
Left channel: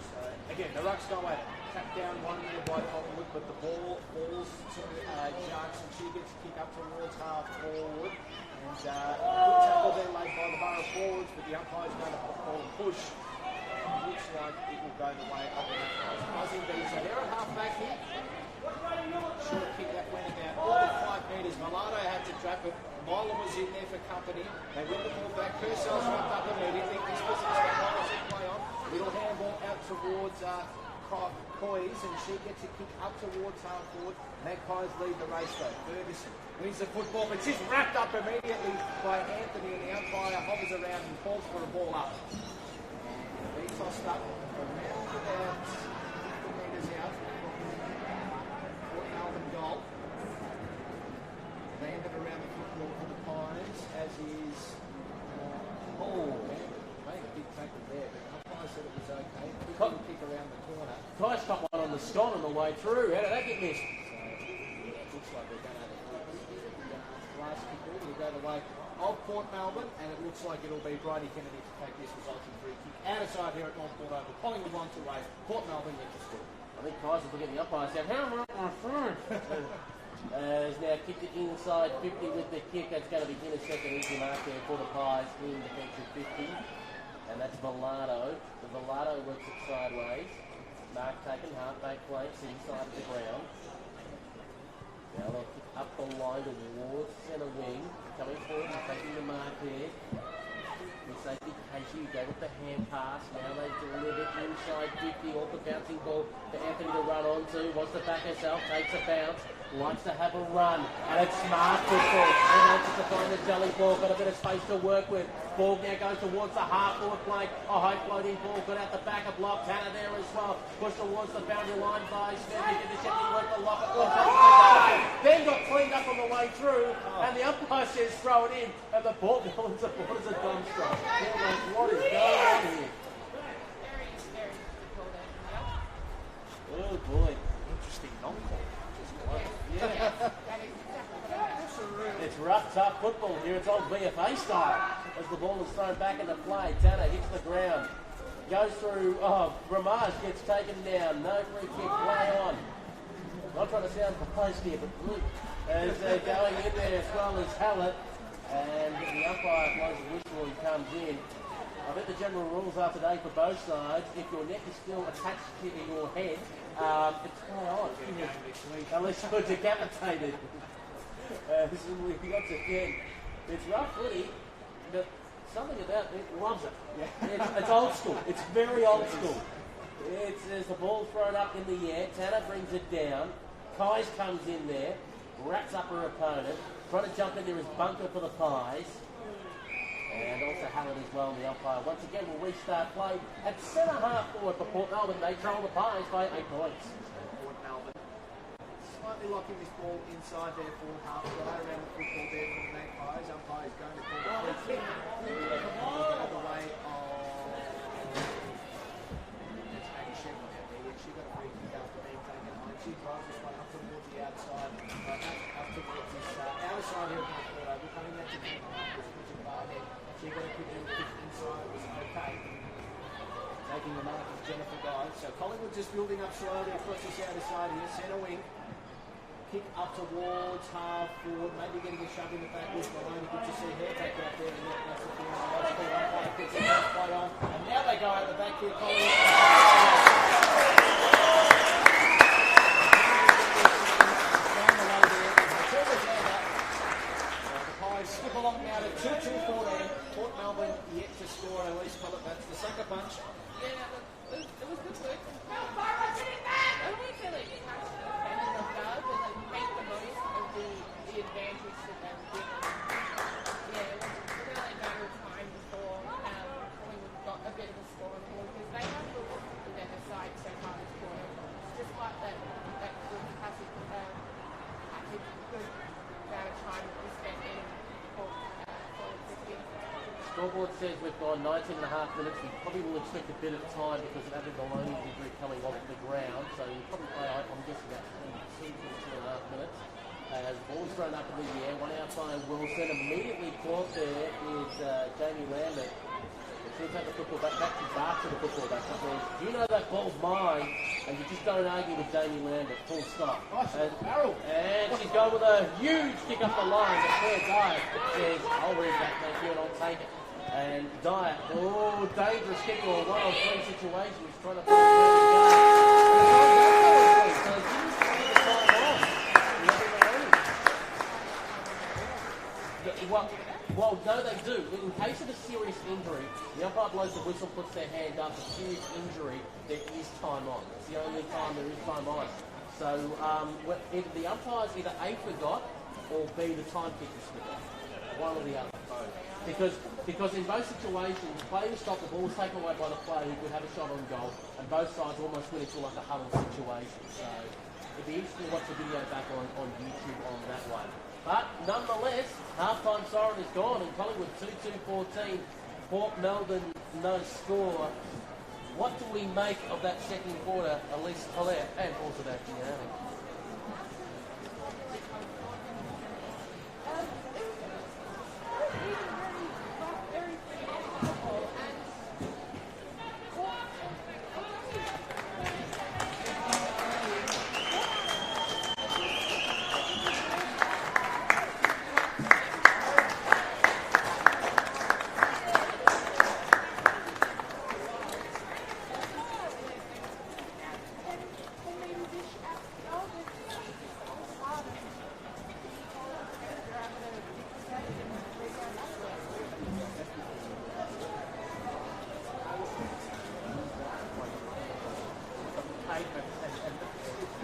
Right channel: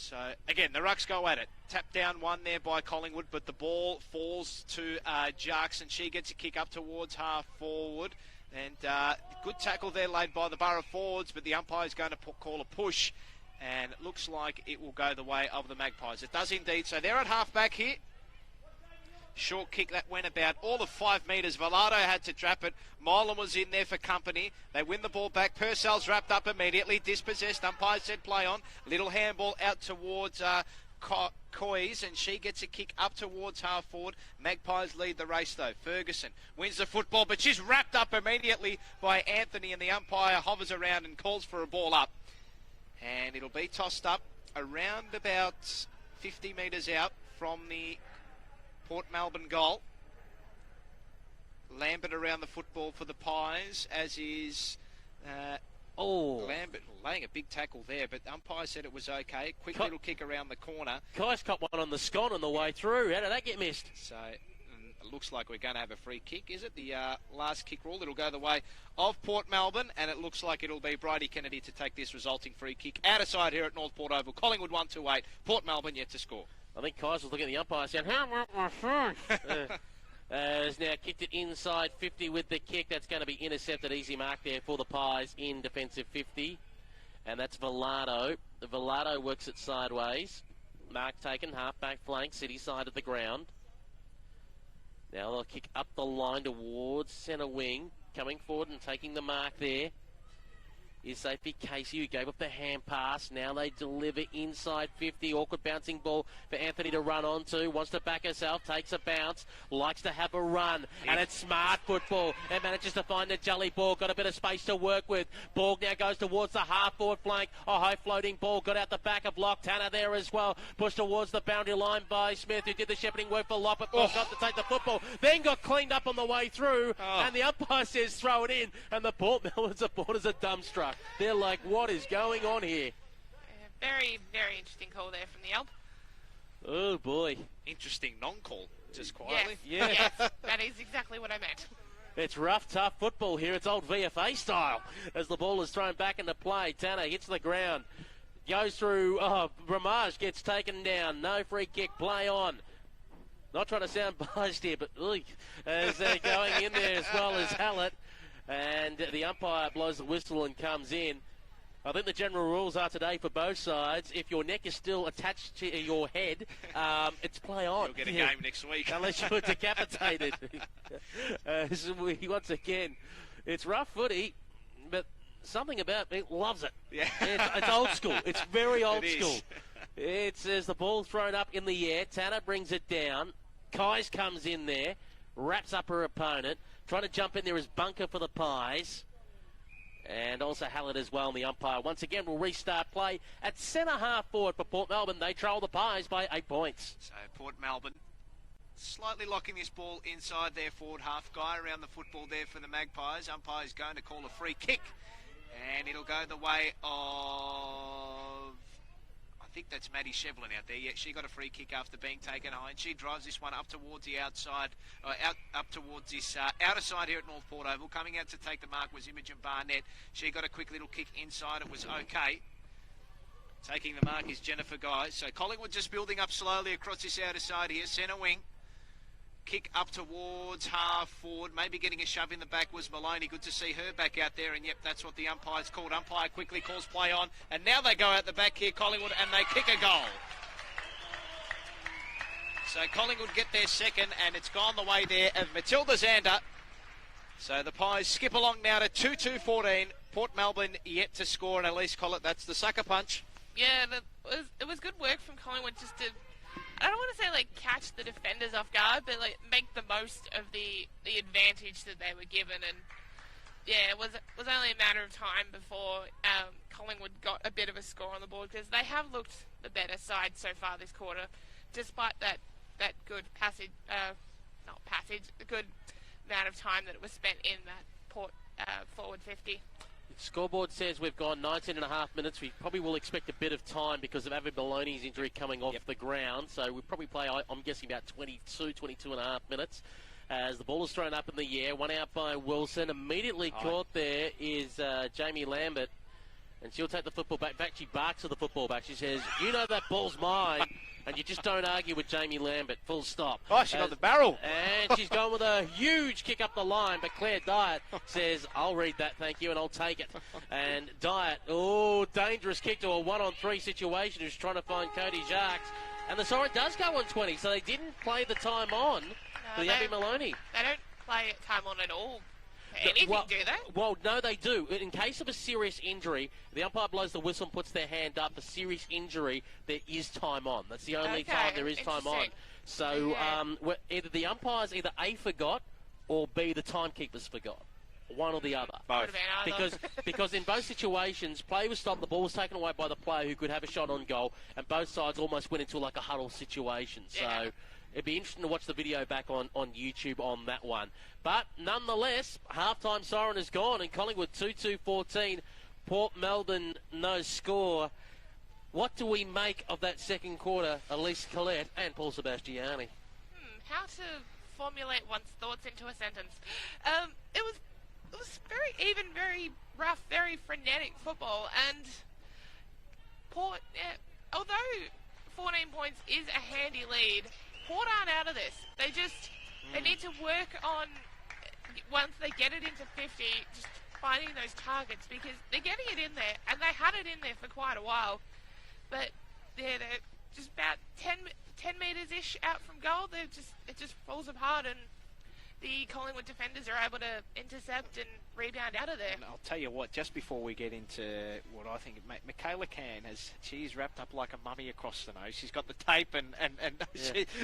So, again, the Rucks go at it. Tap down one there by Collingwood, but the ball falls to Jarks, and she gets a kick up towards half forward. And good tackle there laid by the Borough forwards, but the umpire's going to call a push. And it looks like it will go the way of the Magpies. It does indeed. So they're at half back here. Short kick that went about all of 5 metres. Vflw had to trap it. Molan was in there for company. They win the ball back. Purcell's wrapped up immediately. Dispossessed. Umpire said play on. Little handball out towards Coys, and she gets a kick up towards half forward. Magpies lead the race though. Ferguson wins the football, but she's wrapped up immediately by Anthony, and the umpire hovers around and calls for a ball up. And it'll be tossed up around about 50 metres out from the Port Melbourne goal. Lambert around the football for the Pies, as is Lambert playing a big tackle there, but the umpire said it was okay. Quick little kick around the corner. Kai's got one on the scone on the way through. How did that get missed? So it looks like we're going to have a free kick. Is it the last kick ball? It'll go the way of Port Melbourne, and it looks like it'll be Bridie Kennedy to take this resulting free kick. Out of side here at North Port Oval. Collingwood 1-2-8. Port Melbourne yet to score. I think Kai's was looking at the umpire saying, how about my first? Has now kicked it inside 50 with the kick. That's going to be intercepted. Easy mark there for the Pies in defensive 50. And that's Vflw. The Vflw works it sideways. Mark taken, half-back flank, city side of the ground. Now they'll kick up the line towards centre wing. Coming forward and taking the mark there is safety Casey, who gave up the hand pass. Now they deliver inside 50. Awkward bouncing ball for Anthony to run onto. Wants to back herself, takes a bounce. Likes to have a run, and it's smart football. He manages to find the jelly ball, got a bit of space to work with. Ball now goes towards the half-forward flank. A high floating ball, got out the back of block. Tanner there as well. Pushed towards the boundary line by Smith, who did the shepherding work for Lockett. Then got cleaned up on the way through, and the umpire says throw it in, and the Port Melbourne supporters are dumbstruck. They're like, what is going on here? Very, very interesting call there from the elf. Oh boy. Interesting non-call. Yeah, that is exactly what I meant. It's rough, tough football here. It's old VFA style. As the ball is thrown back into play, Tanner hits the ground. Goes through, Ramage gets taken down. No free kick, play on. Not trying to sound biased here, but look, as they're going in there as well as Hallett. And the umpire blows the whistle and comes in. I think the general rules are today for both sides. If your neck is still attached to your head, it's play on. We'll get a game next week. Unless you're decapitated. So once again, it's rough footy, but something about me loves it. Yeah. It's old school. It's very old school. It's as the ball thrown up in the air. Tanner brings it down. Kais comes in there, wraps up her opponent. Trying to jump in there is Bunker for the Pies. And also Hallett as well, and the umpire once again will restart play at centre half forward for Port Melbourne. They trail the Pies by 8 points. So Port Melbourne slightly locking this ball inside their forward half. Guy around the football there for the Magpies. Umpire is going to call the free kick, and it'll go the way of, I think that's Maddie Shevlin out there. Yeah, she got a free kick after being taken high, and she drives this one up towards the outside, up towards this outer side here at North Port Oval. Coming out to take the mark was Imogen Barnett. She got a quick little kick inside. It was okay. Taking the mark is Jennifer Guy. So Collingwood just building up slowly across this outer side here. Centre wing. Kick up towards half forward. Maybe getting a shove in the back was Maloney. Good to see her back out there. And yep, that's what the umpire's called. Umpire quickly calls play on. And now they go out the back here, Collingwood, and they get the goal. So Collingwood get their second, and it's gone the way there of Matilda Zander. So the Pies skip along now to 2-2-14. Port Melbourne yet to score, and Elise Collett, that's the sucker punch. Yeah, it was good work from Collingwood just to, I don't want to say like catch the defenders off guard, but like make the most of the advantage that they were given. And yeah, it was only a matter of time before Collingwood got a bit of a score on the board, because they have looked a better side so far this quarter, despite that good good amount of time that was spent in the forward 50. Scoreboard says we've gone 19 and a half minutes. We probably will expect a bit of time because of Abby Maloney's injury coming off the ground. So we'll probably play, I'm guessing, about 22 and a half minutes. As the ball is thrown up in the air, one out by Wilson. Immediately caught there is Jamie Lambert. She'll take the football back. She barks at the football back. She says, "You know that ball's mine," and you just don't argue with Jamie Lambert. Full stop. Oh, she got the barrel. And she's gone with a huge kick up the line. But Claire Dyer says, "I'll read that, thank you, and I'll take it." And Dyer, dangerous kick to a 1-on-3 situation. Who's trying to find Bernie Jones. And the time does go on 20, so they didn't play the time on. Maloney. They don't play time on at all. Anything, do they? Well, no, they do. In case of a serious injury, the umpire blows the whistle, puts their hand up. For serious injury, there is time on. That's the only time there is time on. So either the umpires either A, forgot, or B, the timekeepers forgot. One or the other. Both. Because in both situations, play was stopped, the ball was taken away by the player who could have a shot on goal, and both sides almost went into like a huddle situation. So it'd be interesting to watch the video back on YouTube on that one. But nonetheless, halftime siren is gone, and Collingwood 2-2-14. Port Melbourne no score. What do we make of that second quarter, Elise Collette and Paul Sebastiani? How to formulate one's thoughts into a sentence. It was very even, very rough, very frenetic football, and Port, although 14 points is a handy lead, Port aren't out of this. They need to move on once they get it in the finding those targets, because they're getting it in there, and they had it in there for quite a while. But they're just about 10 metres-ish out goal. It just falls apart, and the Collingwood defenders are able to intercept and rebound out of there. I'll tell you what, just before we get into the Kayla Candace, she's wrapped up like a mummy across the nose. She's got the tape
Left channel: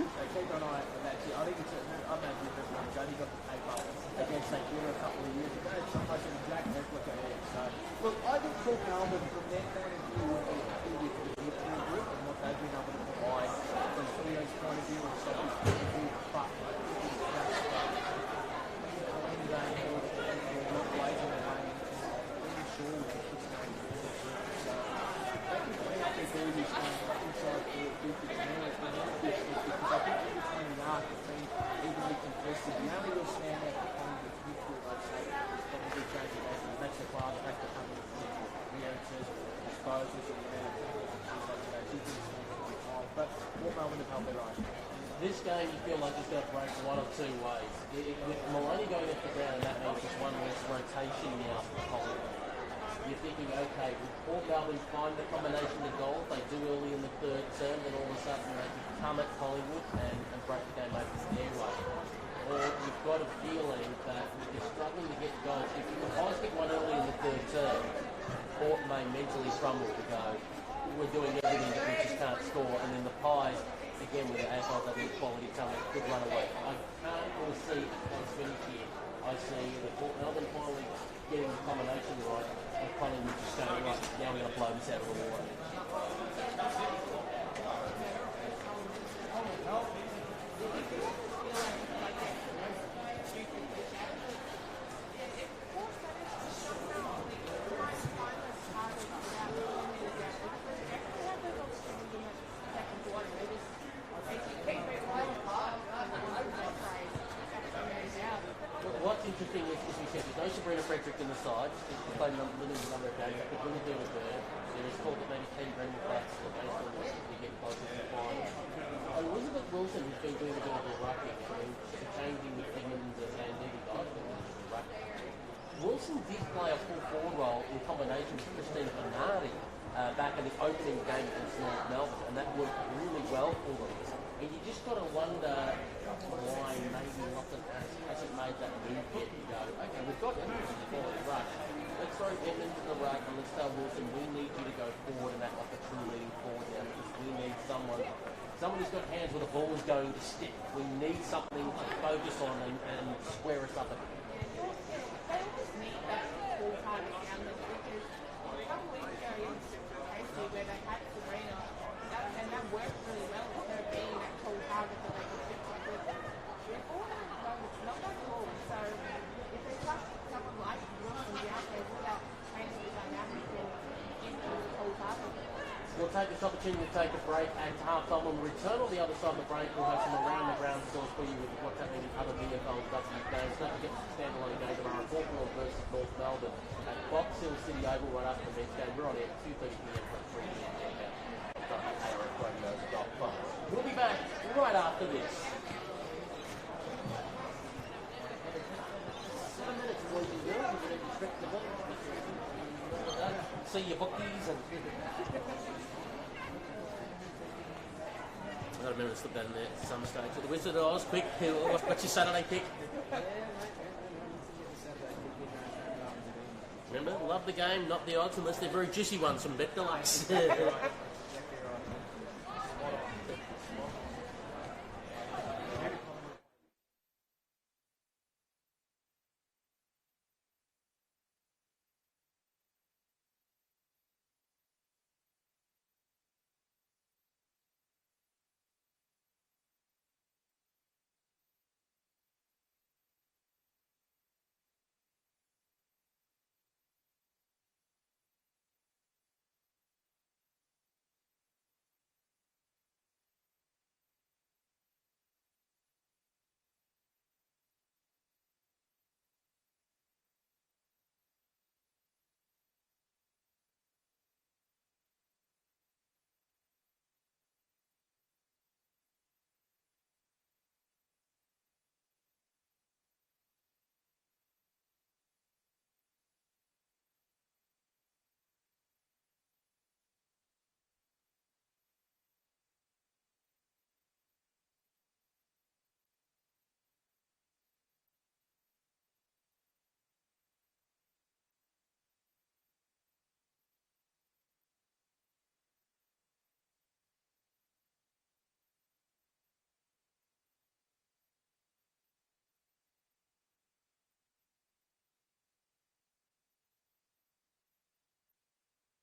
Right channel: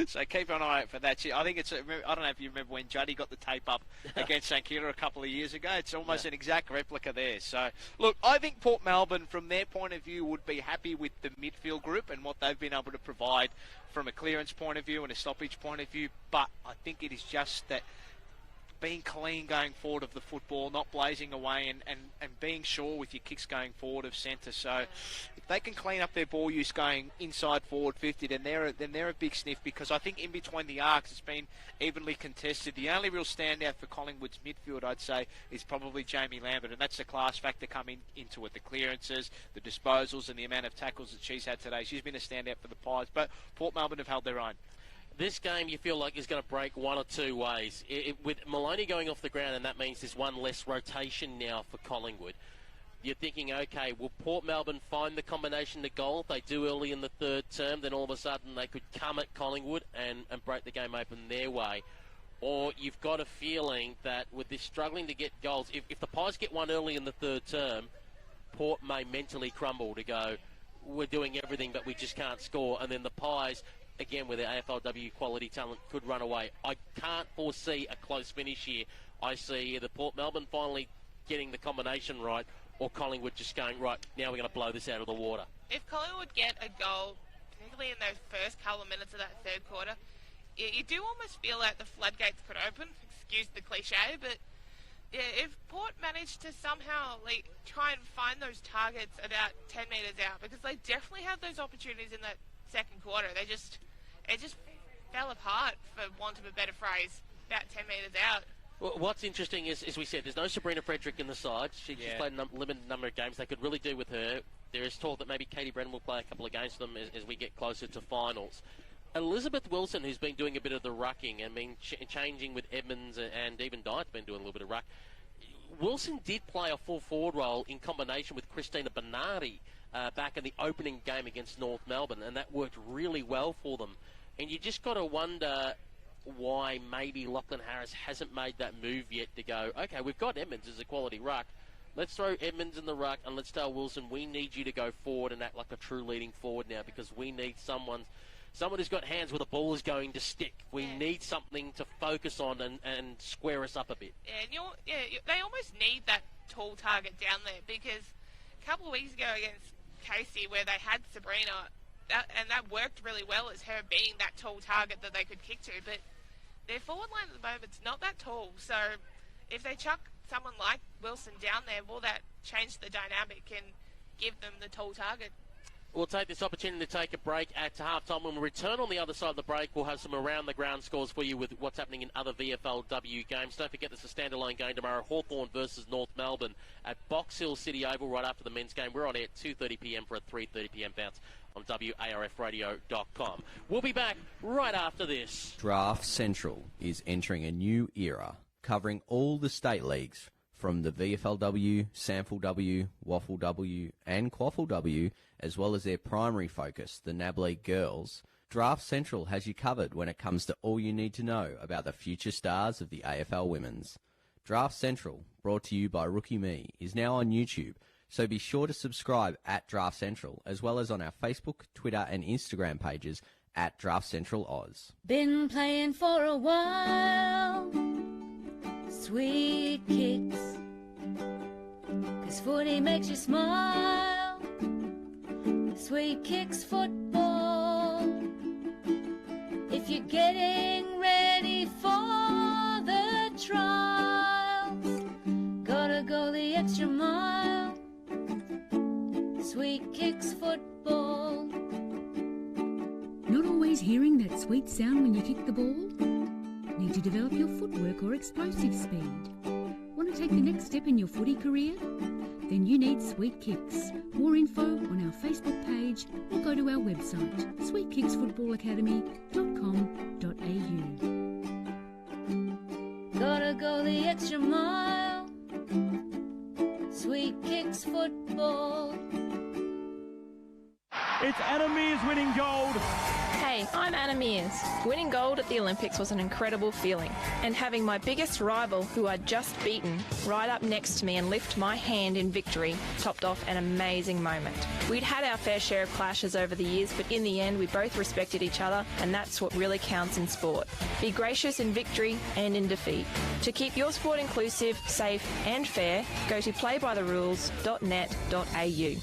so keep an eye out for that. I think it's, I don't know if you remember when Juddy got the tape up against St Kilda a couple of years ago. It's almost an exact replica there. So, look, I think Port Melbourne, from their point of view, would be happy with the midfield group and what they've been able to provide from a clearance point of view and a stoppage point of view. But I think it is just that being clean going forward of the football, not blazing away, and being sure with your kicks going forward of centre. So they can clean up their ball use going inside forward 50, then they're a big sniff, because I think in between the arcs has been evenly contested. The only real standout for Collingwood's midfield, I'd say, is probably Jamie Lambert, and that's the class factor coming into it, the clearances, the disposals, and the amount of tackles that she's had today. She's been a standout for the Pies, but Port Melbourne have held their own. This game you feel like is going to break one or two ways. With Maloney going off the ground, and that means there's one less rotation now for Collingwood. You're thinking, okay, will Port Melbourne find the combination to goal? If they do early in the third term, then all of a sudden they could come at Collingwood and break the game open their way. Or you've got a feeling that with this struggling to get goals, if the Pies get one early in the third term, Port may mentally crumble to go, we're doing everything but we just can't score, and then the Pies, again with their AFLW quality talent, could run away. I can't foresee a close finish here. I see the Port Melbourne finally getting the combination right, or Collingwood just going, right, now we're going to blow this out of the water. If Collingwood get a goal probably in the first couple of minutes of that third quarter, you do almost feel like the floodgates could open, excuse the cliche, but if Port managed to somehow try and find those targets about 10 metres out, because they definitely had those opportunities in the second quarter, they just fell apart, for want of a better phrase, about 10 metres out. Well, what's interesting is, as we said, there's no Sabrina Frederick in the side. She's played a limited number of games. They could really do with her. There is talk that maybe Katie Brennan will play a couple against them as we get closer to finals. Elizabeth Wilson, who's been doing a bit of the rucking and been changing with Edmonds, and even Dine's been doing a little bit of ruck. Wilson did play a full forward role in combination with Christina Bernardi back in the opening game against North Melbourne, and that worked really well for them. And you just got to wonder why maybe Lachlan Harris hasn't made that move yet to go, okay, we've got Edmonds as a quality ruck. Let's throw Edmonds in the ruck and let's tell Wilson, we need you to go forward and act like a true leading forward now, because we need someone who's got hands where the ball is going to stick. We need something to focus on and square us up a bit. They almost need that tall target down there, because a couple of weeks ago against Casey, where they had Sabrina, that worked really well as her being that tall target that they could pick to, but their forward line at the moment's not that tall, so if they chuck someone like Wilson down there, will that change the dynamic and give them the tall target? We'll take this opportunity to take a break at halftime. When we return on the other side of the break, we'll have some around-the-ground scores for you with what's happening in other VFLW games. Don't forget there's a standalone game tomorrow, Hawthorn versus North Melbourne at Box Hill City Oval right after the men's game. We're on air at 2:30pm for a 3:30pm bounce on WARFradio.com. We'll be back right after this. Draft Central is entering a new era, covering all the state leagues, from the VFLW, SANFLW, WFLW and QFLW, as well as their primary focus, the NAB League Girls. Draft Central has you covered when it comes to all you need to know about the future stars of the AFL Women's. Draft Central, brought to you by Rookie Me, is now on YouTube, so be sure to subscribe at Draft Central, as well as on our Facebook, Twitter and Instagram pages at Draft Central Odds. Been playing for a while. Sweet kicks, 'cause footy makes you smile. Sweet kicks football. If you're getting ready for the trials, gotta go the extra mile. Sweet kicks football. Not always hearing that sweet sound when you kick the ball? Need to develop your footwork or explosive speed? Want to take the next step in your footy career? Then you need Sweet Kicks. More info on our Facebook page or go to our website, sweetkicksfootballacademy.com.au. Gotta go the extra mile. Sweet kicks football. It's Anna Mears winning gold. Hey, I'm Anna Mears. Winning gold at the Olympics was an incredible feeling, and having my biggest rival, who I'd just beaten, right up next to me and lift my hand in victory topped off an amazing moment. We'd had our fair share of clashes over the years, but in the end we both respected each other, and that's what really counts in sport. Be gracious in victory and in defeat. To keep your sport inclusive, safe and fair, go to playbytherules.net.au.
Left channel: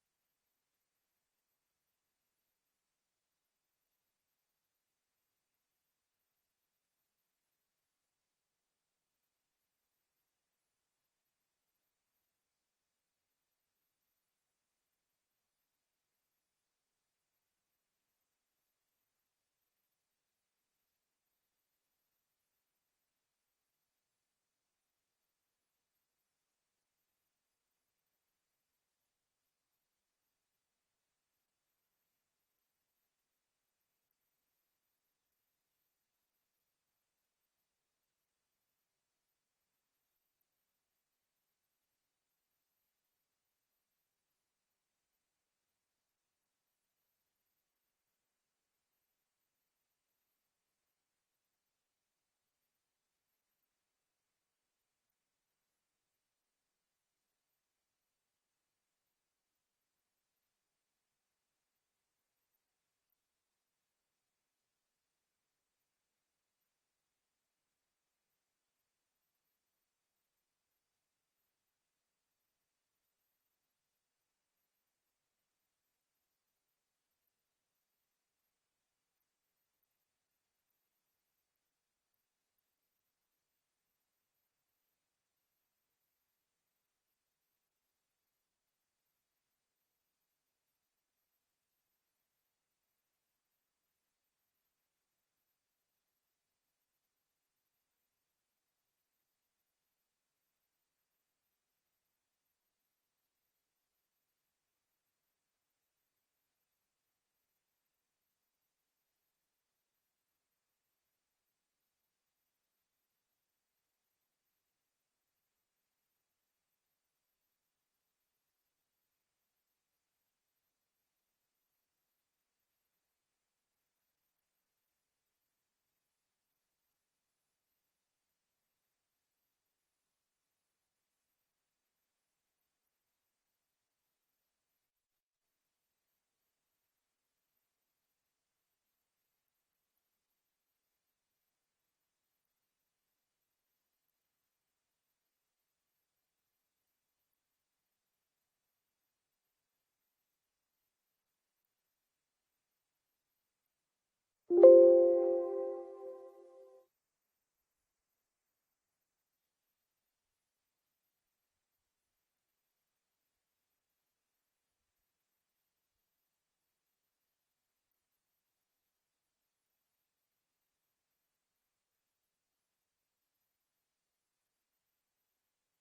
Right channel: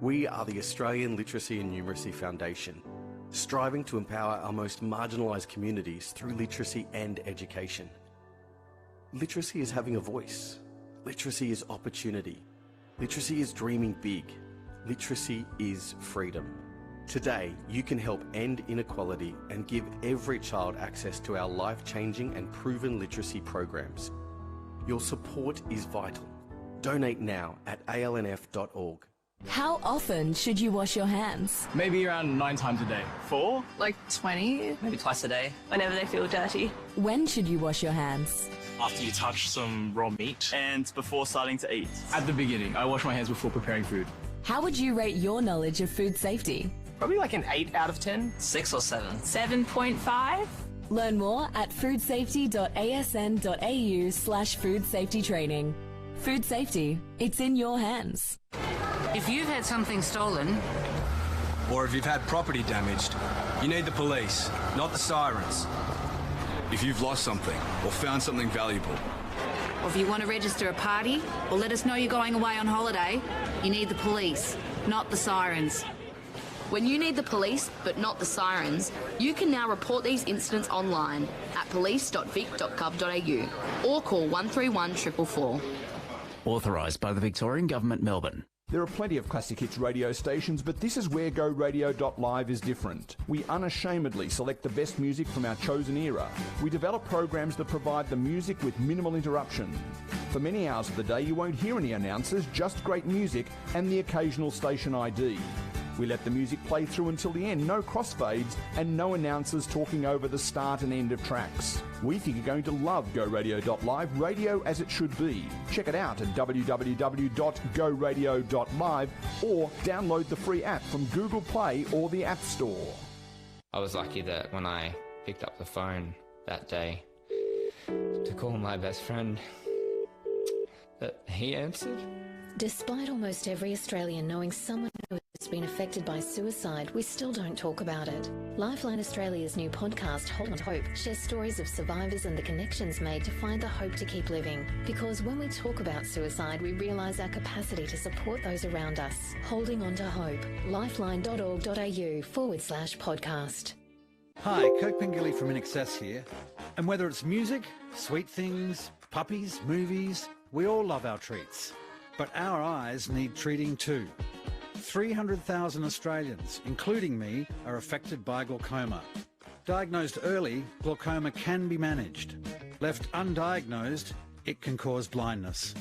We are the Australian Literacy and Numeracy Foundation, striving to empower our most marginalised communities through literacy and education. Literacy is having a voice. Literacy is opportunity. Literacy is dreaming big. Literacy is freedom. Today, you can help end inequality and give every child access to our life-changing and proven literacy programs. Your support is vital. Donate now at alnf.org. How often should you wash your hands? Maybe around 9 times a day. 4? Like 20? Maybe twice a day. Whenever they feel dirty. When should you wash your hands? After you touch some raw meat and before starting to eat. At the beginning, I wash my hands before preparing food. How would you rate your knowledge of food safety? Probably like an 8 out of 10. 6 or 7. 7.5? Learn more at foodsafety.asn.au/food safety training. Food safety, it's in your hands. If you've had something stolen, or if you've had property damaged, you need the police, not the sirens. If you've lost something or found something valuable, or if you want to register a party or let us know you're going away on holiday, you need the police, not the sirens. When you need the police but not the sirens, you can now report these incidents online at police.vic.gov.au or call 131 444. Authorised by the Victorian Government, Melbourne. There are plenty of classic hits radio stations, but this is where GoRadio.live is different. We unashamedly select the best music from our chosen era. We develop programs that provide the music with minimal interruption. For many hours of the day, you won't hear any announcers, just great music and the occasional station ID. We let the music play through until the end, no crossfades and no announcers talking over the start and end of tracks. We think you're going to love GoRadio.live, radio as it should be. Check it out at www.goradio.live or download the free app from Google Play or the App Store. I was lucky that when I picked up the phone that day to call my best friend, that he answered. Despite almost every Australian knowing someone who has been affected by suicide, we still don't talk about it. Lifeline Australia's new podcast, Hold on Hope, shares stories of survivors and the connections made to find the hope to keep living. Because when we talk about suicide, we realise our capacity to support those around us. Holding on to hope. lifeline.org.au/podcast. Hi, Kirk Pengilly from In Excess here. And whether it's music, sweet things, puppies, movies, we all love our treats. But our eyes need treating too. 300,000 Australians, including me, are affected by glaucoma. Diagnosed early, glaucoma can be managed. Left undiagnosed, it can cause blindness.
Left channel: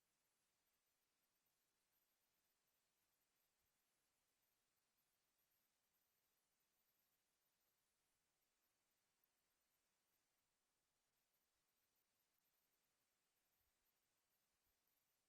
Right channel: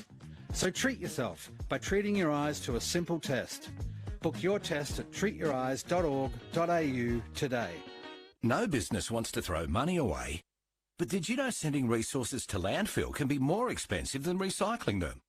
So treat yourself by treating your eyes to a simple test. Book your test at treatyoureyes.org.au today. No business wants to throw money away. But did you know sending resources to landfill can be more expensive than recycling them?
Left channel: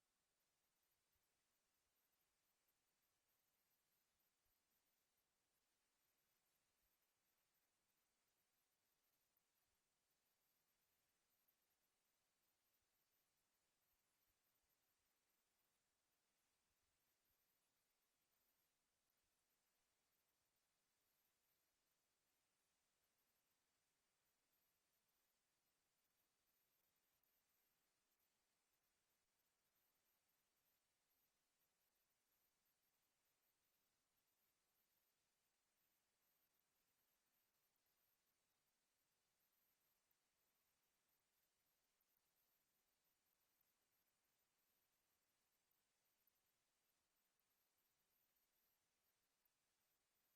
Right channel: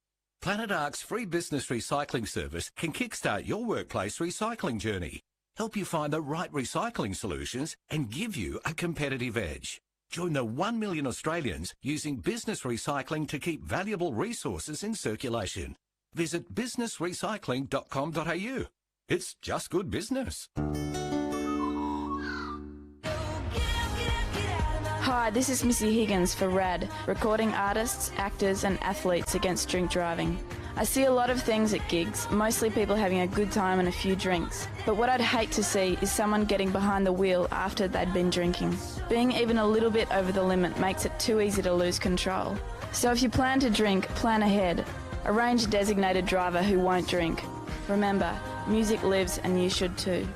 Planet Ark's free business recycling service can kickstart your workplace recycling journey, help you find the right recycling solutions and give you a competitive edge. Join the 1 million Australians using business recycling to keep valuable resources in circulation. Visit businessrecycling.com.au. It's just good business. Hi, this is Missy Higgins for RAD, recording artists, actors and athletes against drink driving. I see a lot of things at gigs, mostly people having a good time and a few drinks. But what I'd hate to see is someone getting behind the wheel after they'd been drinking. Being even a little bit over the limit makes it too easy to lose control. So if you plan to drink, plan ahead. Arrange a designated driver who won't drink. Remember, music lives and you should too.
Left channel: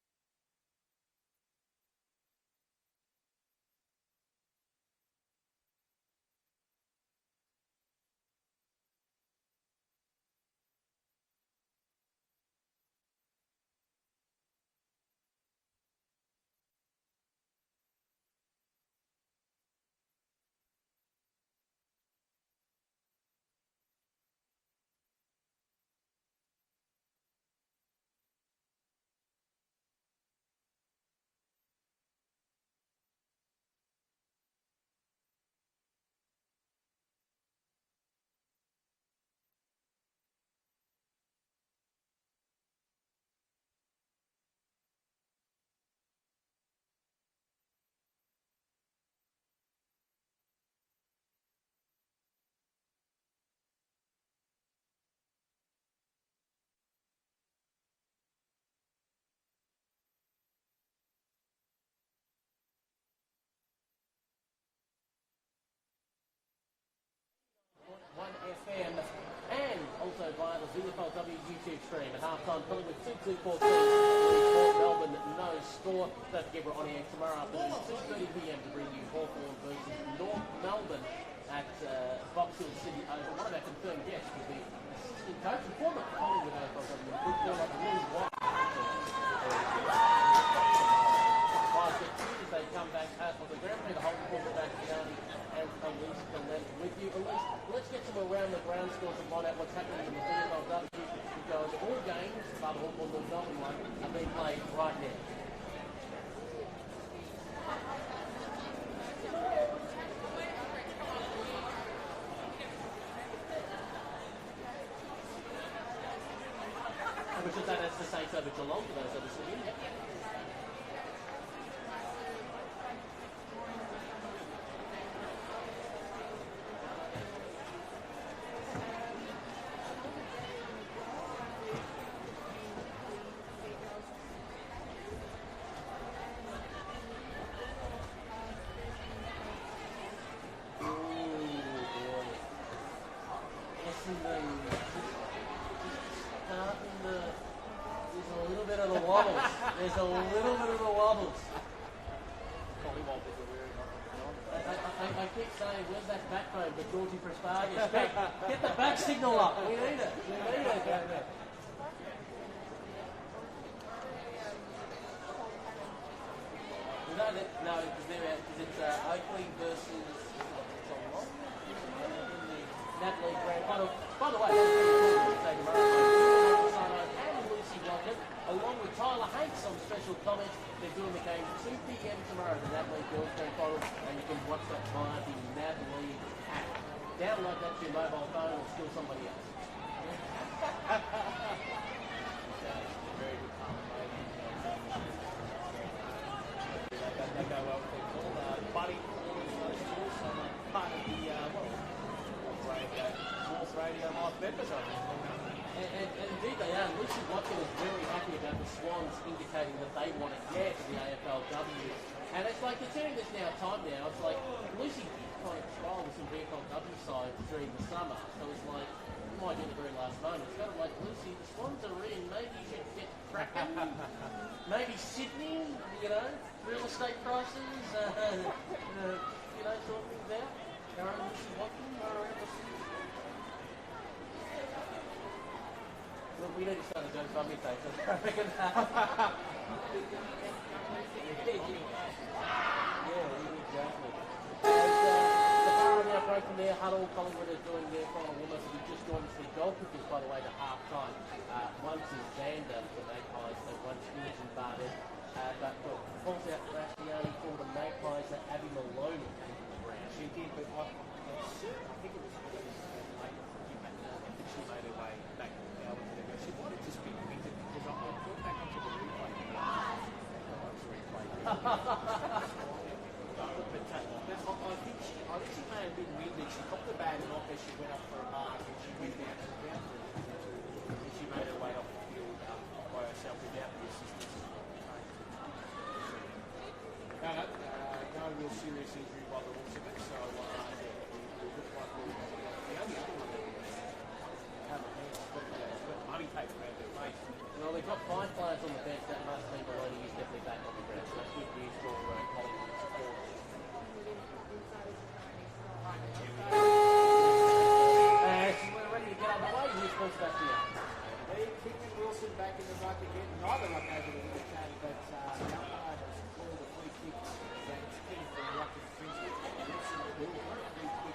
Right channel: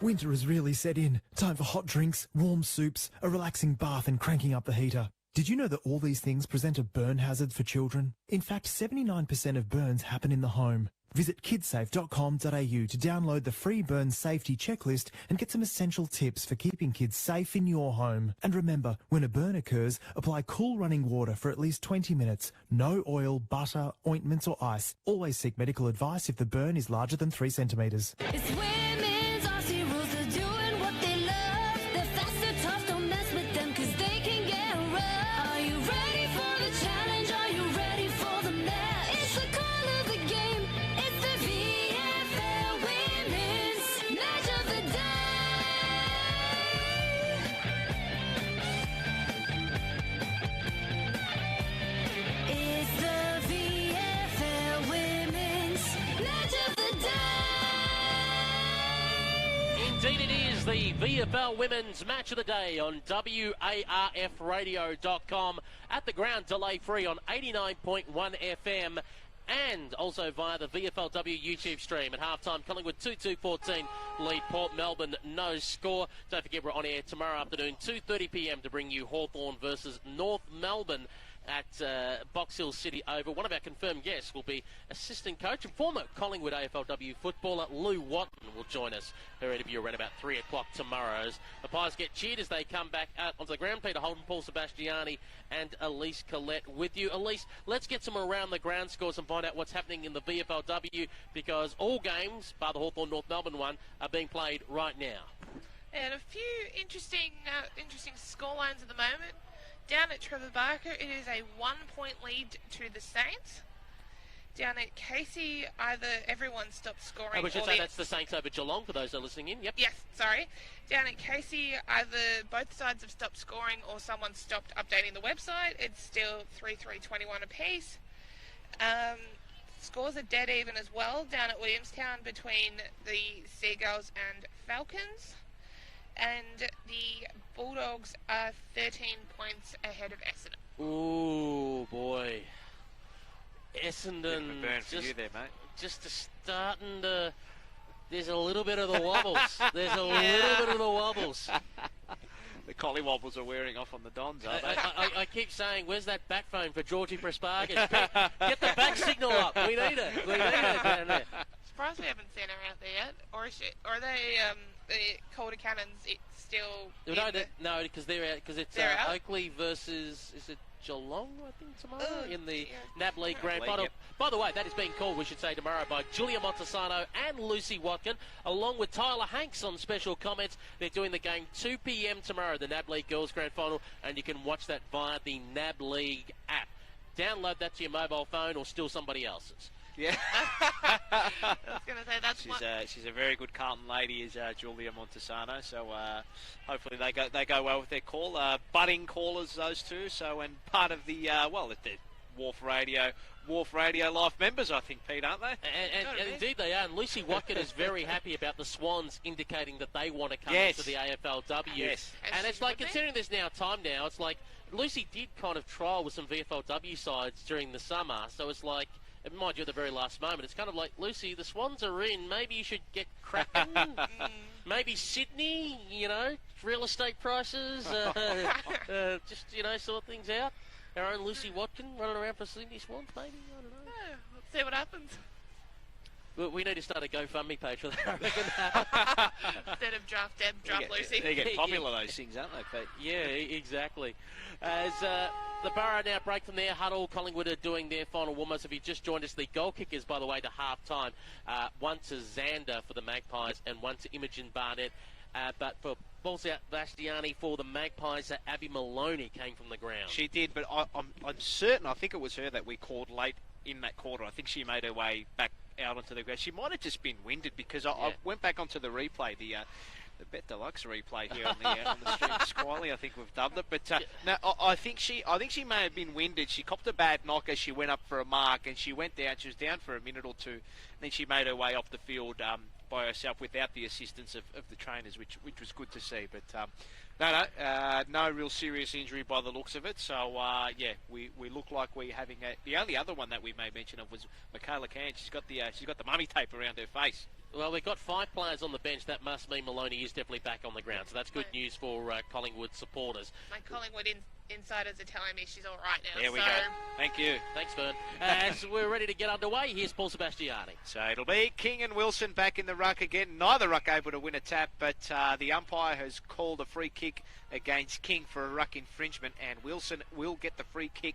Winter has really set in. Time for hot drinks, warm soups, a relaxing bath and cranking up the heater. Did you know that all these things present a burn hazard for children? In fact, 79% of burns happen in the home. Visit kidsafe.com.au to download the free burn safety checklist and get some essential tips for keeping kids safe in your home. And remember, when a burn occurs, apply cool running water for at least 20 minutes. No oil, butter, ointments or ice. Always seek medical advice if the burn is larger than 3 centimetres. It's women's RC rules, they're doing what they love. They're fast, they're tough, don't mess with them cause they can get rough. Are you ready for the challenge? Are you ready for the match? It's the call of the game. It's the VFL Women's Match of the Day. It's the VFL Women's Match of the Day. Indeed it is the VFL Women's Match of the Day on WARFradio.com, at the ground delay-free on 89.1 FM, and also via the VFLW YouTube stream. At halftime, Collingwood 2-2-14 lead Port Melbourne, no score. Don't forget we're on air tomorrow afternoon, 2:30 PM to bring you Hawthorn versus North Melbourne at Box Hill City Oval. One of our confirmed guests will be assistant coach and former Collingwood AFLW footballer Lou Watt will join us for an interview around about 3 o'clock tomorrow. The Pies get cheered as they come back onto the ground. Peter Holt, Paul Sebastiani and Elise Collette with you. Elise, let's get some around the ground scores and find out what's happening in the VFLW, because all games, bar the Hawthorn North Melbourne one, are being played right now. And a few interesting scorelines at the moment. Down at Trumbarker, it is a 1-point lead to the Saints. Down at Casey, either everyone stopped scoring. I should say that's the Saints over Geelong for those that are listening in. Yep. Yes, sorry. Down at Casey, either both sides have stopped scoring or someone stopped updating the website. It's still 3-3-21 apiece. Scores are dead even as well down at Williamstown between the Seagulls and Falcons. And the Bulldogs are 13 points ahead of Essendon. Oh boy. Essendon just starting to... There's a little bit of the wobbles. There's a little bit of the wobbles. The collie wobbles are wearing off on the Dons, aren't they? I keep saying, where's that backbone for Georgie Praspargas? Get the back signal up. We need it. We need it down there. Surprised we haven't seen her out there. Or is she, or are they the Calder Cannons still? No, because they're out. Because it's Oakley versus is it Geelong in the NAB League Grand Final. By the way, that's being called, we should say, tomorrow by Julia Montesano and Lucy Watkin, along with Tyler Hanks on special comments. They're doing the game 2 PM tomorrow, the NAB League Girls Grand Final, and you can watch that via the NAB League app. Download that to your mobile phone or steal somebody else's. Yeah. she's a very good Carlton lady, is Julia Montesano. So hopefully they go well with their call. Budding callers, those two. So and part of the if they're Wharf Radio Life members, I think, Pete, aren't they? And indeed they are. around. Lucy Watkin is very happy about the Swans indicating that they want to come Yes. into the AFLW. Yes. And it's like, considering this time now, it's like Lucy did kind of trial with some VFLW sides during the summer. So it's like, it might do at the very last moment. It's kind of like, Lucy, the Swans are in. Maybe you should get cracking. Maybe Sydney, real estate prices. Just, sort things out. Our own Lucy Watkin running around for Sydney Swans, maybe. See what happens. We need to start a GoFundMe page for that. Instead of drop Lucy. They get popular, those things, aren't Yeah, exactly. As the Borough now break from their huddle, Collingwood are doing their final warm-ups. If you just joined us, the goal kickers, by the way, to half-time. One to Xander for the Magpies and one to Imogen Barnett. But for balls out Bastiani for the Magpies, Abby Maloney came from the ground. She did, but I'm certain, I think it was her that we called late in that quarter. I think she made her way back out onto the ground. She might have just been winded because I went back onto the replay, the Bet Deluxe replay here on the stream. Squally, I think we've dubbed it. But no, I think she may have been winded. She copped a bad knock as she went up for a mark, and she went down. She was down for a minute or two. Then she made her way off the field by herself without the assistance of the trainers, which was good to see. But no real serious injury by the looks of it. So we look like we're having the only other one that we may mention was Michaela Can. She's got the mummy tape around her face. Well, we've got 5 players on the bench. That must mean Maloney is definitely back on the ground. So that's good news for Collingwood supporters. My Collingwood insiders are telling me she's all right now. There we go. Thank you. Thanks, Bert. As we're ready to get underway, here's Paul Sebastiani. So it'll be King and Wilson back in the ruck again. Neither ruck able to win a tap, but the umpire has called a free kick against King for a ruck infringement, and Wilson will get the free kick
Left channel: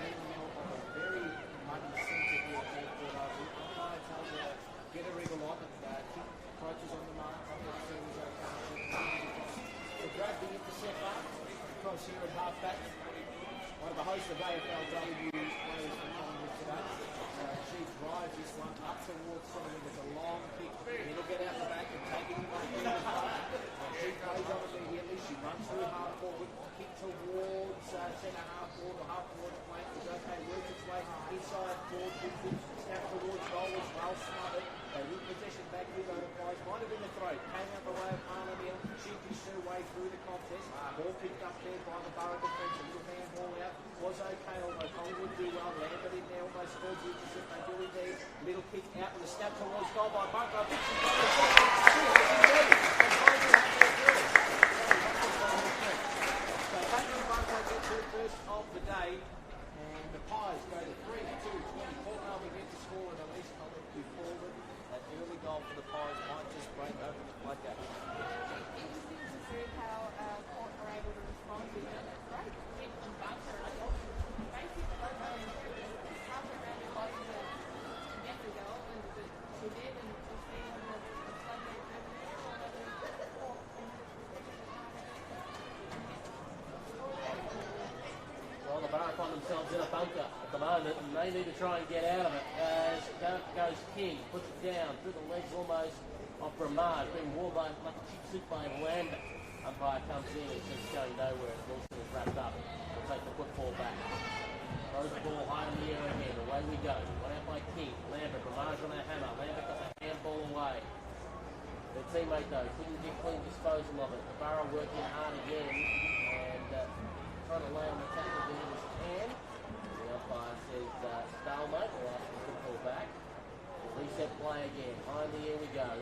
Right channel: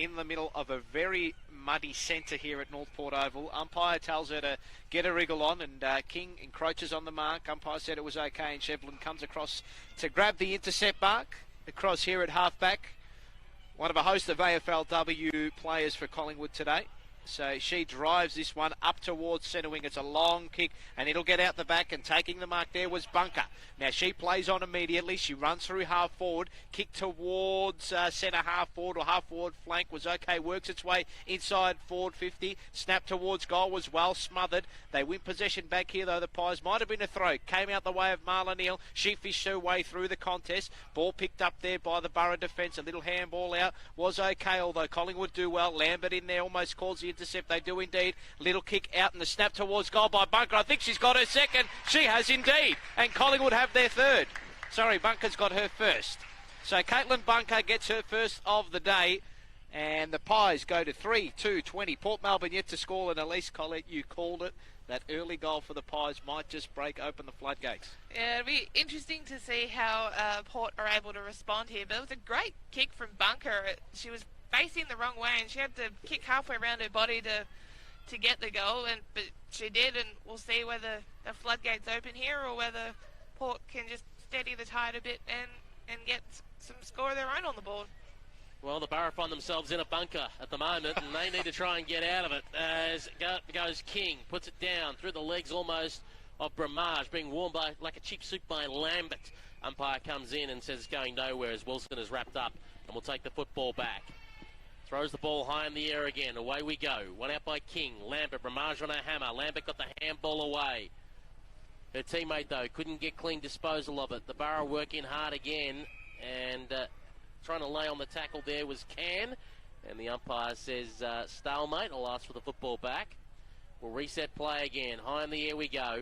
in the middle of a very muddy centre here at Northport Oval. Umpire tells her to get a wriggle on, and King encroaches on the mark. Umpire said it was okay, and Shepard comes across to grab the intercept mark. Across here at halfback, one of a host of AFLW players for Collingwood today. So she drives this one up towards centre wing. It's a long kick, and it'll get out the back, and taking the mark there was Bunker. Now she plays on immediately. She runs through half forward, kick towards centre half forward or half forward flank was okay, works its way inside forward 50, snap towards goal was well smothered. They win possession back here though. The Pies might have been a throw, came out the way of Marla Neal. She fished her way through the contest. Ball picked up there by the Borough defence. A little handball out was okay, although Collingwood do well. Lambert in there almost calls the intercept. They do indeed. Little kick out and the snap towards goal by Bunker. I think she's got her second. She has indeed. And Collingwood have their third. Sorry, Bunker's got her first. So Caitlin Bunker gets her first of the day. And the Pies go to 3-2-20. Port Melbourne yet to score, and Elise Collett, you called it. That early goal for the Pies might just break open the floodgates. Yeah, it'll be interesting to see how Port are able to respond here. But it was a great kick from Bunker. She was facing the wrong way, and she had to kick halfway around her body to get the goal. But she did, and we'll see whether a floodgate's open here or whether Port can just steady the tide a bit and get some score of their own on the board. Well, the Borough find themselves in a bunker at the moment, and they need to try and get out of it. As goes King, puts it down through the legs almost of Bramage, being warmed by like a cheap soup by Lambert. Umpire comes in and says it's going nowhere as Wilson is wrapped up. We'll take the football back. Throws the ball high in the air again. Away we go. One out by King. Lambert, Bramage on a hammer. Lambert got the handball away. Her teammate, though, couldn't get clean disposal of it. The Borough working hard again, and trying to lay on the tackle there was Can, and the umpire says stalemate, and will ask for the football back. We'll reset play again. High in the air we go.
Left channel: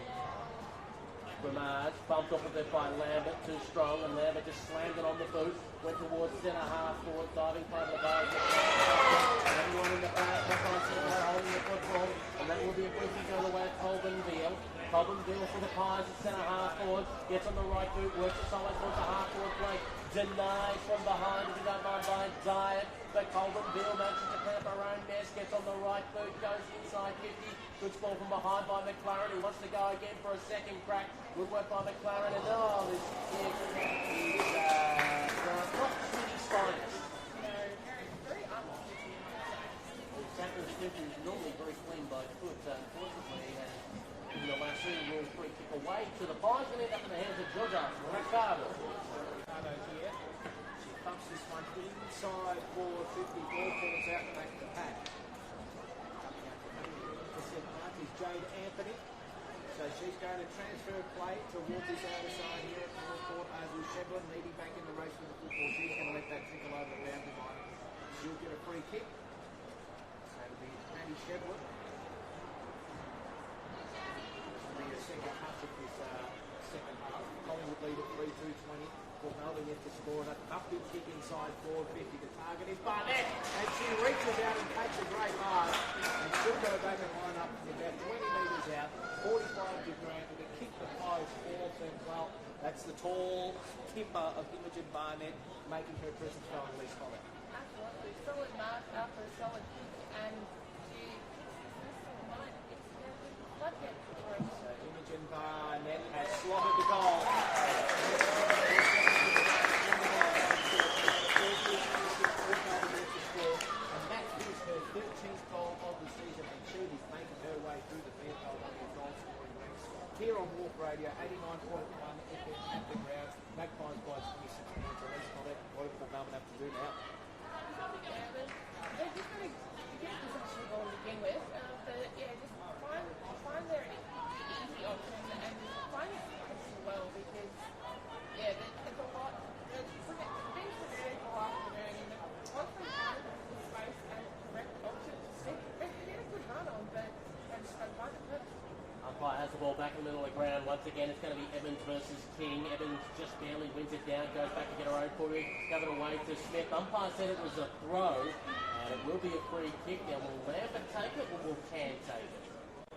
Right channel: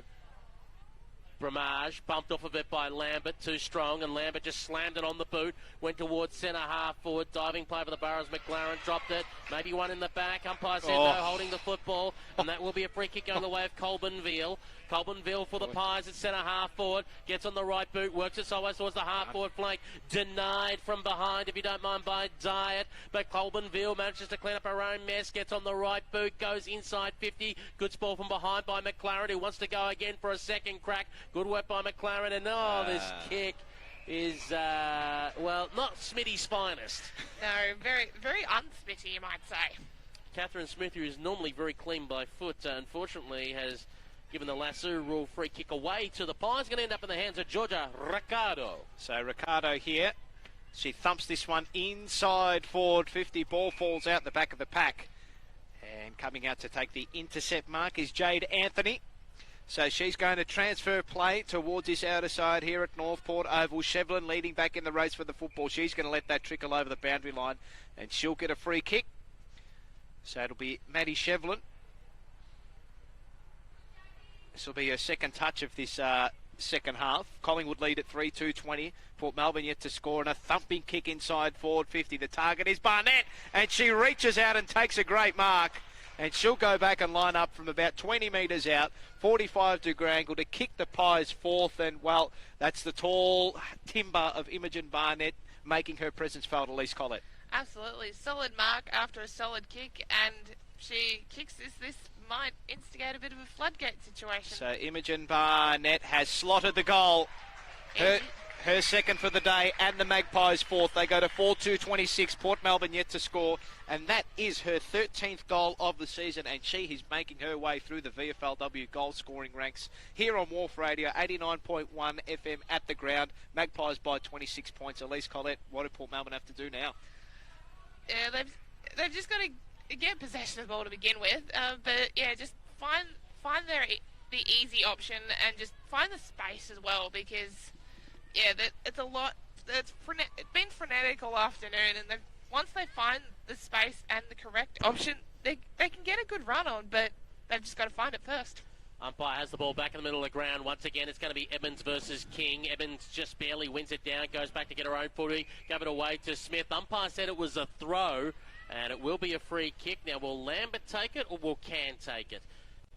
Bramage bumped off a bit by Lambert, too strong, and Lambert just slammed it on the boot. Went towards centre half forward, diving play for the Boroughs. McLaren dropped it. Maybe one in the back. Umpire said no, holding the football, and that will be a free kick going the way of Colburn Veal. Colburn-Veal for the Pies at centre half forward, gets on the right boot, works it sideways towards the half forward flank, denied from behind, if you don't mind, by Diet, but Colburn-Veal manages to clean up her own mess, gets on the right boot, goes inside 50, good ball from behind by McLaren, who wants to go again for a second crack, good work by McLaren, and this kick is, not Smitty's finest. No, very, very un-Smitty, you might say. Catherine Smith, who is normally very clean by foot, unfortunately has given the lasso rule free kick away to the Pies. Going to end up in the hands of Georgia Ricardo. So Ricardo here. She thumps this one inside forward 50. Ball falls out the back of the pack. And coming out to take the intercept mark is Jade Anthony. So she's going to transfer play towards this outer side here at Northport Oval. Shevlin leading back in the race for the football. She's going to let that trickle over the boundary line, and she'll get a free kick. So it'll be Maddie Shevlin. This will be her second touch of this second half. Collingwood lead at 3-2-20. Port Melbourne yet to score, and a thumping kick inside forward 50. The target is Barnett, and she reaches out and takes a great mark. And she'll go back and line up from about 20 metres out, 45-degree angle to kick the Pies fourth. And, well, that's the tall timber of Imogen Barnett making her presence felt, Elise Collett. Absolutely. Solid mark after a solid kick, and she kicks this might instigate a bit of a floodgate situation. So Imogen Barnett has slotted the goal. Her second for the day, and the Magpies fourth. They go to 4-2-26. Port Melbourne yet to score, and that is her 13th goal of the season, and she is making her way through the VFLW goal scoring ranks here on Wharf Radio, 89.1 FM at the ground. Magpies by 26 points. Elise Collett, what do Port Melbourne have to do now? Yeah, they've just got to get possession of the ball to begin with, but yeah, just find the easy option and just find the space as well, because yeah, it's a lot. It's been frenetic all afternoon, and once they find the space and the correct option, they can get a good run on, but they've just got to find it first. Umpire has the ball back in the middle of the ground. Once again, it's going to be Evans versus King. Evans just barely wins it down, goes back to get her own footing, give it away to Smith. Umpire said it was a throw, and it will be a free kick. Now, will Lambert take it, or will Can take it?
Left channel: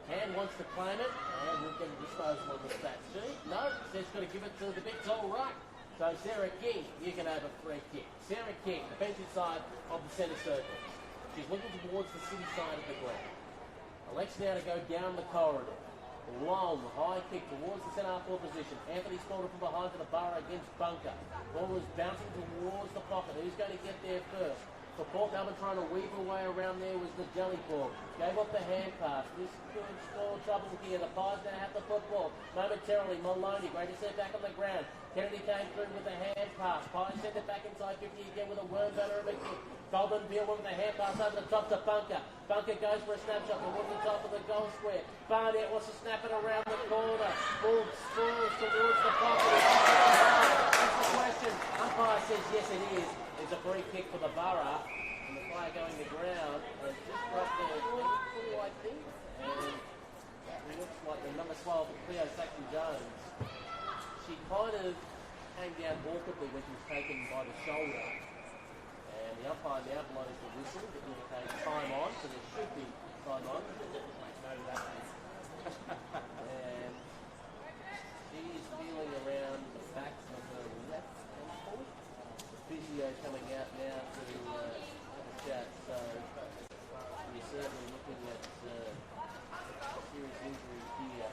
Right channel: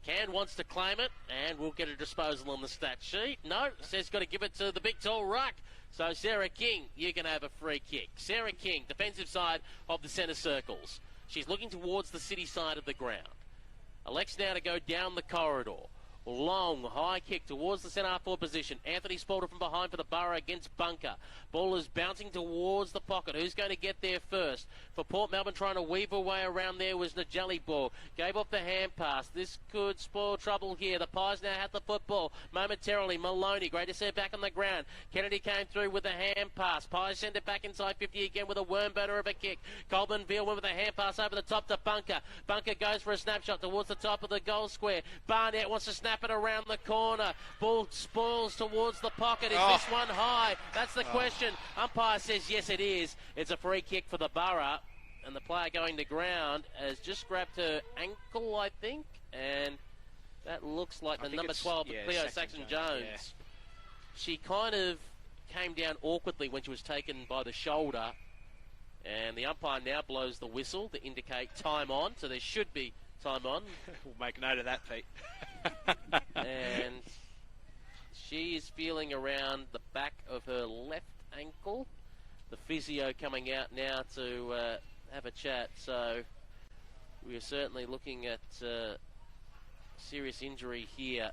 Can wants to claim it, and we'll get a disposal on the stat sheet. No, says got to give it to the big tall ruck. So Sarah King, you can have a free kick. Sarah King, defensive side of the centre circles. She's looking towards the city side of the ground. Elects now to go down the corridor. Long, high kick towards the centre half forward position. Anthony Spalter from behind for the Borough against Bunker. Ball is bouncing towards the pocket. Who's going to get there first? For Port Melbourne, trying to weave her way around there was Najali Ball. Gave up the hand pass. This could spoil trouble here. The Pies now have the football momentarily. Maloney, great to see it back on the ground. Kennedy came through with a hand pass. Pies sent it back inside 50 again with a worm burner of a kick. Coleman Beale went with a hand pass over the top to Bunker. Bunker goes for a snapshot towards the top of the goal square. Barnett wants to snap it around the corner. Ball spoils towards the pocket. Is this one high? That's the question. Umpire says yes, it is. It's a free kick for the Borough, and the player going to ground has just grabbed her ankle, I think, and that looks like the number 12, Cleo Saxon-Jones. She kind of came down awkwardly when she was taken by the shoulder, and the umpire now blows the whistle to indicate time on, so there should be time on. We'll make note of that, Pete. And she is feeling around the back of her left ankle. The physio coming out now to have a chat, so we're certainly looking at serious injury here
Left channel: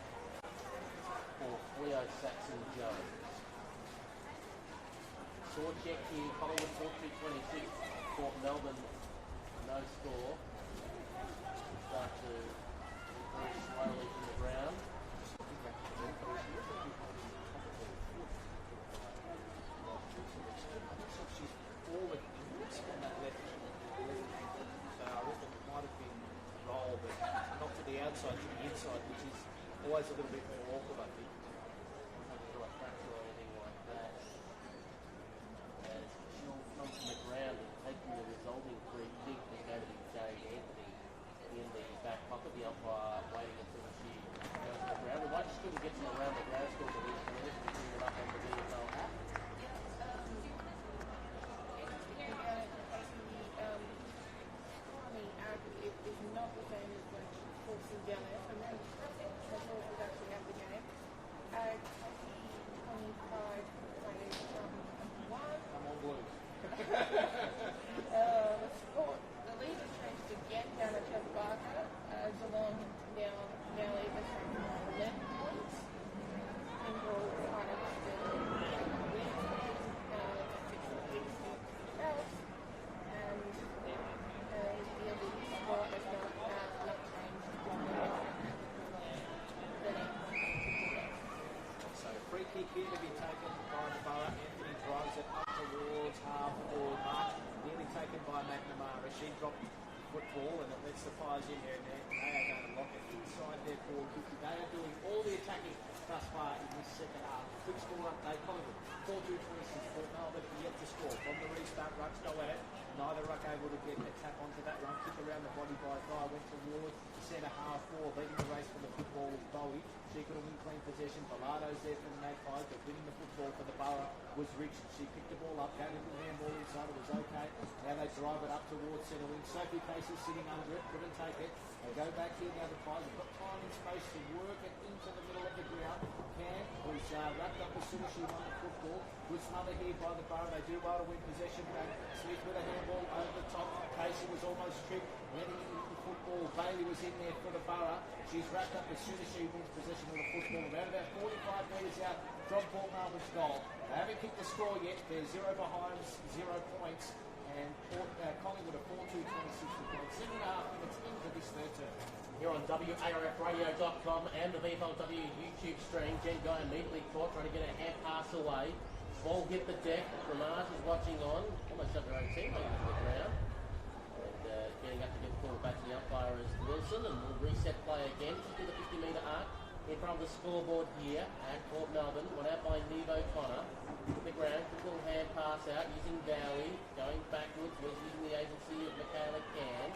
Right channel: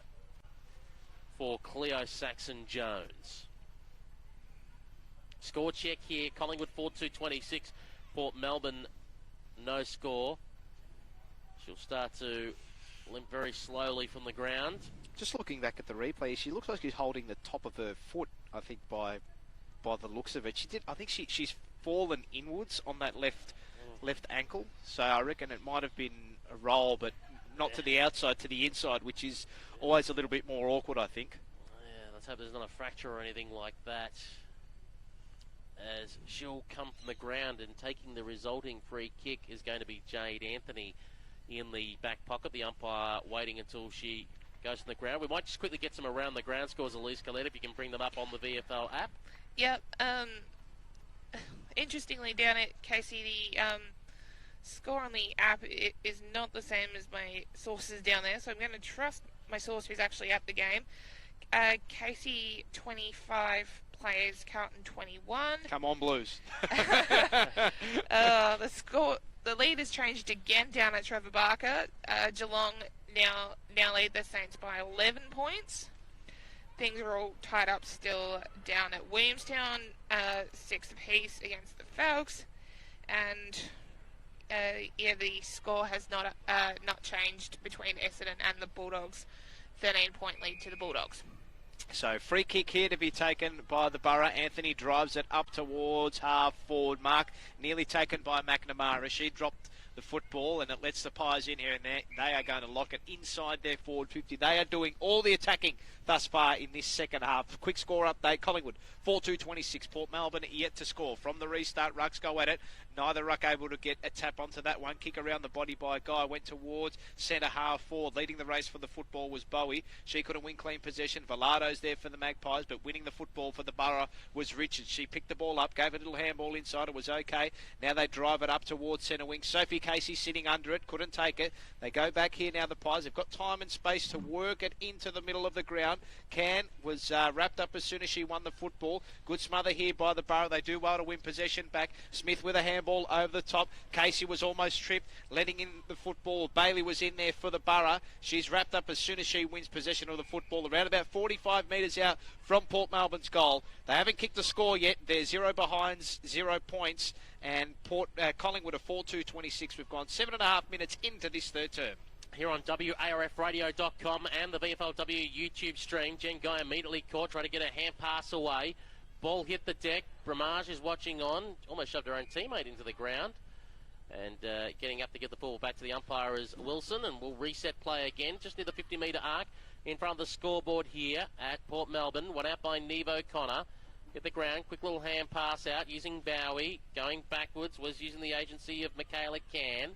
for Cleo Saxon-Jones. Score check here, Collingwood 4-2-26, Port Melbourne no score. She'll start to limp very slowly from the ground. Just looking back at the replay, she looks like she's holding the top of her foot, I think, by the looks of it. I think she's fallen inwards on that left ankle, so I reckon it might have been a roll, but not to the outside, to the inside, which is always a little bit more awkward, I think. Yeah, let's hope there's not a fracture or anything like that, as she'll come from the ground, and taking the resulting free kick is going to be Jade Anthony in the back pocket. The umpire waiting until she goes to the ground. We might just quickly get some around the ground scores, Elise Collett, if you can bring them up on the VFL app. Yep. Interestingly, down at Casey, the score on the app is not the same as my sources down there, so I'm going to trust my source who's actually at the game. Casey 25 players, Carlton 21. Come on, Blues. The lead has changed again down at Trevor Barker. Geelong now lead the Saints by 11 points. Things are all tied up still down at Williamstown, 6 apiece against the Falcons, and the score has not changed between Essendon and the Bulldogs. 13-point lead to the Bulldogs. So free kick here to be taken by the Borough. Anthony drives it up towards half forward mark, nearly taken by McNamara. She dropped the football, and it lets the Pies in here, and they are going to lock it inside their forward 50. They are doing all the attacking thus far in this second half. Quick score update, Collingwood 4-2-26. Port Melbourne yet to score. From the restart, Rucks go at it. Neither ruck able to get a tap onto that one. Kick around the body by Guy. Went towards centre half forward. Leading the race for the football was Bowie. She couldn't win clean possession. Velardo's there for the Magpies, but winning the football for the Borough was Richards. She picked the ball up, gave a little handball inside. It was okay. Now they drive it up towards centre wing. Sophie Casey sitting under it. Couldn't take it. They go back here now, the Pies. They've got time and space to work it into the middle of the ground. Can was wrapped up as soon as she won the football. Good smother here by the Borough. They do well to win possession back. Smith with a handball over the top. Casey was almost tripped, letting in the football. Bailey was in there for the Borough. She's wrapped up as soon as she wins possession of the football. Around about 45 metres out from Port Melbourne's goal. They haven't kicked a score yet. They're 0 behinds, 0 points. And Collingwood are 4-2-26. We've gone 7.5 minutes into this third term. Here on WARFradio.com and the Vflw YouTube stream, Jen Guy immediately caught, trying to get a hand pass away. Ball hit the deck. Bramage is watching on. Almost shoved her own teammate into the ground. And getting up to get the ball back to the umpire is Wilson, and we'll reset play again, just near the 50-metre arc in front of the scoreboard here at Port Melbourne. One out by Neve O'Connor. Hit the ground, quick little hand pass out using Bowie. Going backwards was using the agency of Michaela Can.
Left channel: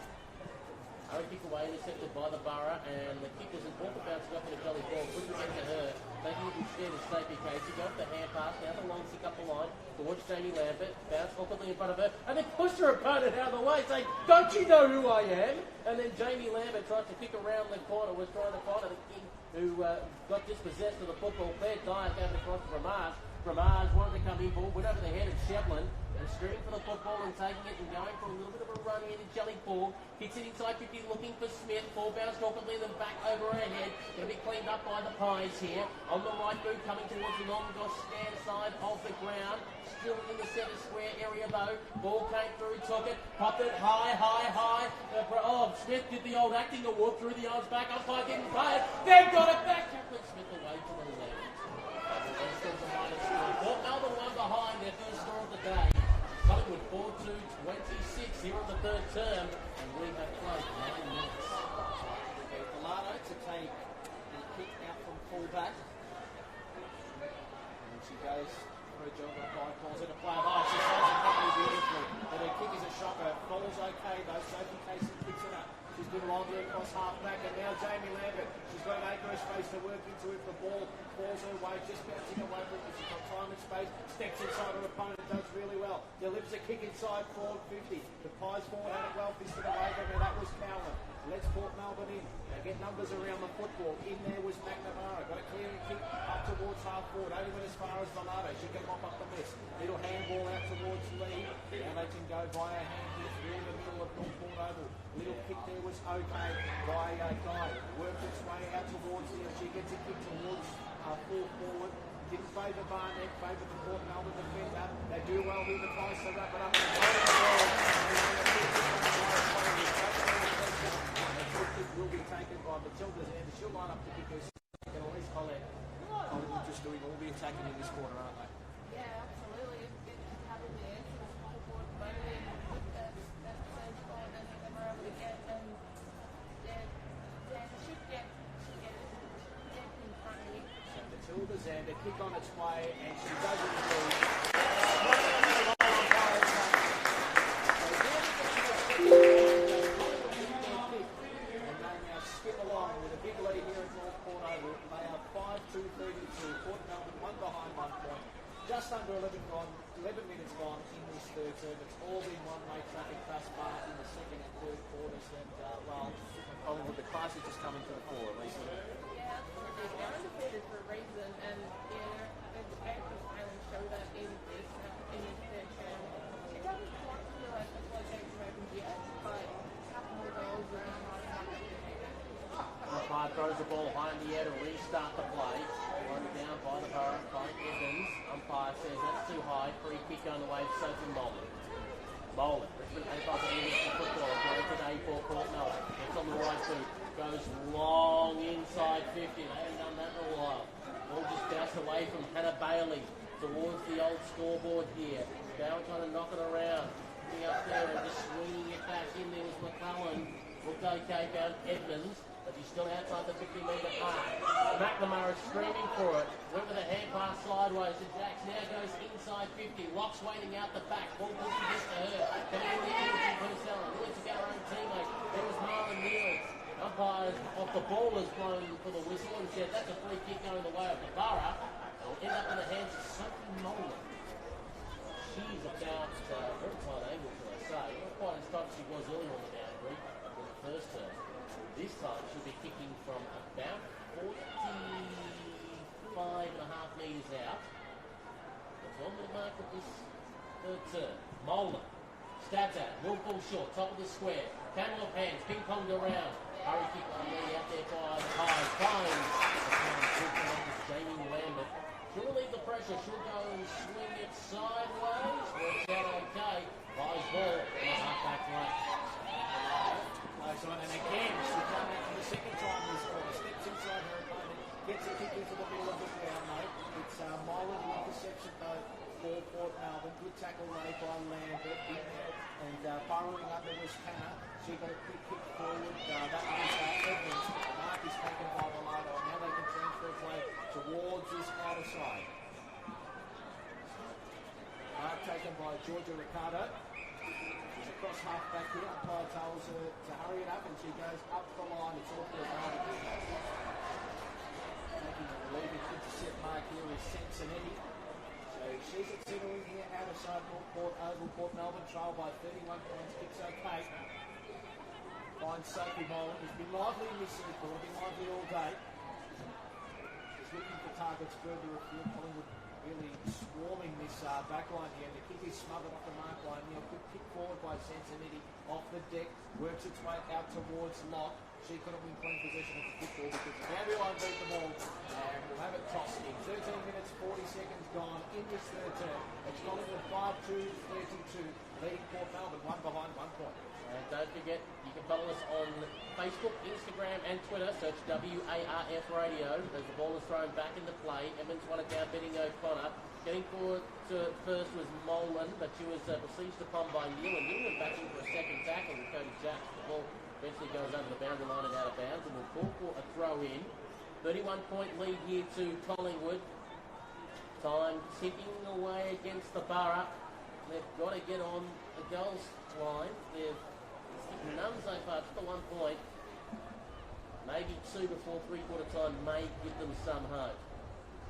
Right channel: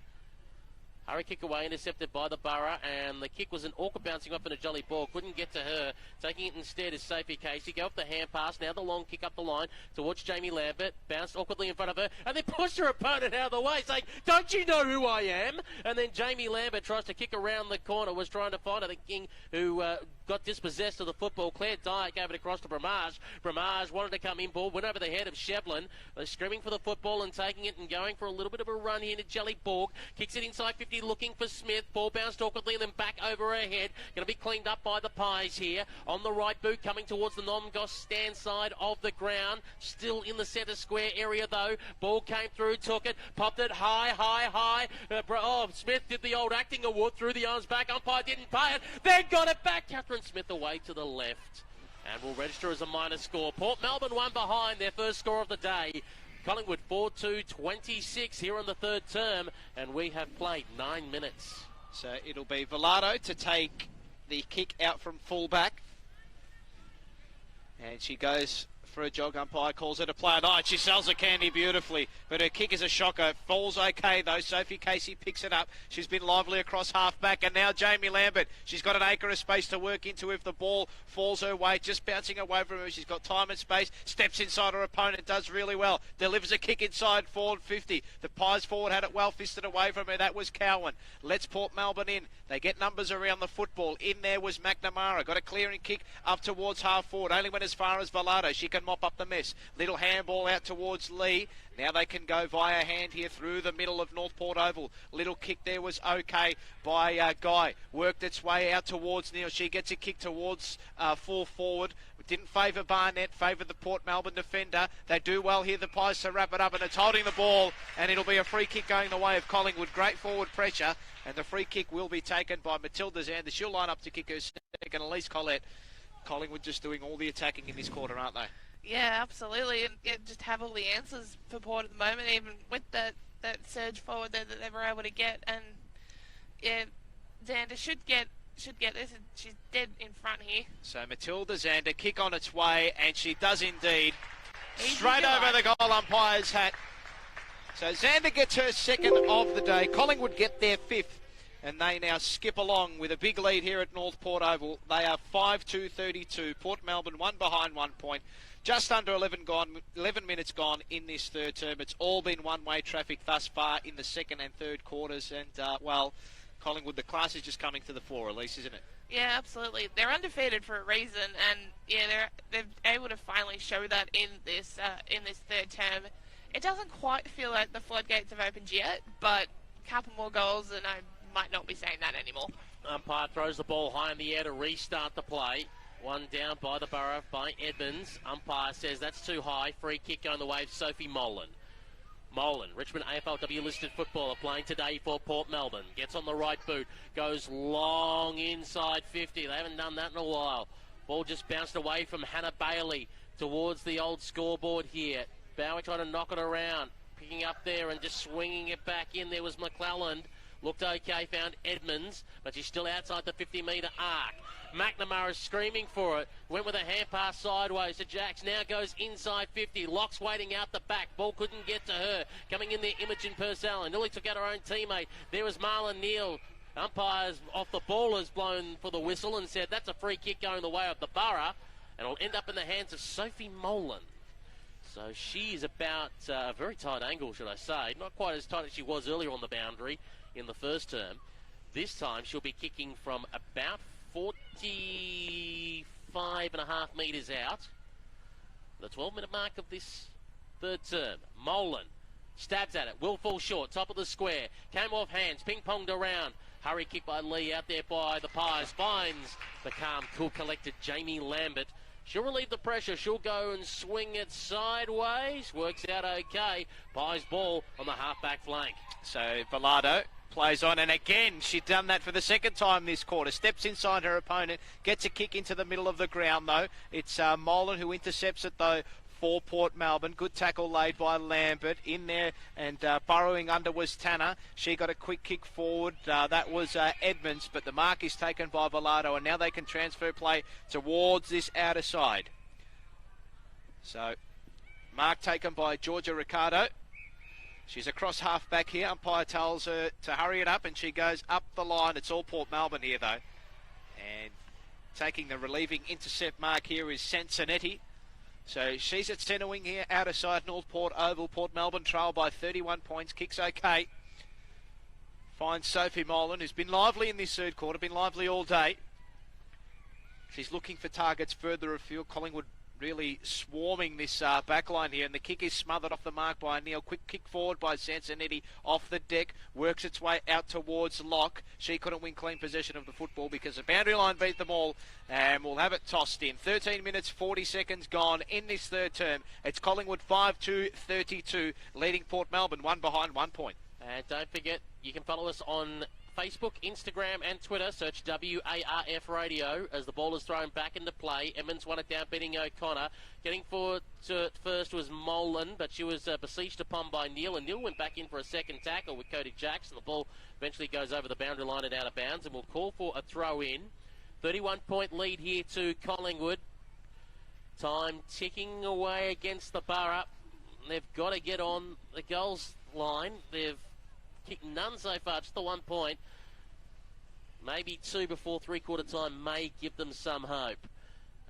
Hurry kick away, intercepted by the Borough, and the kick was an awkward bouncing off in a jolly ball. Couldn't get to her. Taking it instead is Sophie Casey. Go up the hand pass, now the long kick up the line towards Jamie Lambert. Bounced awkwardly in front of her, and then pushed her opponent out of the way, saying, "Don't you know who I am?" And then Jamie Lambert tries to kick around the corner, was trying to find her. The King, who got dispossessed of the football. Claire Dyer gave it across to Bramage. Bramage wanted to come in, ball went over the head of Shevlin. Screaming for the football and taking it and going for a little bit of a run here to Jelly Borg. Kicks it inside 50, looking for Smith. Ball bounced awkwardly, then back over her head. Going to be cleaned up by the Pies here. On the right boot, coming towards the non-goss stand side of the ground. Still in the centre square area though. Ball came through, took it, popped it high. Smith did the old acting award, threw the arms back. Umpire didn't pay it. Then got it back. Catherine Smith away to the left. And will register as a minor score. Port Melbourne one behind, their first score of the day. Collingwood 4-2-26 here on the third term, and we have played 9 minutes. So it'll be Velardo to take the kick out from fullback. And she goes for a jog. Umpire calls it a play. Oh, she sells the candy beautifully, but her kick is a shocker. Falls okay though. Sophie Casey picks it up. She's been lively across half back, and now Jamie Lambert. She's got an acre of space to work into if the ball falls her way, just bouncing away from her. She's got time and space, steps inside her opponent, does really well. Delivers a kick inside forward 50. The Pies forward had it well fisted away from her. That was Cowan. Lets Port Melbourne in. They get numbers around the football. In there was McNamara. Got a clearing kick up towards half forward. Only went as far as Velardo. She can mop up the mess. Little handball out towards Lee. Now they can go via hand here through the middle of North Port Oval. Little kick there was okay by Guy. Worked its way out towards Neil. She gets a kick towards full forward. Didn't favour Barnett, favoured the Port Melbourne defender. They do well here, the Pies, to wrap it up, and it's holding the ball, and it'll be a free kick going the way of Collingwood. Great forward pressure, and the free kick will be taken by Matilda Zander. She'll line up to kick her second, Elise Collette. Collingwood just doing all the attacking in this quarter, aren't they? Yeah, absolutely, and just have all the answers for Port at the moment, even with that surge forward that they were able to get, and yeah, Zander should get this, and she's dead in front here. So Matilda Zander, kick on its way, and she does indeed. Straight over the goal umpire's hat. So Zander gets her second of the day. Collingwood get their fifth, and they now skip along with a big lead here at North Port Oval. They are 5-2-32. Port Melbourne one behind 1 point. Just under 11 minutes gone in this third term. It's all been one-way traffic thus far in the second and third quarters, and Collingwood, the class is just coming to the fore, Elise, isn't it? Yeah, absolutely. They're undefeated for a reason, and yeah, they're able to finally show that in this third term. It doesn't quite feel like the floodgates have opened yet, but a couple more goals, and I might not be saying that anymore. Umpire throws the ball high in the air to restart the play. One down by the Borough by Edmonds. Umpire says that's too high. Free kick going the way of Sophie Molan. Molan, Richmond AFLW listed footballer, playing today for Port Melbourne. Gets on the right boot. Goes long inside 50. They haven't done that in a while. Ball just bounced away from Hannah Bailey towards the old scoreboard here. Bowie trying to knock it around. kicking up there and just swinging it back in. There was McClellan. Looked okay, found Edmonds, but she's still outside the 50-metre arc. McNamara screaming for it. Went with a hand pass sideways to Jax. Now goes inside 50. Locke's waiting out the back. Ball couldn't get to her. Coming in there, Imogen Purcell. Nearly took out her own teammate. There was Marlon Neal. Umpires off the ball has blown for the whistle and said that's a free kick going the way of the Borough. And it'll end up in the hands of Sophie Molan. So she's about a very tight angle, should I say. Not quite as tight as she was earlier on the boundary in the first term. This time she'll be kicking from about 45.5 metres out. The 12-minute mark of this third term. Molan stabs at it, will fall short, top of the square, came off hands, ping-ponged around. Hurry kick by Lee out there by the Pies, finds the palm full collected Jamie Lambert. She'll relieve the pressure, she'll go and swing it sideways, works out okay. Pies ball on the half-back flank. So Bilardo plays on, and again she'd done that for the second time this quarter. Steps inside her opponent, gets a kick into the middle of the ground though. It's Molan who intercepts it though for Port Melbourne. Good tackle laid by Lambert in there, and burrowing under was Tanner. She got a quick kick forward. That was Edmonds, but the mark is taken by Bilardo, and now they can transfer play towards this outer side. So mark taken by Georgia Ricardo. She's across half back here. Umpire tells her to hurry it up, and she goes up the line. It's all Port Melbourne here though. And taking the relieving intercept mark here is Sansonetti. So she's at centre wing here, outer side, North Port Oval. Port Melbourne trail by 31 points, kicks okay. Finds Sophie Molan, who's been lively in this third quarter, been lively all day. She's looking for targets further afield. Collingwood really swarming this back line here, and the kick is smothered off the mark by Neil. Quick kick forward by Sansonetti off the deck, works its way out towards Locke. She couldn't win clean possession of the football because the boundary line beat them all, and we'll have it tossed in. 13 minutes 40 seconds gone in this third term. It's Collingwood 5-2-32, leading Port Melbourne 1 behind 1 point. And don't forget, you can follow us on Facebook, Instagram and Twitter. Search WARF Radio as the ball is thrown back into play. Emmons won it down, beating O'Connor. Getting forward to first was Molan, but she was besieged upon by Neil, and Neil went back in for a second tackle with Cody Jackson. The ball eventually goes over the boundary line and out of bounds, and we'll call for a throw-in. 31-point lead here to Collingwood. Time ticking away against the Borough. They've got to get on the goals line. They've kicked none so far, just the 1 point. Maybe two before three-quarter time may give them some hope.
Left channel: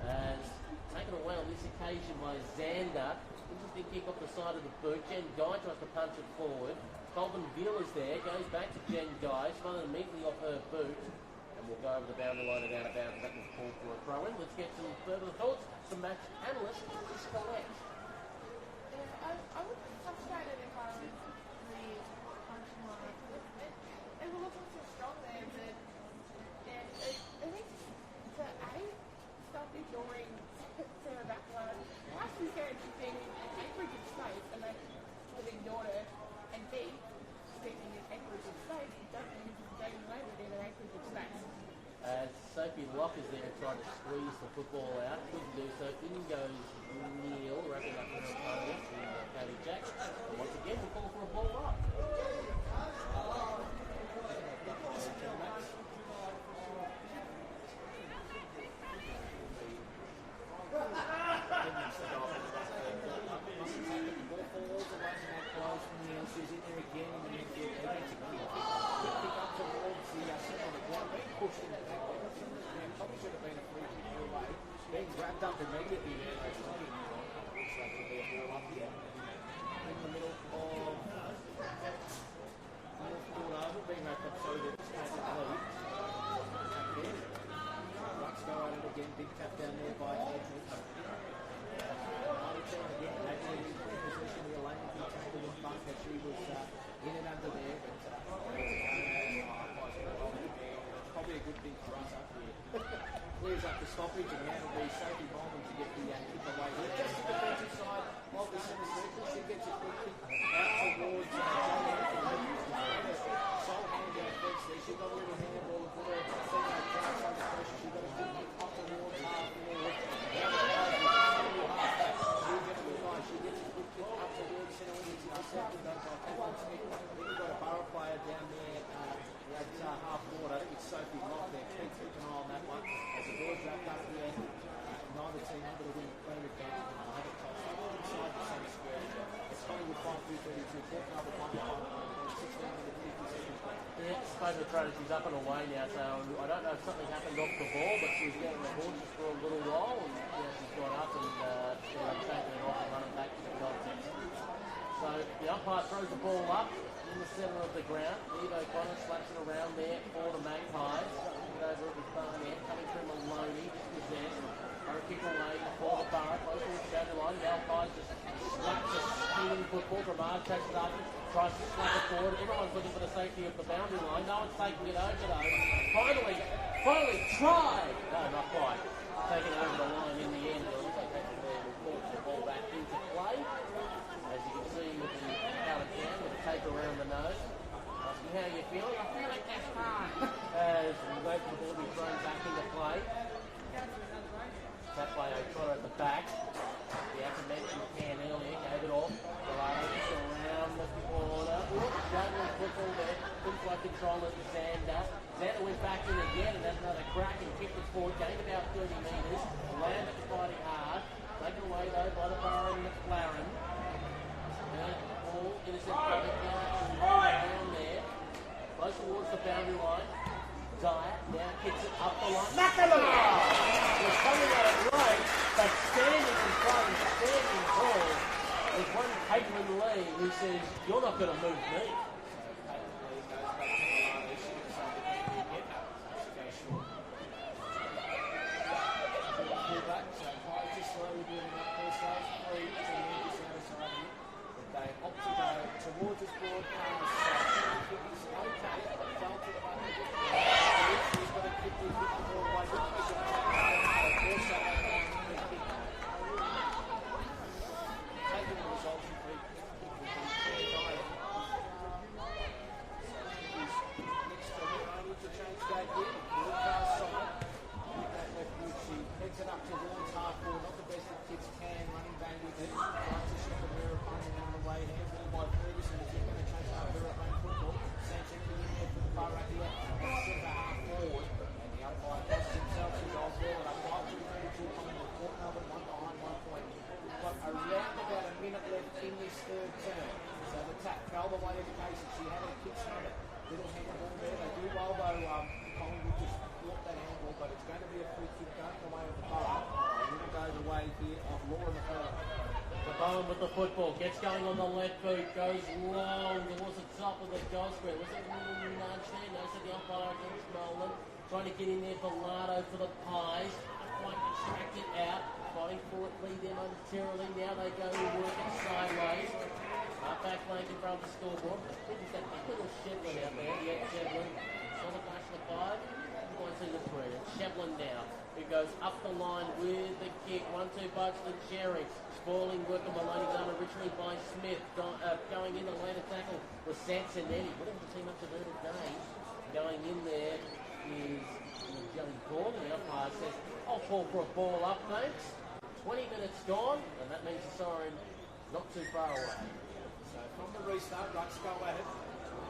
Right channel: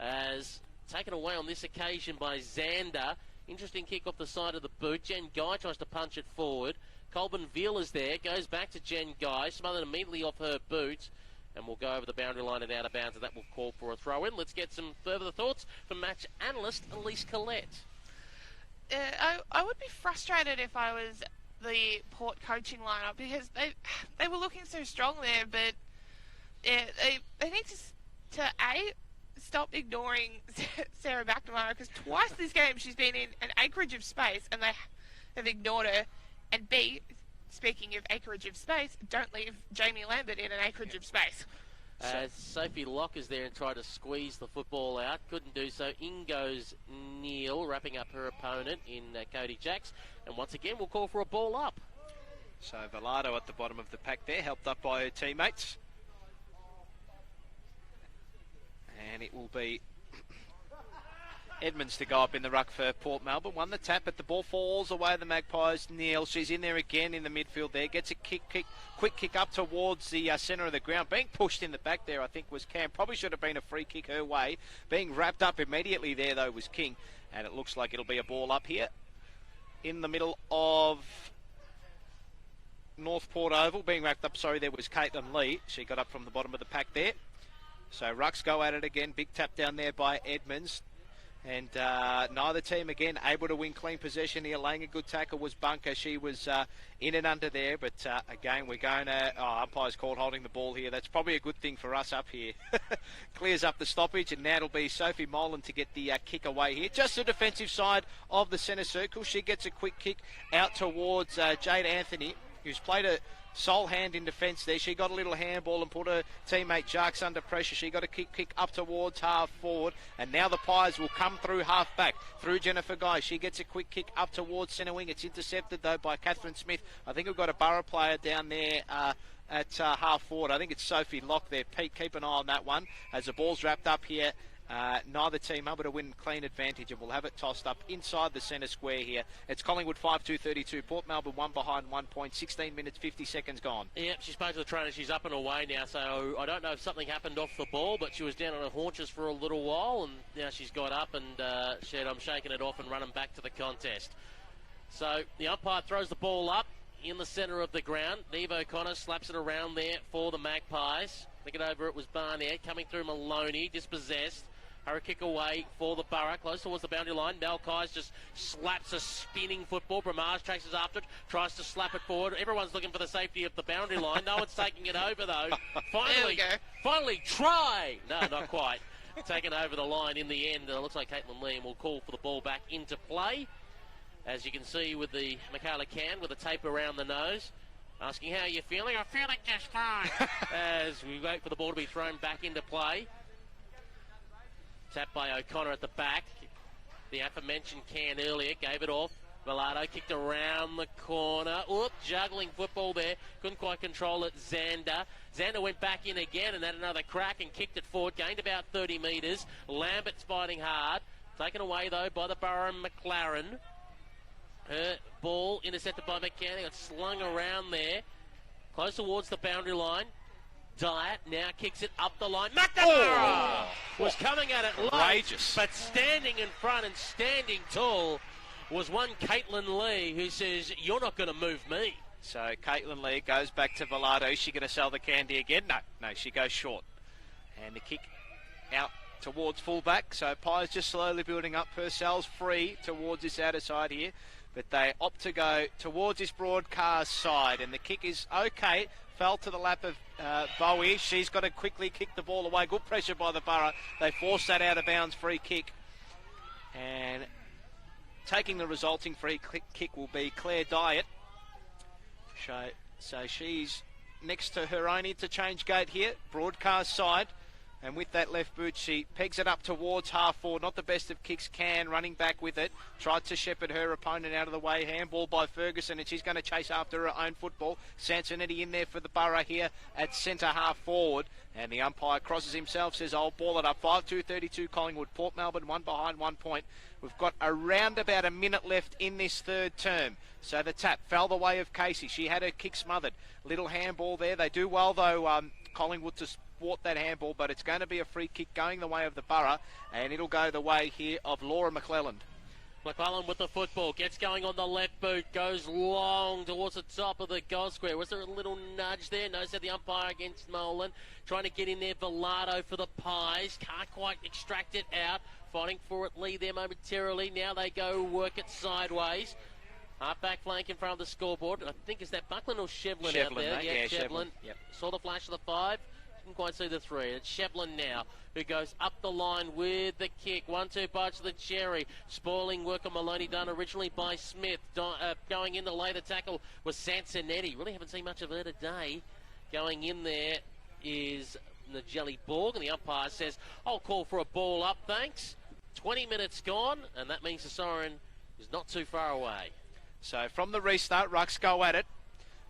As taken away on this occasion by Xander. Interesting kick off the side of the boot. Jen Guy tries to punch it forward. Colvin Veal is there, goes back to Jen Guy, smothered immediately off her boot, and will go over the boundary line and out of bounds, and that will call for a throw-in. Let's get some further thoughts from match analyst Elise Collette. I would be frustrated if I was the Port coaching lineup, because they were looking so strong there, but yeah, they need to stop ignoring Sarah McNamara, because twice this game she's been in an acreage of space and they've ignored her. And B, speaking of acreage of space, don't leave Jamie Lambert in an acreage of space. As Sophie Locke is there and trying to squeeze the football out, couldn't do so. In goes Neil, wrapping up her opponent in Cody Jacks, and once again we'll call for a ball up. So Bilardo at the bottom of the pack there, helped up by her teammates. And it will be Edmonds to go up in the ruck for Port Melbourne. Won the tap, but the ball falls away the Magpies. Neil, she's in there again in the midfield there. Gets a quick kick up towards the centre of the ground. Being pushed in the back there, I think, was Cam. Probably should have been a free kick her way. Being wrapped up immediately there, though, was King. And it looks like it'll be a ball up here in the middle of North Port Oval. Being wrapped up, sorry, there was Caitlin Lee. She got up from the bottom of the pack there. So Rucks go at it again. Big tap down there by Edmonds. And neither team, again, able to win clean possession here. Laying a good tackle was Bunker. She was in and under there. But, again, we're going to... umpire's caught holding the ball here. That's probably a good thing for us up here. Clears up the stoppage, and now it'll be Sophie Molan to get the kick away here. Just the defensive side of the centre circle. She gets a quick kick out towards Jane Anthony, who's played a sole hand in defence there. She got a little handball and put her teammate Jarks under pressure. She got a kick up towards half forward, and now the Pies will come through half back, through Jennifer Guy. She gets a quick kick up towards centre wing. It's intercepted though by Catherine Smith. I think we've got a Borough player down there at half forward. I think it's Sophie Locke there. Pete, keep an eye on that one. As the ball's wrapped up here, neither team able to win clean advantage, and we'll have it tossed up inside the centre square here. It's Collingwood 5-2-32. Port Melbourne 1 behind 1 point. 16 minutes, 50 seconds gone. Yeah, she spoke to the trainer. She's up and away now, so I don't know if something happened off the ball, but she was down on her haunches for a little while, and now she's got up and said, I'm shaking it off and running back to the contest. So the umpire throws the ball up in the centre of the ground. Neve O'Connor slaps it around there for the Magpies. Picking over it was Barnett, coming through Maloney, dispossessed. Her kick away for the Borough, close towards the boundary line. Valkyries just slaps a spinning football. Bramage chases after it, tries to slap it forward. Everyone's looking for the safety of the boundary line. No one's taking it over though. Finally tried. No, not quite. Taken over the line in the end. It looks like Caitlin Lee will call for the ball back into play. As you can see with the Michaela Cam with the tape around the nose. Asking how you're feeling. I'm feeling just fine. As we wait for the ball to be thrown back into play. Tapped by O'Connor at the back. The aforementioned Can earlier gave it off. Velardo kicked around the corner. Oh, juggling football there. Couldn't quite control it. Xander went back in again and had another crack and kicked it forward. Gained about 30 metres. Lambert's fighting hard. Taken away though by the Borough McLaren. Her ball intercepted by McCann. It's slung around there. Close towards the boundary line. Diet now kicks it up the line. Was coming at it late, but standing in front and standing tall was one Caitlin Lee who says, you're not going to move me. So Caitlin Lee goes back to Velardo. Is she going to sell the candy again? No, she goes short. And the kick out towards fullback. So Pies just slowly building up herself free towards this outer side here. But they opt to go towards this broadcast side, and the kick is okay. Fell to the lap of Bowie. She's got to quickly kick the ball away. Good pressure by the Borough. They force that out of bounds free kick. And taking the resulting free kick will be Claire Diet. So she's next to her own interchange gate here, broadcast side. And with that left boot, she pegs it up towards half forward. Not the best of kicks, Can running back with it. Tried to shepherd her opponent out of the way. Handball by Ferguson, and she's going to chase after her own football. Sansonetti in there for the Borough here at centre half forward. And the umpire crosses himself, says, I'll ball it up. 5-2-32 Collingwood. Port Melbourne 1 behind 1 point. We've got around about a minute left in this third term. So the tap fell the way of Casey. She had her kick smothered. Little handball there. They do well though, Collingwood to thwart that handball, but it's going to be a free kick going the way of the Borough, and it'll go the way here of Laura McClellan. McClellan with the football, gets going on the left boot, goes long towards the top of the goal square. Was there a little nudge there? No, said the umpire against Nolan. Trying to get in there, Velardo for the Pies. Can't quite extract it out. Fighting for it, Lee there momentarily. Now they go work it sideways. Back flank in front of the scoreboard. I think it's that Buckland or Shevlin out there. Yeah, Shevlin. Saw the flash of the 5. Quite see the 3. And Shevlin now, who goes up the line with the kick. 1-2 bites the cherry. Spoiling work on Maloney done originally by Smith. Going in to lay the tackle was Sansonetti. Really haven't seen much of her today. Going in there is the Jelly Borg, and the umpire says, I'll call for a ball up, thanks. 20 minutes gone, and that means the siren is not too far away. So from the restart, Rucks go at it.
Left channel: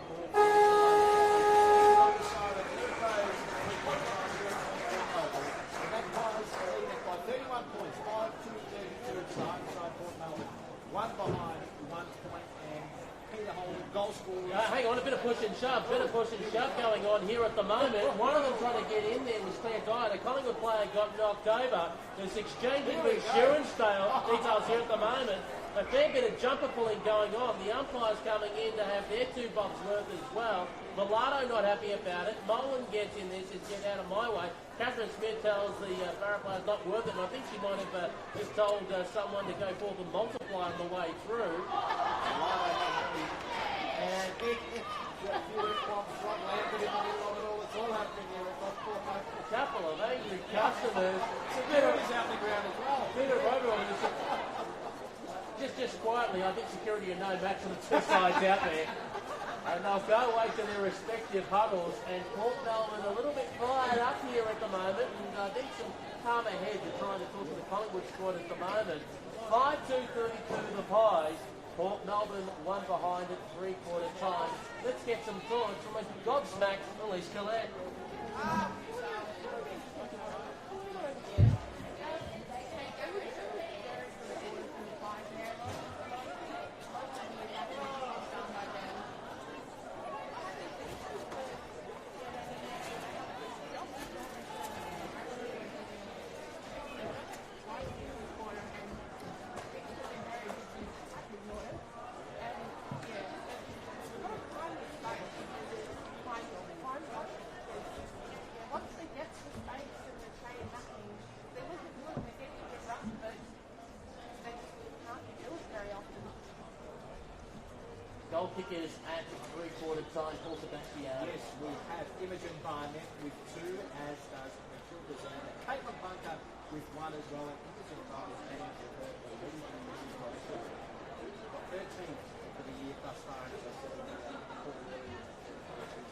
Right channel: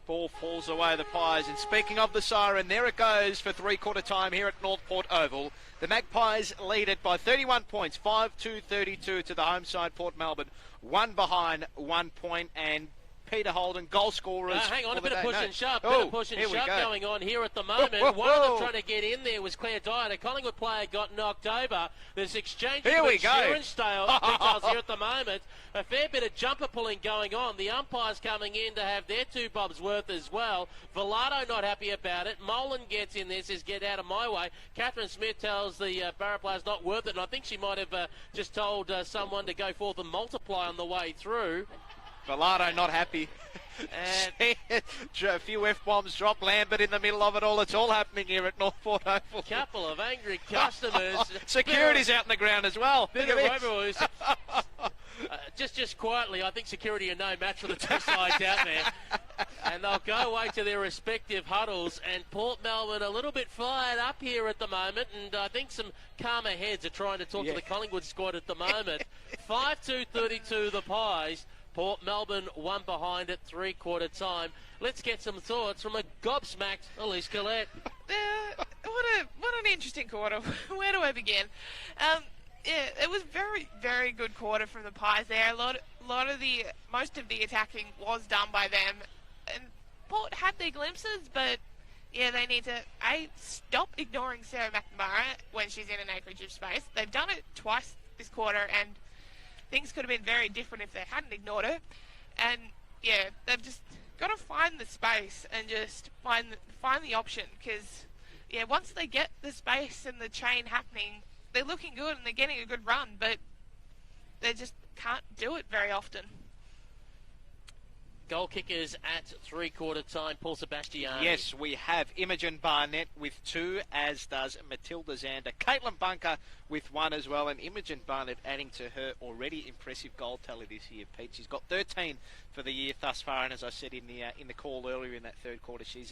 Ball falls away the Pies. And speaking of the siren, there it goes for three-quarter time here at Northport Oval. The Magpies lead it by 31 points, 5-2-32 to the home side, Port Melbourne. 1 behind, 1 point, and Peter Holden, goal scorers. Hang on, a bit of push and shove. Bit of push and shove going on here at the moment. One of them trying to get in there was Claire Dyer. A Collingwood player got knocked over. There's exchanging of insurance details here at the moment. A fair bit of jumper pulling going on. The umpires coming in to have their 2 bobs worth as well. Velardo not happy about it. Molan gets in there, says, get out of my way. Catherine Smith tells the Barra players not worth it. And I think she might have just told someone to go forth and multiply on the way through. Velardo not happy. A few F-bombs drop. Lambert in the middle of it all. It's all happening here at Northport Oval. A couple of angry customers. Security's out in the ground as well. Bit of overuse. Just quietly, I think security are no match for the two sides out there. And they'll go away to their respective huddles. And Port Melbourne a little bit fired up here at the moment. And I think some calmer heads are trying to talk to the Collingwood squad at the moment. 5-2-32 the Pies. Port Melbourne one behind at three-quarter time. Let's get some thoughts from a gobsmacked Elise Collette. What an interesting quarter. Where do I begin? Yeah, it was very, very good quarter from the Pies there. Most of the attacking was done by them. And Port had their glimpses, but yeah, they need to stop ignoring Sarah McNamara when she's in an acreage of space. They've done it twice this quarter, and things could have been very different if they hadn't ignored her. And yeah, they've just got to find the space and just find the option, because yeah, once they get the space and the chain happening, they're looking good and they're getting a good run, but they just can't do it very often. Goal kickers at three-quarter time, Paul Sebastiani. Yes, we have Imogen Barnett with 2, as does Matilda Zander. Caitlin Bunker with 1 as well, and Imogen Barnett adding to her already impressive goal tally this year, Pete. She's got 13 for the year thus far, and as I said in the call earlier in that third quarter, she's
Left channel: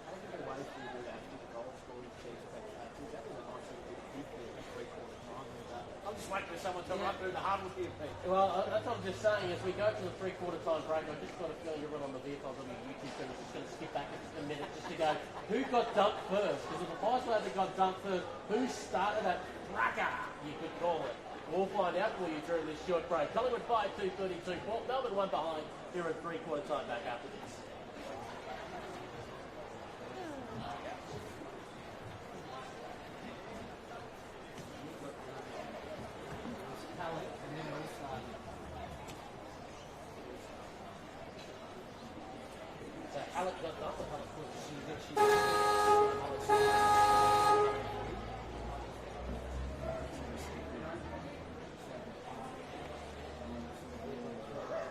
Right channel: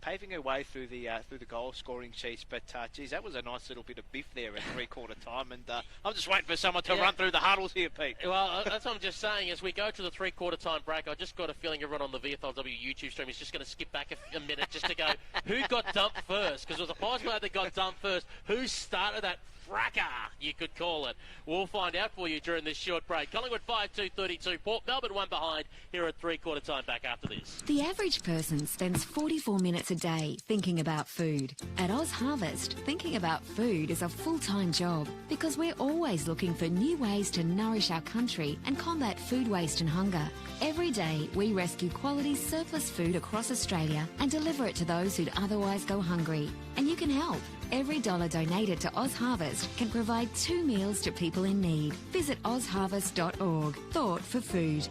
paving her way through the goal scoring sheets. But geez, that was a nice little bit of biff there at three-quarter time, and I'm just waiting for someone to run through the huddles here, Pete. Well, that's what I'm just saying. As we go to the three-quarter time break, I just got a feeling everyone on the VFLW YouTube stream is just going to skip back a minute just to go, who got dumped first? Because it was a Pies player that got dumped first. Who started that fracas, you could call it? We'll find out for you during this short break. Collingwood 5-2-32. Port Melbourne one behind here at three-quarter time. Back after this. The average person spends 44 minutes a day thinking about food. At Oz Harvest, thinking about food is a full-time job because we're always looking for new ways to nourish our country and combat food waste and hunger. Every day, we rescue quality surplus food across Australia and deliver it to those who'd otherwise go hungry. And you can help. Every dollar donated to Oz Harvest can provide 2 meals to people in need. Visit ozharvest.org. Thought for food.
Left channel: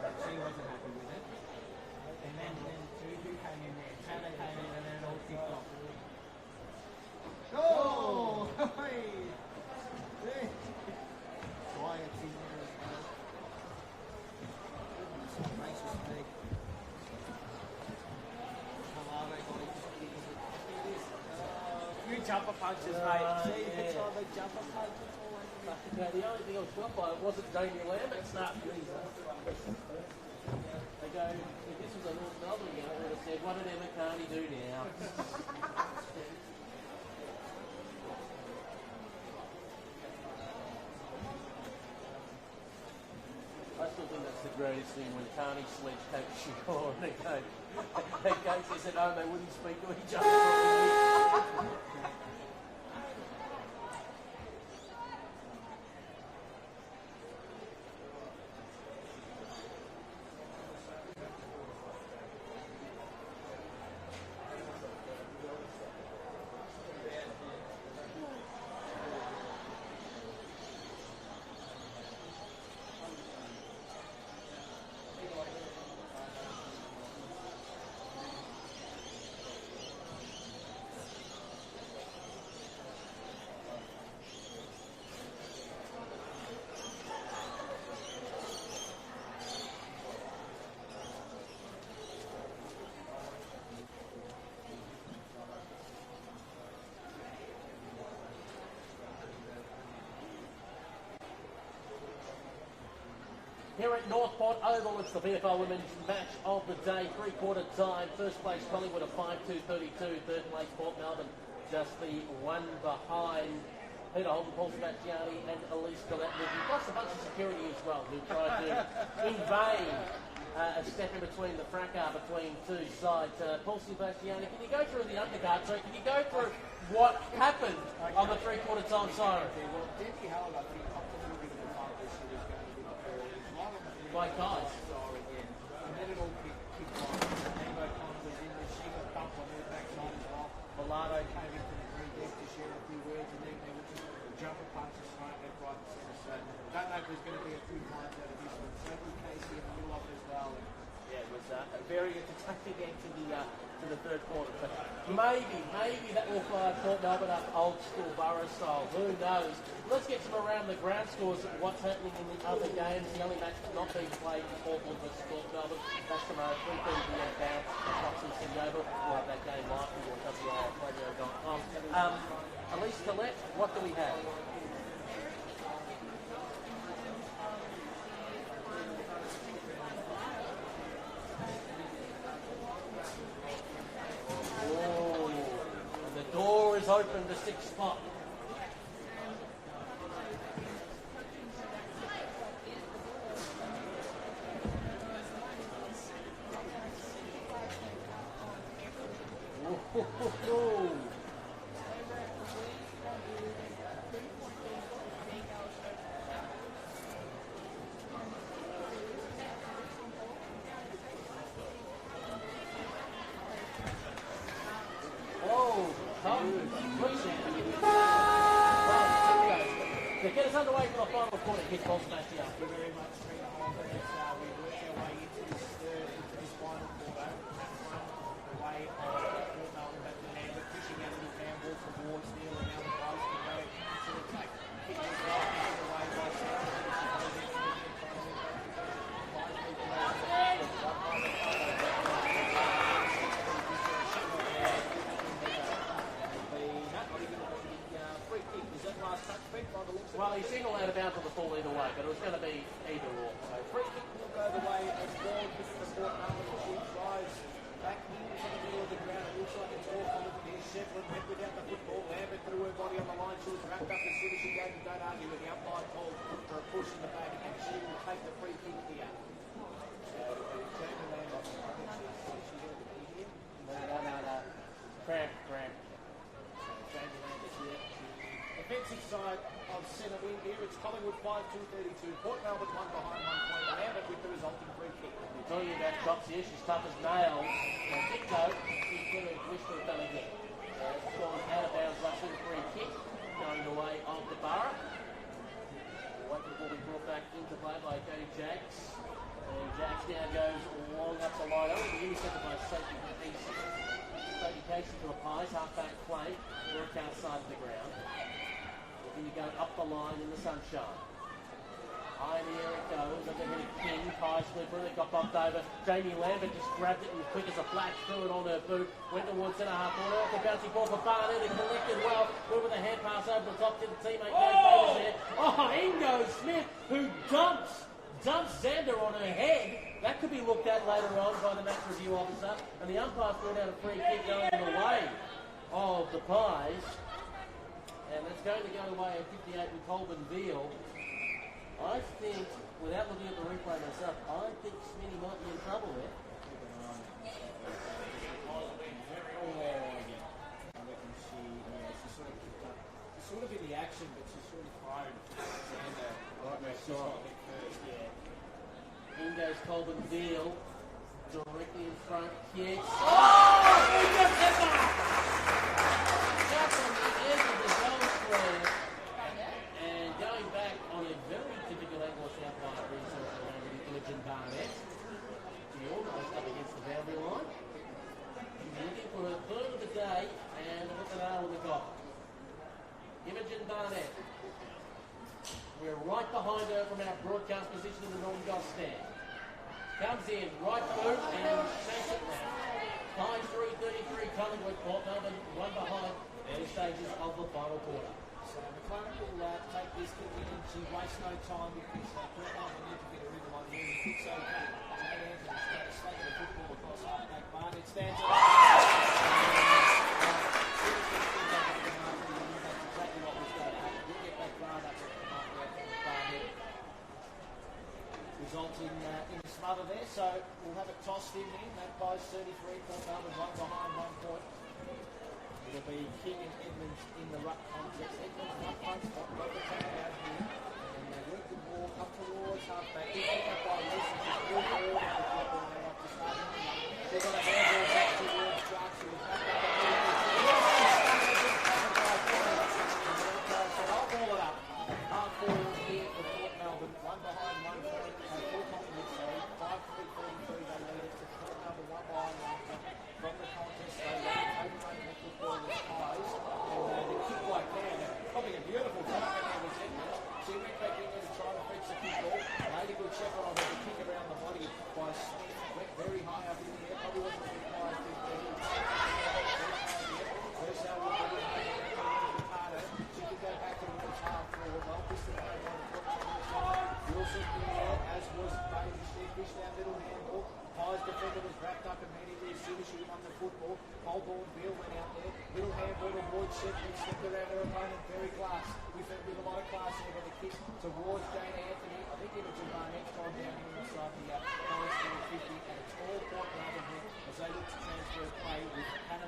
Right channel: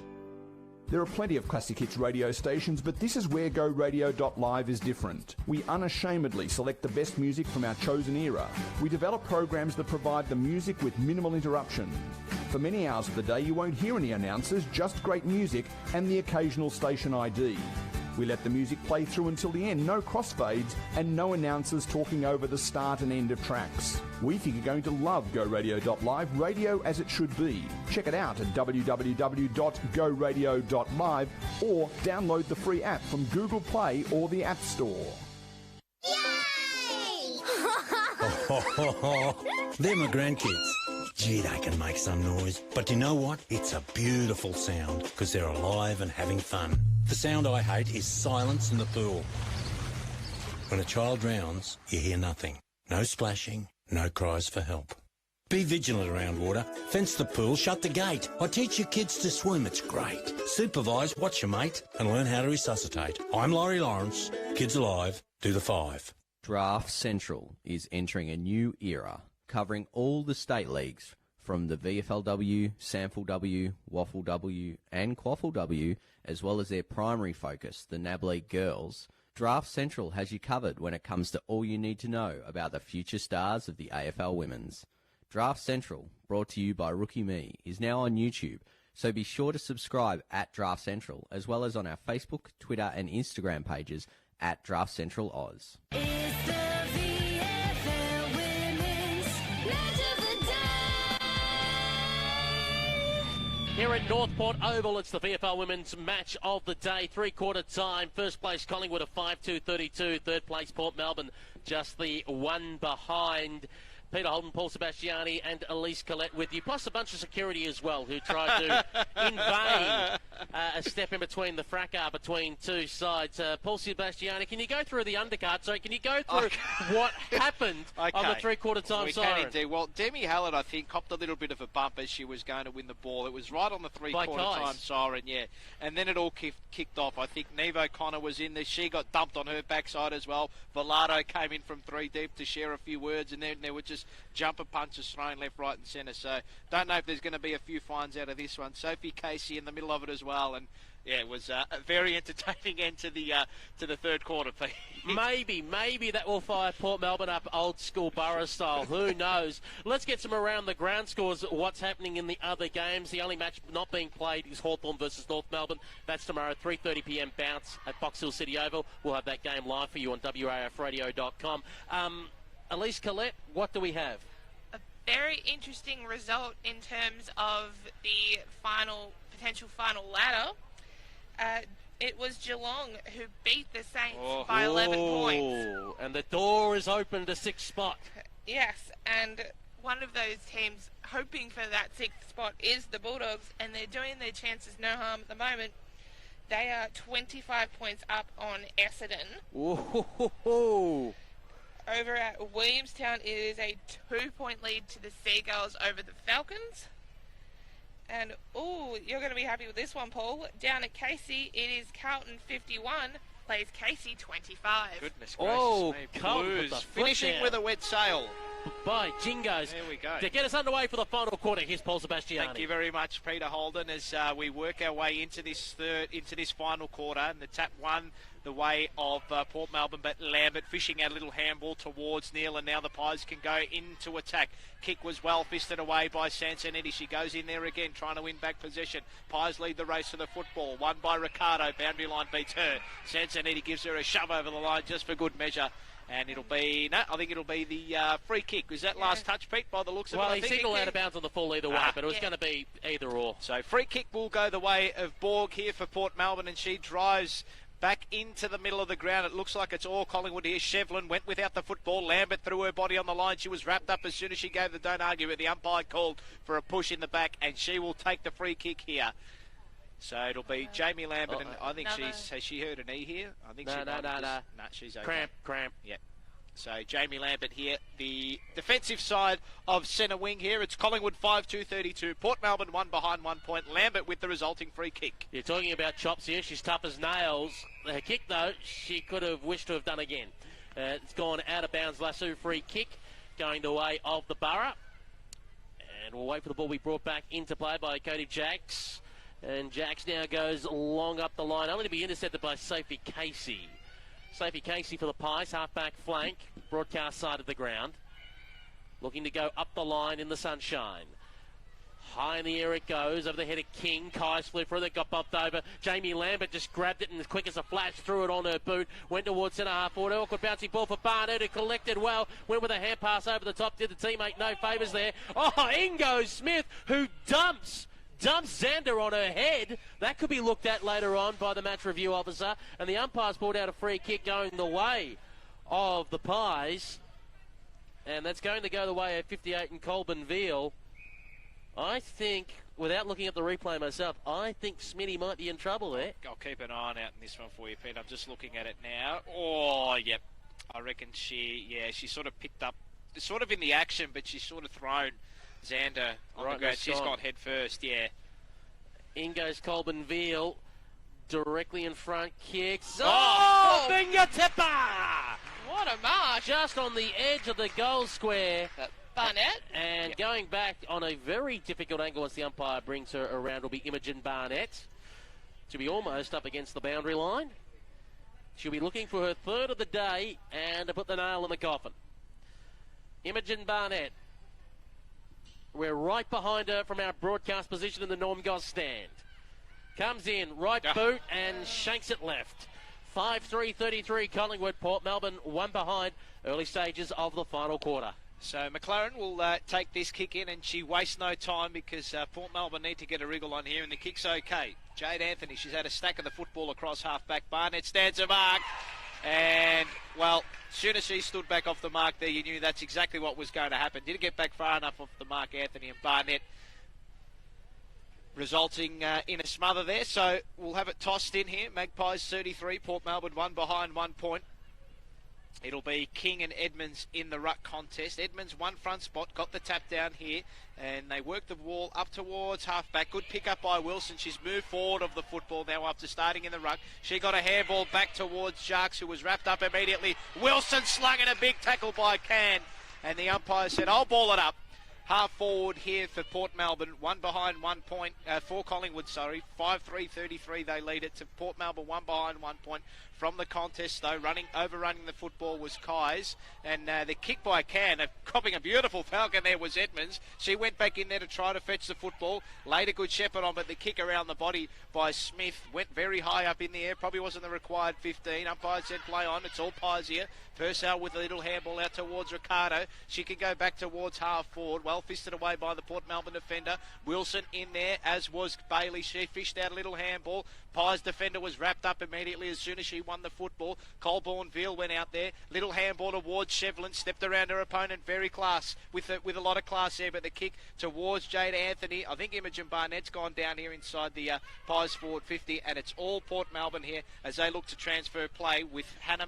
There are plenty of classic hits radio stations, but this is where GoRadio.live is different. We unashamedly select the best music from our chosen era. We develop programs that provide the music with minimal interruption. For many hours of the day, you won't hear any announcers, just great music and the occasional station ID. We let the music play through until the end, no crossfades and no announcers talking over the start and end of tracks. We think you're going to love GoRadio.live, radio as it should be. Check it out at www.goradio.live or download the free app from Google Play or the App Store. They're my grandkids. Gee, they can make some noise. But you know what? It's a beautiful sound because they're alive and having fun. The sound I hate is silence in the pool. When a child drowns, you hear nothing. No splashing, no cries for help. Be vigilant around water. Fence the pool, shut the gate. I teach your kids to swim, it's great. Supervise, watch your mate, and learn how to resuscitate. I'm Laurie Lawrence. Kids Alive, do the 5. Draft Central is entering a new era, covering all the state leagues, from the VFLW, SampleW, WFlw and QuaffleW, as well as their primary focus, the NAB League Girls. Draft Central has you covered when it comes to all you need to know about the future stars of the AFL Women's. Draft Central, brought to you by Rookie Me, is now on YouTube, so be sure to subscribe at Draft Central, as well as on our Facebook, Twitter and Instagram pages at Draft Central Oz. It's the VFL Women's Match of the Day. Here at Northport Oval, it's the VFL Women's Match of the Day. Three-quarter time. First place Collingwood at 5-2-32. Third place Port Melbourne just the one behind. Peter Holden, Paul Sebastiani and Elise Collette with you, plus a bunch of security as well, who tried to, in vain, a step in between the fracas between two sides. Paul Sebastiani, can you go through the undercard? So can you go through what happened on the three-quarter time side? We can indeed. Well, Demi Hallett, I think, copped a little bit of a bump as she was going to win the ball. It was right on the three-quarter time siren, yeah. And then it all kicked off. I think Neve O'Connor was in there. She got dumped on her backside as well. Velado came in from 3 deep to share a few words, and then there were just jumper punches thrown left, right and centre. So don't know if there's going to be a few fines out of this one. Sophie Casey in the middle of it as well, and Yeah, it was a very entertaining end to the third quarter, Pete. Maybe that will fire Port Melbourne up old school Borough style. Who knows? Let's get some around the ground scores. What's happening in the other games? The only match not being played is Hawthorn versus North Melbourne. Match tomorrow, 3:30 p.m. bounce at Fox Hill City Oval. We'll have that game live for you on WAFradio.com. Elise Collette, what do we have? Very interesting result in terms of the potential final ladder. It was Geelong who beat the Saints by 11 points. And the door is open to sixth spot. Yes, and one of those teams hoping for that sixth spot is the Bulldogs, and they're doing their chances no harm at the moment. They are 25 points up on Essendon. Over at Williamstown, it is a 2-point lead to the Seagulls over the Falcons. And, you're going to be happy with this one, Paul. Down at Casey, it is Carlton 51, plays Casey 25. Carlton. Finishing with a wet sail. By Jingos. To get us underway for the final quarter, here's Paul Sebastiani. Thank you very much, Peter Holden, as we work our way into this final quarter. The tap one the way of Port Melbourne, but Lambert fishing out a little handball towards Neil, and now the Pies can go into attack. Kick was well fisted away by Sansonetti. She goes in there again, trying to win back possession. Pies lead the race of the football. Won by Ricardo. Boundary line meets her. Sansonetti gives her a shove over the line just for good measure. And it'll be, I think it'll be the free kick. Was that last touch, Pete, by the looks of it? Well, he signalled out of bounds on the full either way, but it was going to be either or. So free kick will go the way of Borg here for Port Melbourne, and she drives back into the middle of the ground. It looks like it's all Collingwood here. Shevlin went without the football. Lambert threw her body on the line. She was wrapped up as soon as she gave the don't argue, but the umpire called for a push in the back, and she will take the free kick here. So it'll be Jamie Lambert, and I think has she heard an E here? I think No. She's okay. Cramp. Yeah. So Jamie Lambert here, the defensive side of centre wing here. It's Collingwood 5-2-32. Port Melbourne 1 behind 1 point. Lambert with the resulting free kick. You're talking about chops here. She's tough as nails. And her kick, though, she could have wished to have done again. It's gone out of bounds. Lasso free kick going the way of the Borough. And we'll wait for the ball to be brought back into play by Cody Jacks. And Jacks now goes long up the line. Only to be intercepted by Sophie Casey. Sophie Casey for the Pies, half-back flank, broadcast side of the ground. Looking to go up the line in the sunshine. High in the air it goes, over the head of King. Kai split through, that got bumped over. Jamie Lambert just grabbed it and as quick as a flash threw it on her boot. Went towards centre half forward. Awkward bouncing ball for Barnett, who collected well. Went with a hand pass over the top, did the teammate no favours there. Ingo Smith, who dumps Xander on her head. That could be looked at later on by the match review officer. And the umpire's pulled out a free kick going the way of the Pies. And that's going to go the way of 58 and Colburn Veal. I think, without looking at the replay myself, I think Smitty might be in trouble there. I'll keep an eye out this one for you, Pete. I'm just looking at it now. Yep. I reckon she sort of picked up, sort of in the action, but she's sort of thrown Xander on the ground. She's got head first, yeah. In goes Colburn Veal, directly in front, kicks. Finger tipper! Just on the edge of the goal square. Barnett. And going back on a very difficult angle as the umpire brings her around will be Imogen Barnett. She'll be almost up against the boundary line. She'll be looking for her third of the day and to put the nail in the coffin. Imogen Barnett. We're right behind her from our broadcast position in the Norm Goss stand. Comes in, right boot and shanks it left. 5-3-33 Collingwood, Port Melbourne 1 behind. Early stages of the final quarter. So McLaren will take this kick in, and she wastes no time because Port Melbourne need to get a wriggle on here, and the kick's okay. Jade Anthony, she's had a stack of the football across half-back. Barnett stands her mark. And, well, as soon as she stood back off the mark there, you knew that's exactly what was going to happen. Didn't get back far enough off the mark, Anthony and Barnett, resulting in a smother there. So we'll have it tossed in here. Magpies 33, Port Melbourne 1 behind 1 point. It'll be King and Edmonds in the ruck contest. Edmonds one front spot, got the tap down here, and they work the ball up towards half-back. Good pick up by Wilson. She's moved forward of the football now up to starting in the ruck. She got a handball back towards Jacques, who was wrapped up immediately. Wilson slung in a big tackle by Can, and the umpire said, I'll ball it up. Half forward here for Port Melbourne, one behind 1 point, for Collingwood, sorry. 5-3-33 they lead it to Port Melbourne, one behind 1 point. From the contest though, overrunning the football was Kais, and the kick by Can, copping a beautiful falcon there was Edmonds. She went back in there to try to fetch the football, laid a good shepherd on, but the kick around the body by Smith went very high up in the air, probably wasn't the required 15. Umpire said play on, it's all pies here. Purcell with a little handball out towards Ricardo. She can go back towards half forward. Well fisted away by the Port Melbourne defender. Wilson in there, as was Bailey. She fished out a little handball. Pies defender was wrapped up immediately as soon as she won the football. Colborne Veal went out there. Little handball towards Shevlin. Stepped around her opponent. Very class. With a lot of class there. But the kick towards Jade Anthony. I think Imogen Barnett's gone down here inside the Pies forward 50. And it's all Port Melbourne here as they look to transfer play with Hannah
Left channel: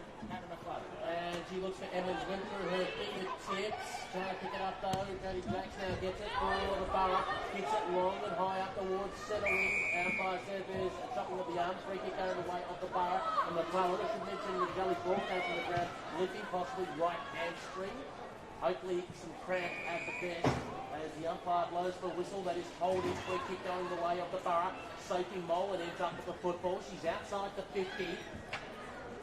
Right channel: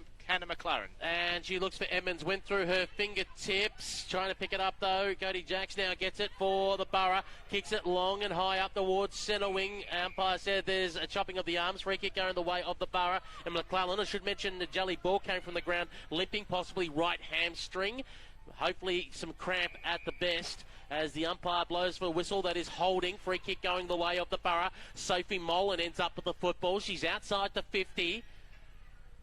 McLaren. And she looks for Emmons, went through her fingertips, trying to pick it up though. Cody Jacks now gets it for the Borough, kicks it long and high up towards centre wing. Umpire said there's a chopping of the arms, free kick going the way of the Borough. And McClellan, I should mention the jelly ball came from the ground, limping, possibly right hamstring. Hopefully some cramp at the best as the umpire blows for a whistle. That is holding. Free kick going the way of the Borough. Sophie Molan ends up with the football. She's outside the 50.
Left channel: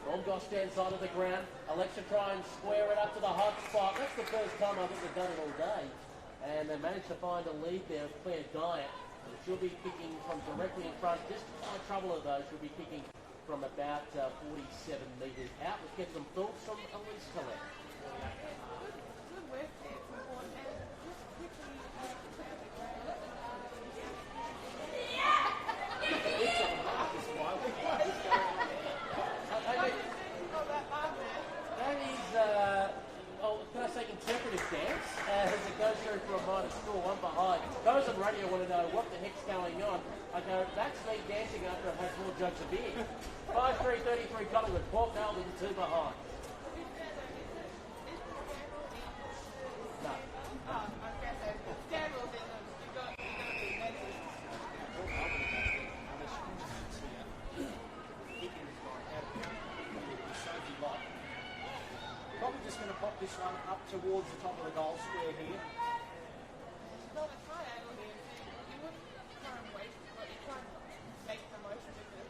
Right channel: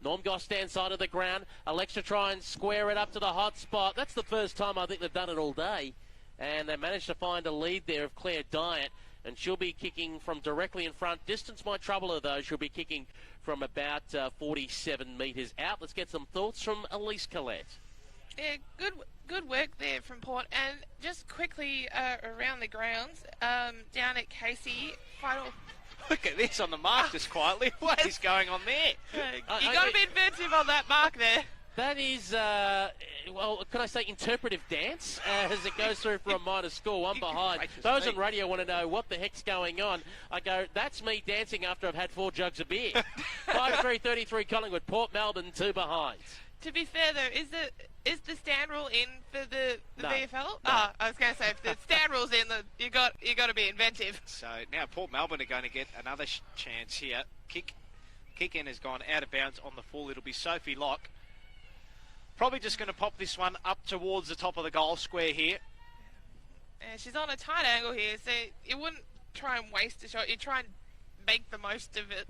Normgoss stands side of the ground. Alexa try and square it up to the hot spot. That's the first time I think they've done it all day. And they managed to find a lead there of Claire Dyatt. And she'll be kicking from directly in front. Distance might trouble her though. She'll be kicking from about 47 metres out. Let's get some thoughts from Elise Collette. Yeah, good work there from Port. And just quickly around the grounds, down at Casey. Look at this on the mark just quietly. What is going on there? You got to be inventive on that mark there. That is, well, could I say interpretive dance as it goes through for a minor score, one behind. Those on radio want to know what the heck's going on. I go, that's me dancing after I've had 4 jugs of beer. 5-3-33 Collingwood, Port Melbourne, 2 behind. To be fair though, is the stand rule in for the No. VFL? Oh, I was going to say, if the stand rule's in, you got to be inventive. So now Port Melbourne are going to get another chance here. Kick in has gone out of bounds on the ball. It'll be Sophie Locke. Probably just going to pop this one up towards the top of the goal square here. Yeah, she's on a tight angle here, so you wouldn't try and waste a shot. You try and make the most of it.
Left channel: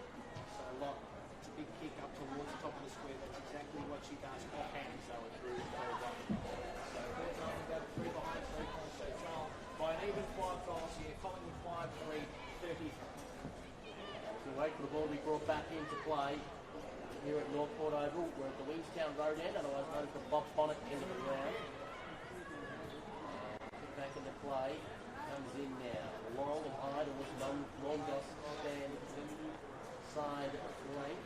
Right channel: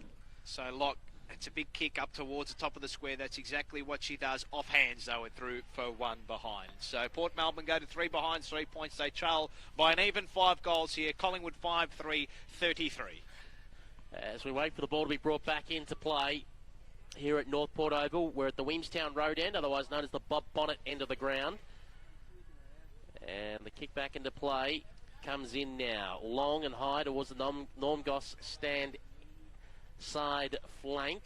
So Locke, it's a big kick up towards the top of the square. That's exactly what she does. Off hands though, and through for 1 behind. So Port Melbourne go to 3 behind, 3 points. They trail by an even 5 goals here. Collingwood 5-3-33. As we wait for the ball to be brought back into play here at North Port Oval, we're at the Williamstown Road end, otherwise known as the Bob Bonnet end of the ground. And the kick back into play comes in now, long and high towards the Normgoss stand side flank.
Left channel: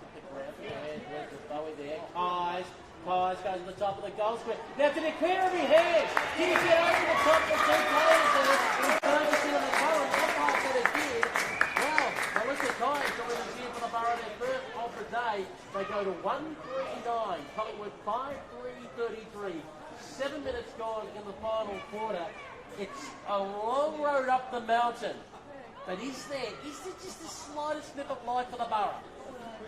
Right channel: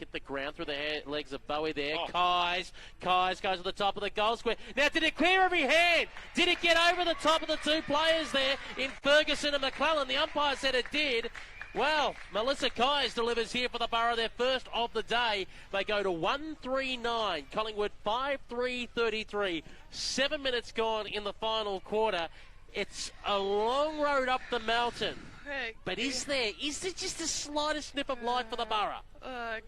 Hit the ground through the legs of Bowie there. Kais goes to the top of the goal square. Now, did it clear every hand? Did it get over the top of the 2 players there in Ferguson and McCullen? The umpire said it did. Well, Melissa Kais delivers here for the Borough, their first of the day. They go to 1-3-9. Collingwood 5-3-33. 7 minutes gone in the final quarter. It's a long road up the mountain. But is there just the slightest snip of life for the Borough?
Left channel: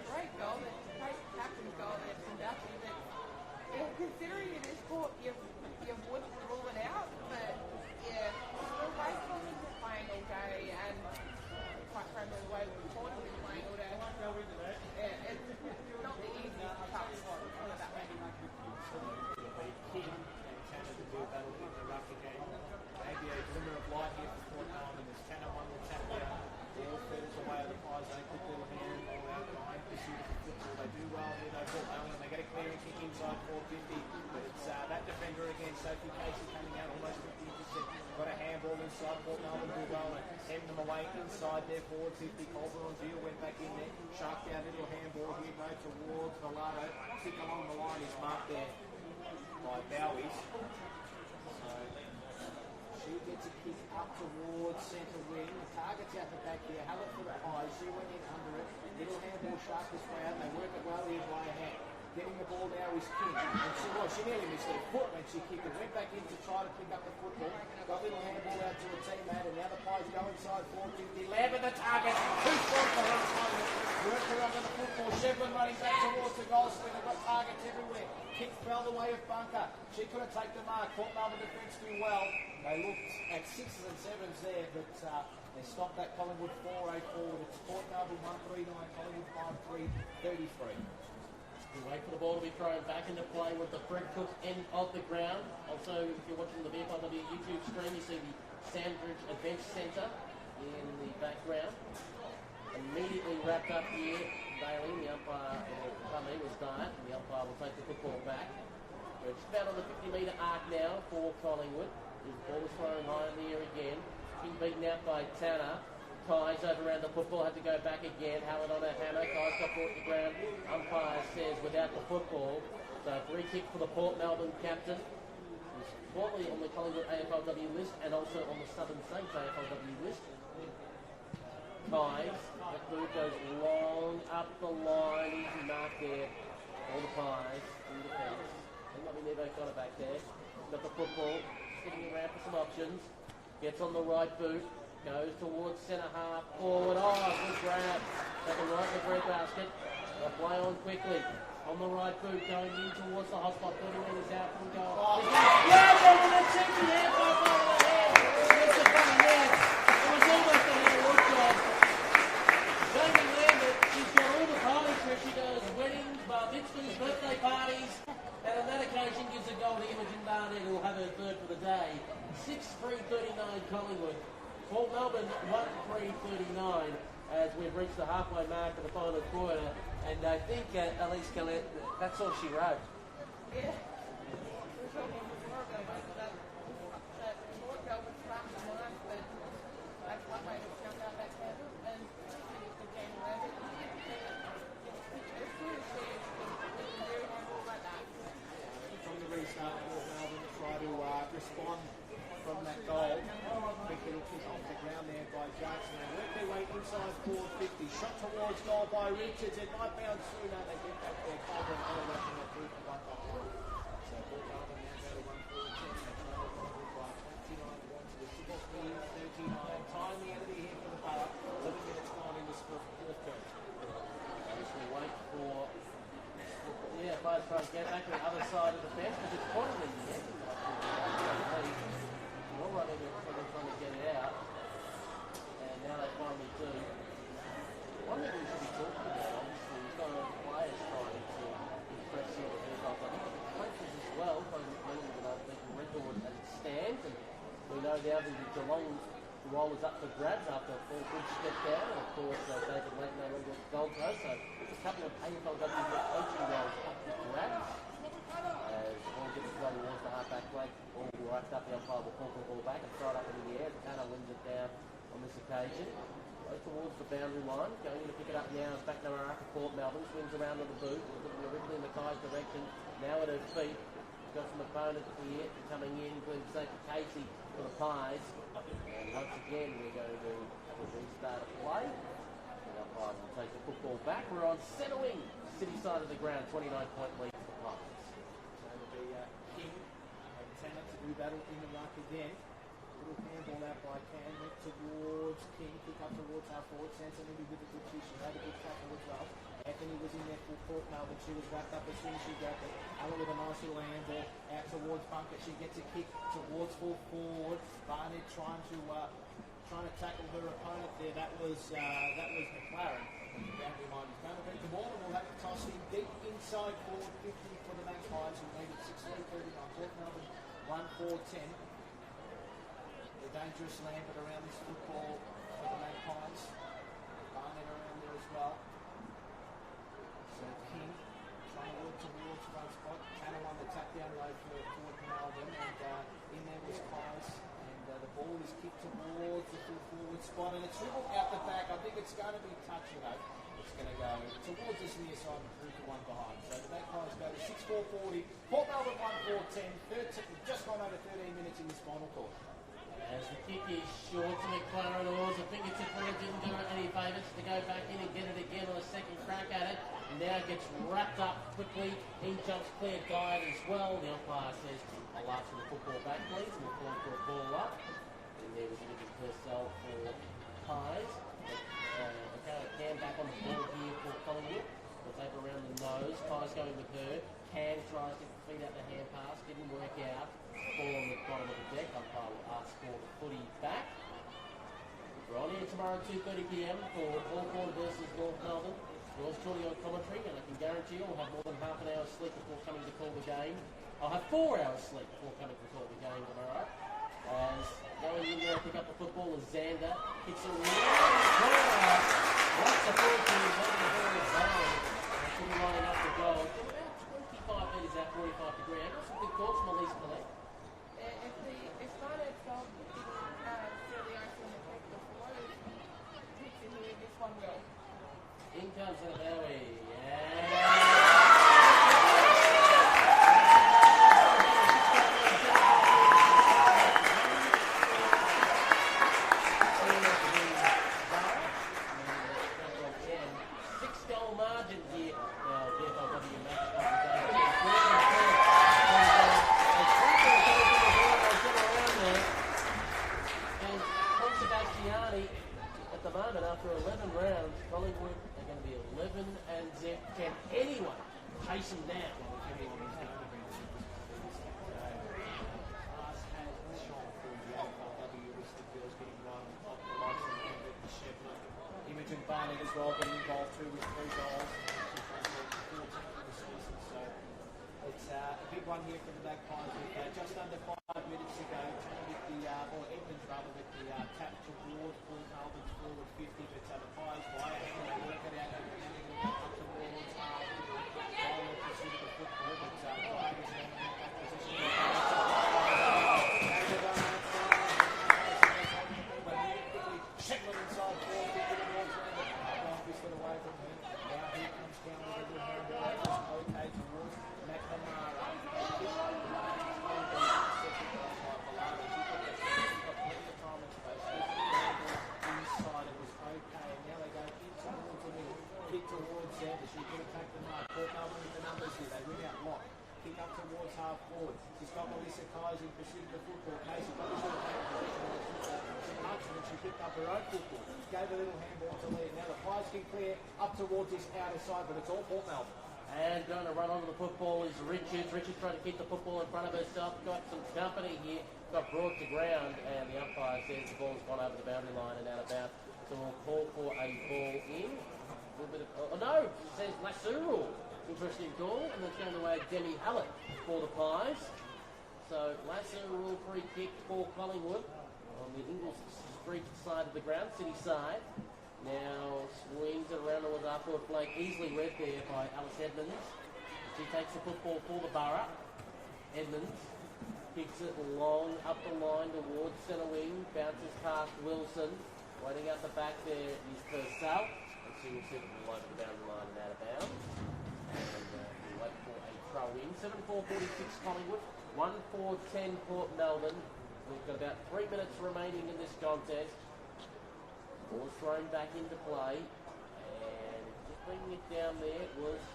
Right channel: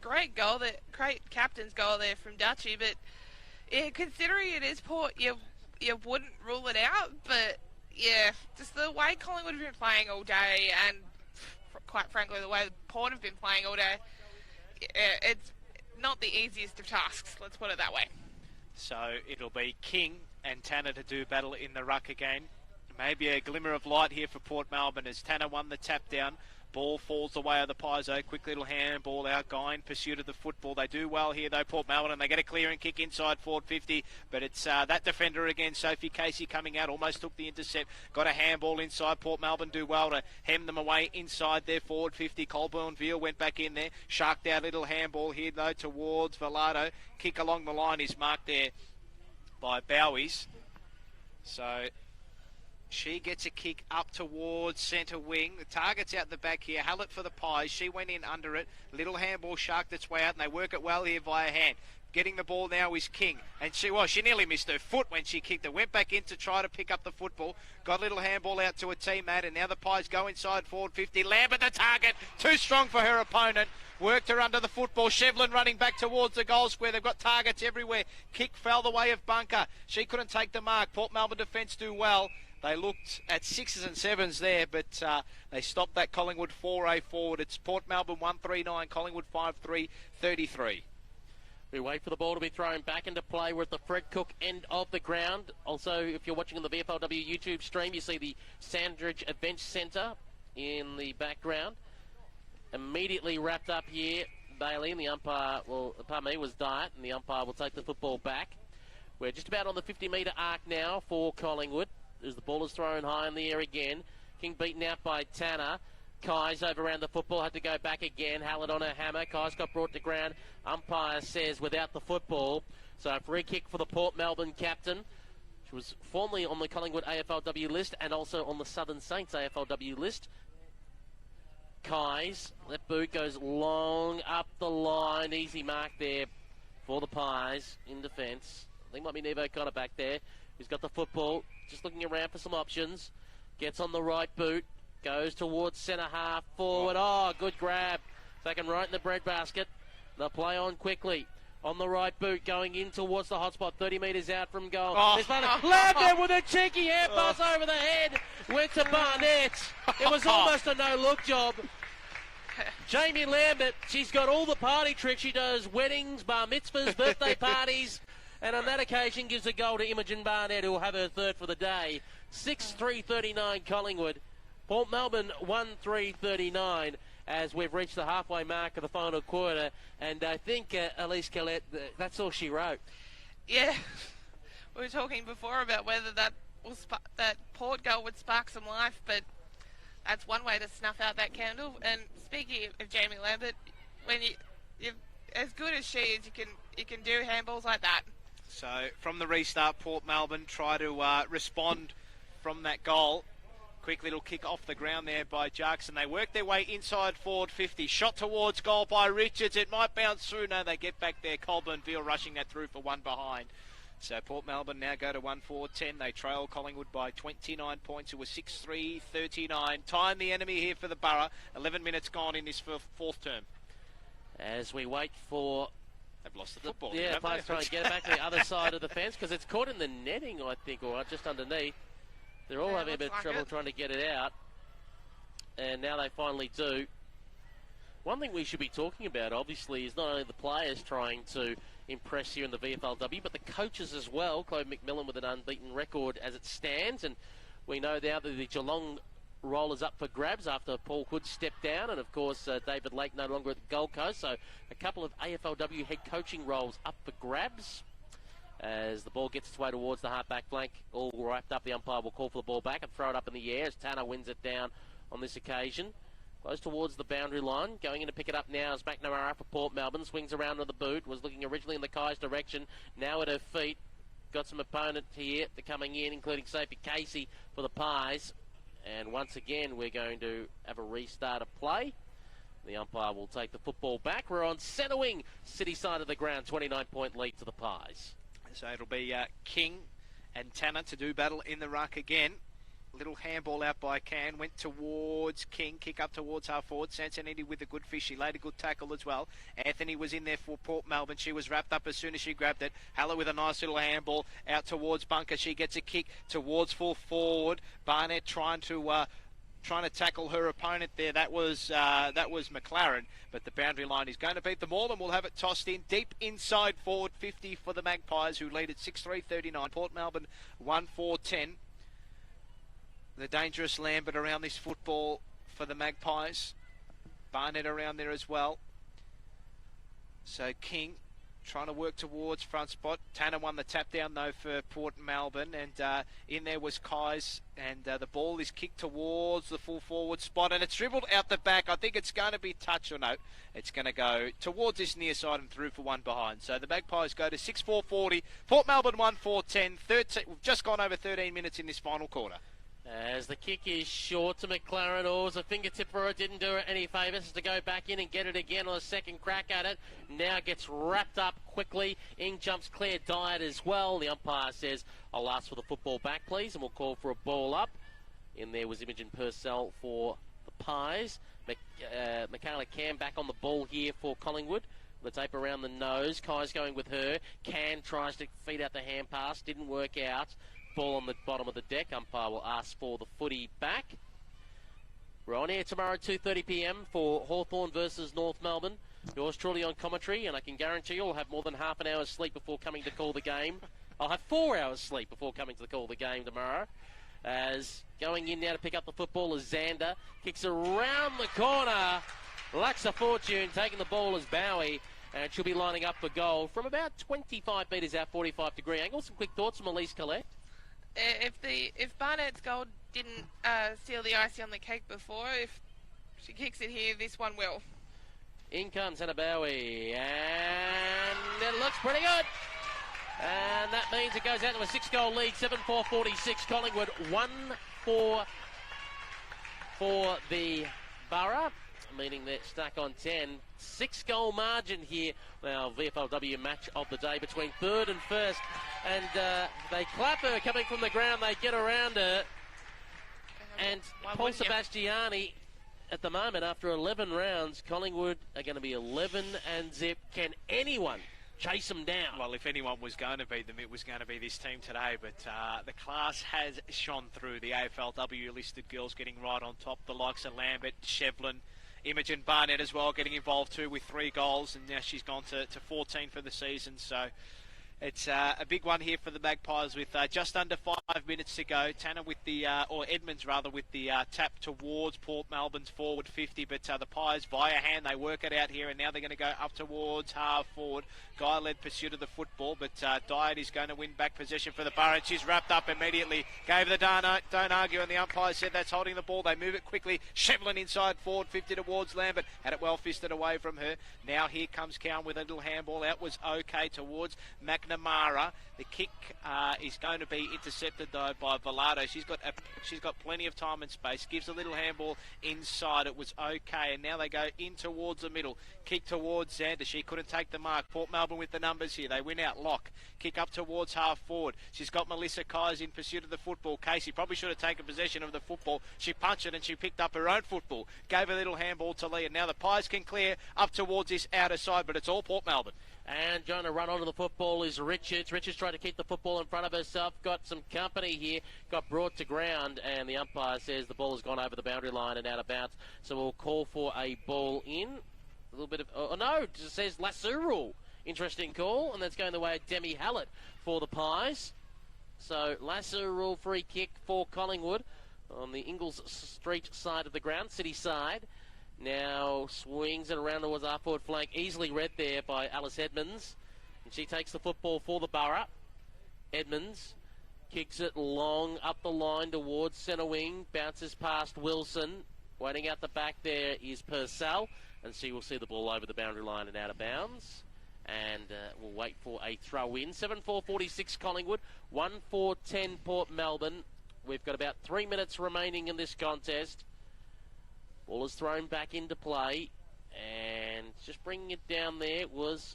Great goal, great captain's goal there from Dutchy, but yeah, considering it is Port, you wouldn't rule it out, but yeah, just the way Collingwood have been playing all day, and quite frankly the way Port have been playing all day, it's not the easiest of tasks, let's put it that way. So it'll be King and Tanner to do battle in the ruck again. Maybe a glimmer of light here for Port Melbourne as Tanner won the tap down. Ball falls away of the Paizo. Quick little handball out. Guy in pursuit of the football. They do well here though, Port Melbourne, and they get a clearing kick inside forward 50. But it's that defender again, Sophie Casey, coming out. Almost took the intercept. Got a handball inside. Port Melbourne do well to hem them away inside their forward 50. Colburn Veal went back in there. Sharked out little handball here though towards Velado. Kick along the line is marked there by Bowies. So she gets a kick up towards centre wing. The target's out the back here. Hallett for the Pies. She went in under it. Little handball sharked its way out, and they work it well here by a hand. Getting the ball now is King. And she nearly missed her foot when she kicked it. Went back in to try to pick up the football. Got a little handball out to a teammate, and now the Pies go inside forward 50. Lambert the target. Too strong for her opponent. Worked her under the football. Shevlin running back towards the goal square. They've got targets everywhere. Kick fell the way of Bunker. She couldn't take the mark. Port Melbourne defence do well. They looked at 6s and 7s there, but they stopped that Collingwood 4A forward. It's Port Melbourne 139, Collingwood 5-3, 33. We wait for the ball to be thrown back into play. We're at the Fred Cook end of the ground. Also, if you're watching on the VFLW YouTube stream, you see the Sandridge Event Centre in the background. Immediately wrapped up here, Bailey, and the umpire, or pardon me, was Diet, and the umpire will take the football back. We're just about on the 50-metre arc now for Collingwood, as the ball is thrown high in the air again. King beaten out by Tanner. Kai's over around the football, had to go back again. Hallett on her hammer. Kai's got brought to ground. Umpire says without the football. So a free kick for the Port Melbourne captain. She was formerly on the Collingwood AFLW list and also on the Southern Saints AFLW list. Kai's, that boot goes long up the line. Easy mark there for the Pies in defence. I think might be Nevo Cotter back there. He's got the football, just looking around for some options. Gets on the right boot. Goes towards centre half forward. Oh, good grab. Back and right in the breadbasket. They'll play on quickly. On the right boot, going in towards the hotspot, 30 metres out from goal. Oh. There's Lambert with a cheeky air pass over the head. Went to Barnett. It was almost a no-look job. Jamie Lambert, she's got all the party tricks. She does weddings, bar mitzvahs, birthday parties. And on that occasion gives a goal to Imogen Barnett, who will have her third for the day. 6-3-39 Collingwood. Port Melbourne 1-3-39 as we've reached the halfway mark of the final quarter, and I think Elise Collette, that's all she wrote. Yeah, we were talking before about whether that Port goal would spark some life, but that's one way to snuff out that candle. And speaking of Jamie Lambert, when you're as good as she is, you can do handballs like that. So from the restart, Port Melbourne try to respond from that goal. Quick little kick off the ground there by Jackson. They work their way inside forward 50. Shot towards goal by Richards. It might bounce through. No, they get back there. Colburn Field rushing that through for one behind. So Port Melbourne now go to 1-4-10. They trail Collingwood by 29 points. It was 6-3-39. Time the enemy here for the Borough. 11 minutes gone in this fourth term. As we wait for the players trying to get back to the other side of the fence, because it's caught in the netting, I think, or just underneath. They're all having a bit of trouble trying to get it out, and now they finally do. One thing we should be talking about, obviously, is not only the players trying to impress here in the VFLW, but the coaches as well. Chloe McMillan with an unbeaten record as it stands, and we know now that the Geelong role is up for grabs after Paul Hood stepped down, and of course David Lake no longer at the Gold Coast, so a couple of AFLW head coaching roles up for grabs. As the ball gets its way towards the half-back flank, all wrapped up, the umpire will call for the ball back and throw it up in the air as Tanner wins it down on this occasion. Goes towards the boundary line, going in to pick it up now is McNamara for Port Melbourne, swings around to the boot, was looking originally in the Kai's direction, now at her feet. Got some opponents here coming in, including Sophie Casey for the Pies. And once again, we're going to have a restart of play. The umpire will take the football back. We're on centre wing, city side of the ground, 29-point lead to the Pies. So it'll be King and Tanner to do battle in the ruck again. Little handball out by Can, went towards King, kick up towards half forward. Sansaniti with a good fish, he laid a good tackle as well. Anthony was in there for Port Melbourne, she was wrapped up as soon as she grabbed it. Halla with a nice little handball out towards Bunker, she gets a kick towards full forward. Barnett trying to tackle her opponent there, that was McLaren. But the boundary line is going to beat the ball, and we'll have it tossed in deep inside forward 50 for the Magpies, who lead at 6-3-39. Port Melbourne 1-4-10. The dangerous Lambert around this football for the Magpies. Barnett around there as well. So King trying to work towards front spot. Tanner won the tap down though for Port Melbourne, and in there was Kai's, and the ball is kicked towards the full forward spot, and it's dribbled out the back. I think it's going to be touch or no. It's going to go towards this near side and through for one behind. So the Magpies go to 6-4-40. Port Melbourne 1-4-10. Just gone over 13 minutes in this final quarter. As the kick is short to McLaren, or was a fingertip for it, didn't do her any favours to go back in and get it again on a second crack at it. now gets wrapped up quickly. In jumps Claire Dyatt as well. The umpire says, I'll ask for the football back, please, and we'll call for a ball up. In there was Imogen Purcell for Pies. Michaela Cam back on the ball here for Collingwood. The tape around the nose. Kai's going with her. Can tries to feed out the hand pass. Didn't work out. Ball on the bottom of the deck. Umpire will ask for the footy back. We're on air tomorrow at 2:30 p.m. for Hawthorn versus North Melbourne. Yours truly on commentary, and I can guarantee you'll have more than half an hour's sleep before coming to call the game. I'll have 4 hours sleep before coming to call the game tomorrow. As going in now to pick up the football is Xander. Kicks around the corner. Lacks a fortune. Taking the ball is Bowie. And she'll be lining up for goal from about 25 metres out, 45-degree angle. Some quick thoughts from Elise Collette. If Barnett's goal didn't seal the icing on the cake before, if she kicks it here, this one will. In comes Hannah Bowie. And that means it goes out to a 6-goal lead, 7-4-46. Collingwood 1-4 for the Borough, meaning they're stuck on 10. 6-goal margin here. Now, VFLW match of the day between third and first. And they trap her coming from the ground. They get around her. And Paul Sebastiani, at the moment, after 11 rounds, Collingwood are going to be 11 and zip. Can anyone chase them down? Well, if anyone was going to be, it was going to be this team today. But the class has shone through. The AFLW listed girls getting right on top. The likes of Lambert, Shevlin, Imogen Barnett as well getting involved too with 3 goals. And now she's gone to 14 for the season. So it's a big one here for the Magpies with just under 5 minutes to go. Tanner with the, or Edmonds rather, with the tap towards Port Melbourne's forward 50. But the Pies via hand, they work it out here. And now they're going to go up towards half forward. Guy led pursuit of the football. But Dyatt is going to win back possession for the Borough. She's wrapped up immediately. Gave the don't argue. And the umpire said that's holding the ball. They move it quickly. Shevlin inside forward 50 towards Lambert. Had it well fisted away from her. Now here comes Cowan with a little handball. That was okay towards McNamara. The kick is going to be intercepted though by Vallado. She's got plenty of time and space. Gives a little handball inside. It was okay, and now they go in towards the middle. Kick towards Xander. She couldn't take the mark. Port Melbourne with the numbers here. They win out. Lock. Kick up towards half forward. She's got Melissa Kais in pursuit of the football. Casey probably should have taken possession of the football. She punched it and she picked up her own football. Gave a little handball to Lee. And now the Pies can clear up towards this outer side, but it's all Port Melbourne. And going to run onto the football is Richards. Richards trying to keep the football in front of herself. Got some company here. Got brought to ground. And the umpire says the ball has gone over the boundary line and out of bounds. So we'll call for a ball in. A little bit of... Oh, no. It says lasso rule. Interesting call. And that's going the way of Demi Hallett for the Pies. So lasso rule free kick for Collingwood on the Ingalls Street side of the ground. City side. Now swings it around towards our forward flank. Easily read there by Alice Edmonds. She takes the football for the Borough. Edmonds kicks it long up the line towards centre wing. Bounces past Wilson. Waiting out the back there is Purcell. And she will see the ball over the boundary line and out of bounds. And we'll wait for a throw in. 7-4-46 Collingwood. 1-4-10 Port Melbourne. We've got about 3 minutes remaining in this contest. Ball is thrown back into play, and just bringing it down there was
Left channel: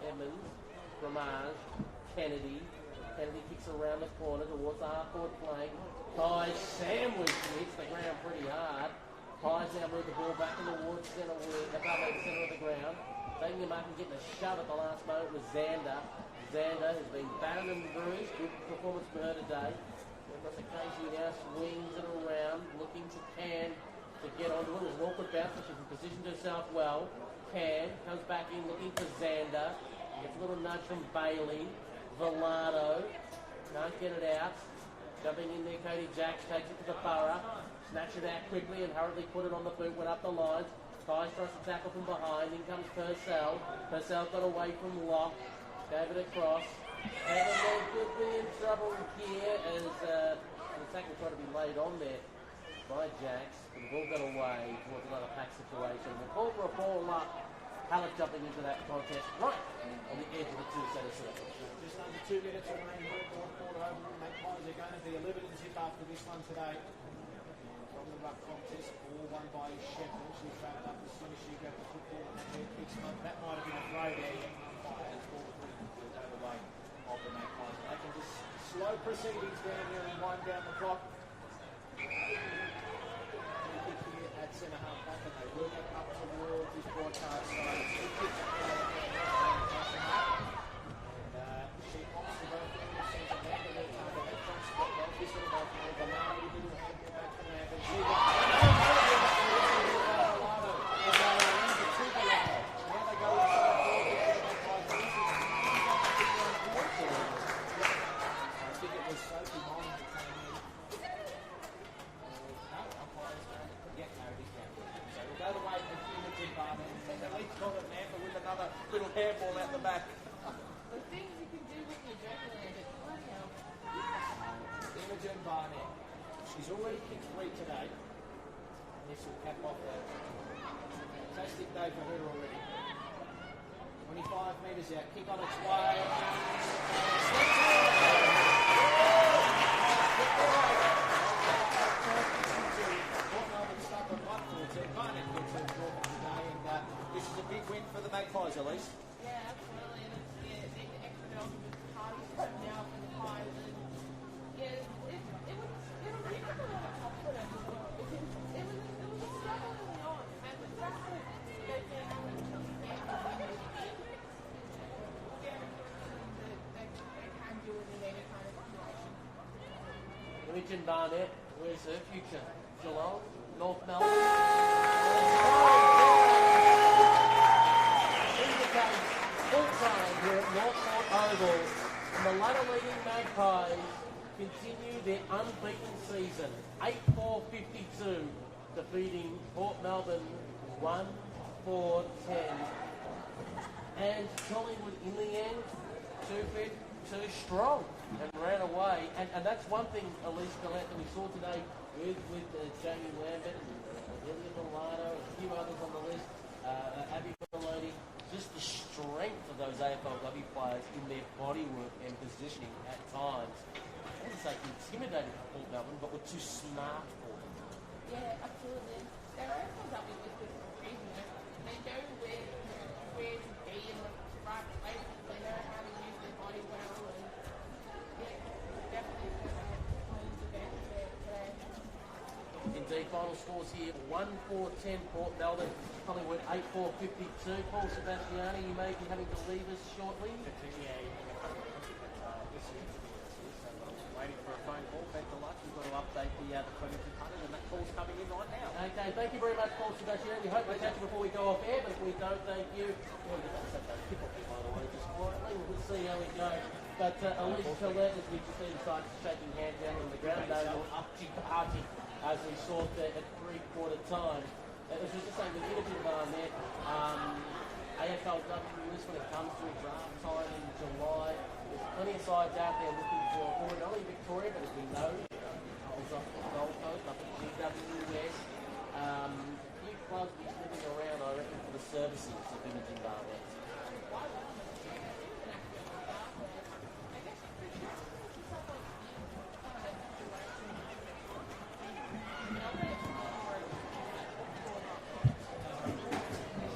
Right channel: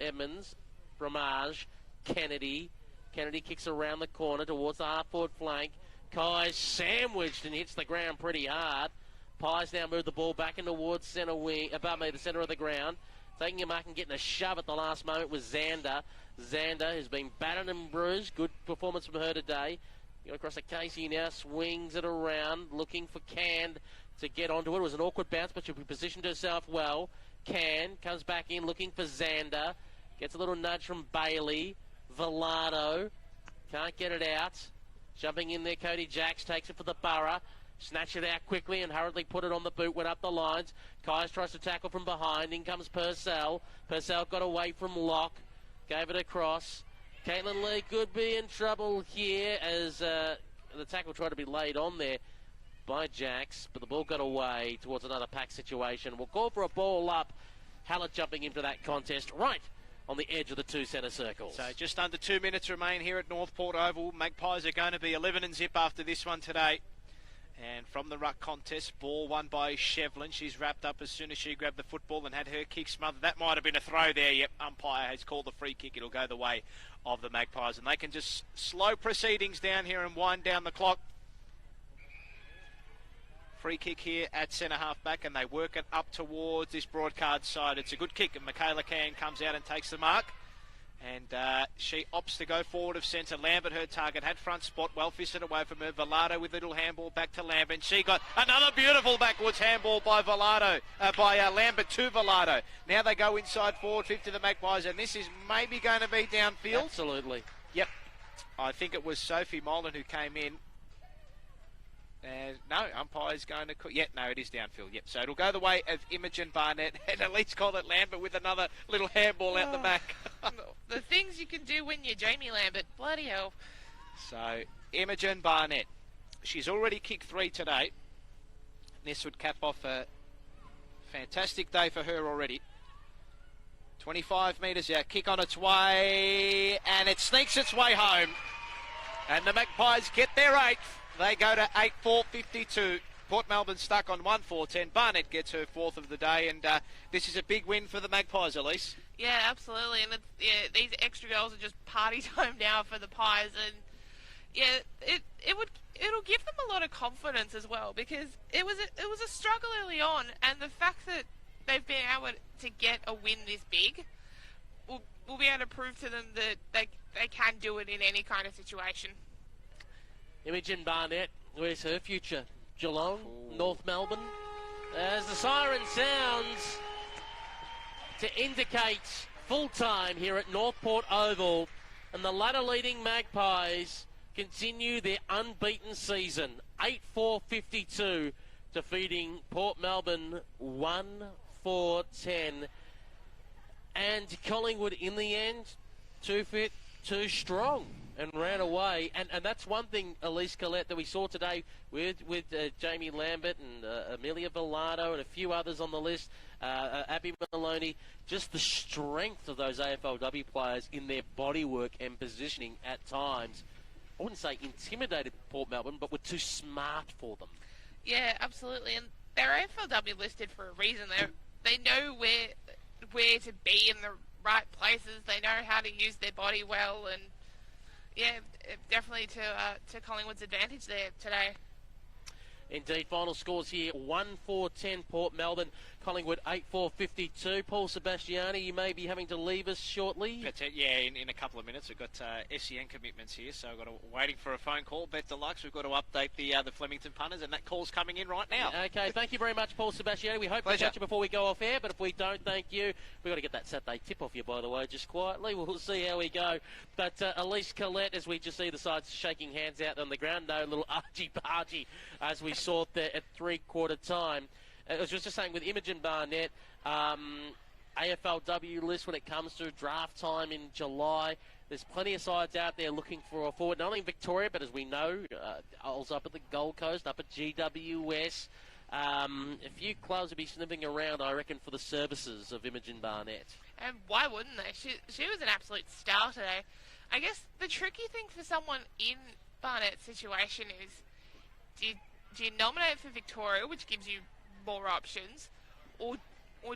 Edmonds, Ramage, Kennedy. Kennedy kicks around the corner towards the half-forward flank. Kai's sandwiched and hits the ground pretty hard. Pies now move the ball back in towards centre wing, above me, the centre of the ground. Taking him back and getting a shove at the last moment was Xander. Xander has been battered and bruised. Good performance from her today. Going across to Casey now, swings it around, looking for Can to get onto it. It was an awkward bounce, but she positioned herself well. Can comes back in looking for Xander. Gets a little nudge from Bailey. Vallado can't get it out. Jumping in there, Cody Jacks takes it for the Borough. Snatch it out quickly and hurriedly put it on the boot. Went up the lines. Kais tries to tackle from behind. In comes Purcell. Purcell got away from Locke. Gave it across. Caitlin Lee could be in trouble here as the tackle tried to be laid on there by Jacks, but the ball got away towards another pack situation. We'll call for a ball up. Hallett jumping into that contest right on the edge of the 2 centre circles. So just under 2 minutes remain here at Northport Oval. Magpies are going to be 11 and zip after this one today. And from the ruck contest. Ball won by Shevlin. She's wrapped up as soon as she grabbed the football and had her kick smothered. That might have been a throw there. Yep, umpire has called the free kick. It'll go the way of the Magpies. And they can just slow proceedings down here and wind down the clock. Free kick here at centre half back, and they work it up towards this broadcast side. It's a good kick. Michaela Can comes out and takes the mark. And she opts to go forward of centre. Lambert, her target, had front spot, well fisted away from her. Villado with little handball back to Lambert. She got another beautiful backwards handball by Lambert to Villado. Now they go inside forward, pick to the Magpies, and this is maybe going to be downfield. Absolutely. Yep. I think it was Sophie Molan who came in. No, umpire's going to... no, it is downfield. Yep. So it'll go the way of Imogen Barnett, and at least call it Lambert with another little handball out the back. The things you can do when you're Jamie Lambert. Bloody hell. So, Imogen Barnett. She's already kicked 3 today. This would cap off a fantastic day for her already. 25 metres out, kick on its way, and it sneaks its way home. And the Magpies get their 8. They go to 8-4-52. Port Melbourne stuck on 1-4-10. Barnett gets her 4th of the day, and this is a big win for the Magpies, Elise. Yeah, absolutely. And these extra goals are just party time now for the Pies, and it'll give them a lot of confidence as well, because it was a struggle early on, and the fact that they've been able to get a win this big will be able to prove to them that they can do it in any kind of situation. Imogen Barnett, where's her future? Geelong, North Melbourne. As the siren sounds to indicate full time here at North Port Oval, and the ladder-leading Magpies continue their unbeaten season. 8-4-52, defeating Port Melbourne 1-4-10. And Collingwood, in the end, too fit, too strong, and ran away. And that's one thing, Elise Collette, that we saw today with Jamie Lambert and Amelia Villado and a few others on the list, Abby Maloney. Just the strength of those AFLW players in their bodywork and positioning at times. I wouldn't say intimidated Port Melbourne, but were too smart for them. Yeah, absolutely. And they're AFLW listed for a reason. They know where to be in the right places. They know how to use their body well, and yeah, definitely to Collingwood's advantage there today. Indeed, final scores here: 1-4-10 Port Melbourne. Collingwood 8-4-52. Paul Sebastiani, you may be having to leave us shortly. But, in a couple of minutes. We've got SEN commitments here, so we're waiting for a phone call. Bet Deluxe, we've got to update the Flemington punters, and that call's coming in right now. Okay, thank you very much, Paul Sebastiani. We hope to catch you before we go off air, but if we don't, thank you. We've got to get that Saturday tip off you, by the way, just quietly. We'll see how we go. But Elise Collette, as we just see the sides shaking hands out on the ground, no little archie-party as we saw there at three-quarter time. I was just saying, with Imogen Barnett, AFLW list when it comes to draft time in July, there's plenty of sides out there looking for a forward, not only in Victoria, but as we know, also up at the Gold Coast, up at GWS. A few clubs will be sniffing around, I reckon, for the services of Imogen Barnett. And why wouldn't they? She was an absolute star today. I guess the tricky thing for someone in Barnett's situation is, do you nominate for Victoria, which gives you 4 options, or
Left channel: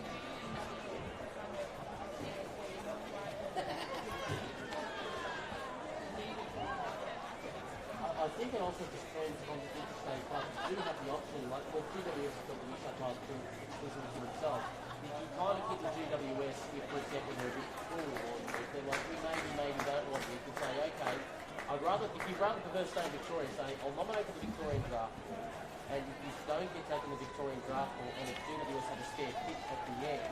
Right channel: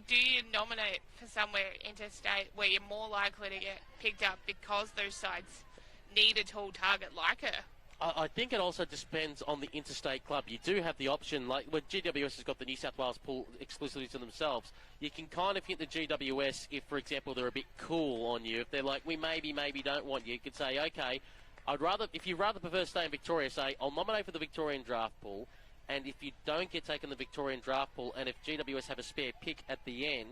do you nominate for somewhere interstate where you're more likely to get picked up because those sides need a tall target like her? I think it also depends on the interstate club. You do have the option, like when GWS has got the New South Wales pool exclusively to themselves, you can kind of hit the GWS if, for example, they're a bit cool on you. If they're like, we maybe don't want you, you could say, okay, if you rather prefer to stay in Victoria, say, I'll nominate for the Victorian draft pool. And if you don't get taken the Victorian draft pool, and if GWS have a spare pick at the end,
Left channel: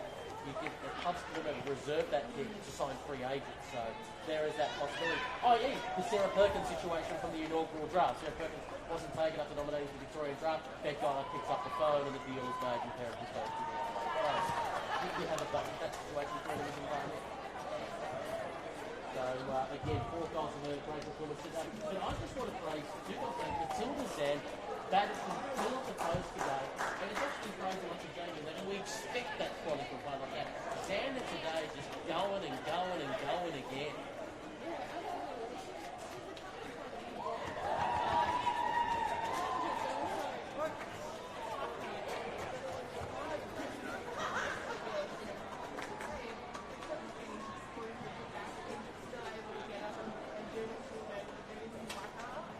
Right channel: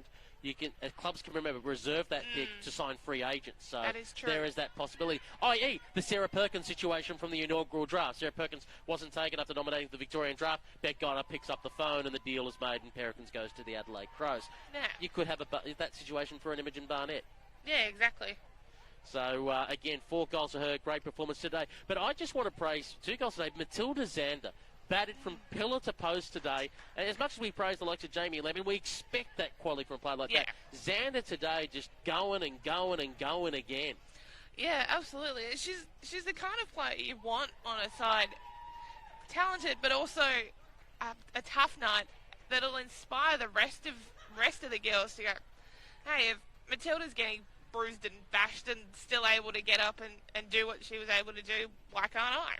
clubs can reserve that pick to sign free agents. So that is true. There is that possibility. I.e. the Sarah Perkins situation from the inaugural draft. Sarah Perkins wasn't taken after nominating for the Victorian draft. Beck Gunner picks up the phone and the deal is made, and Perkins goes to the Adelaide Crows. Yeah. You could have that situation for an Imogen Barnett. Yeah, exactly. So, again, 4 goals for her. Great performance today. But I just want to praise 2 goals today. Matilda Zander batted from pillar to post today, and as much as we praise the likes of Jamie Levin, we expect that quality from a player like that. Zander today just going and going and going again. Yeah, absolutely. She's the kind of player you want on a side talented, but also a tough night that'll inspire the rest of the girls to go, hey, if Matilda's getting bruised and bashed and still able to get up and do what she was able to do, why can't I?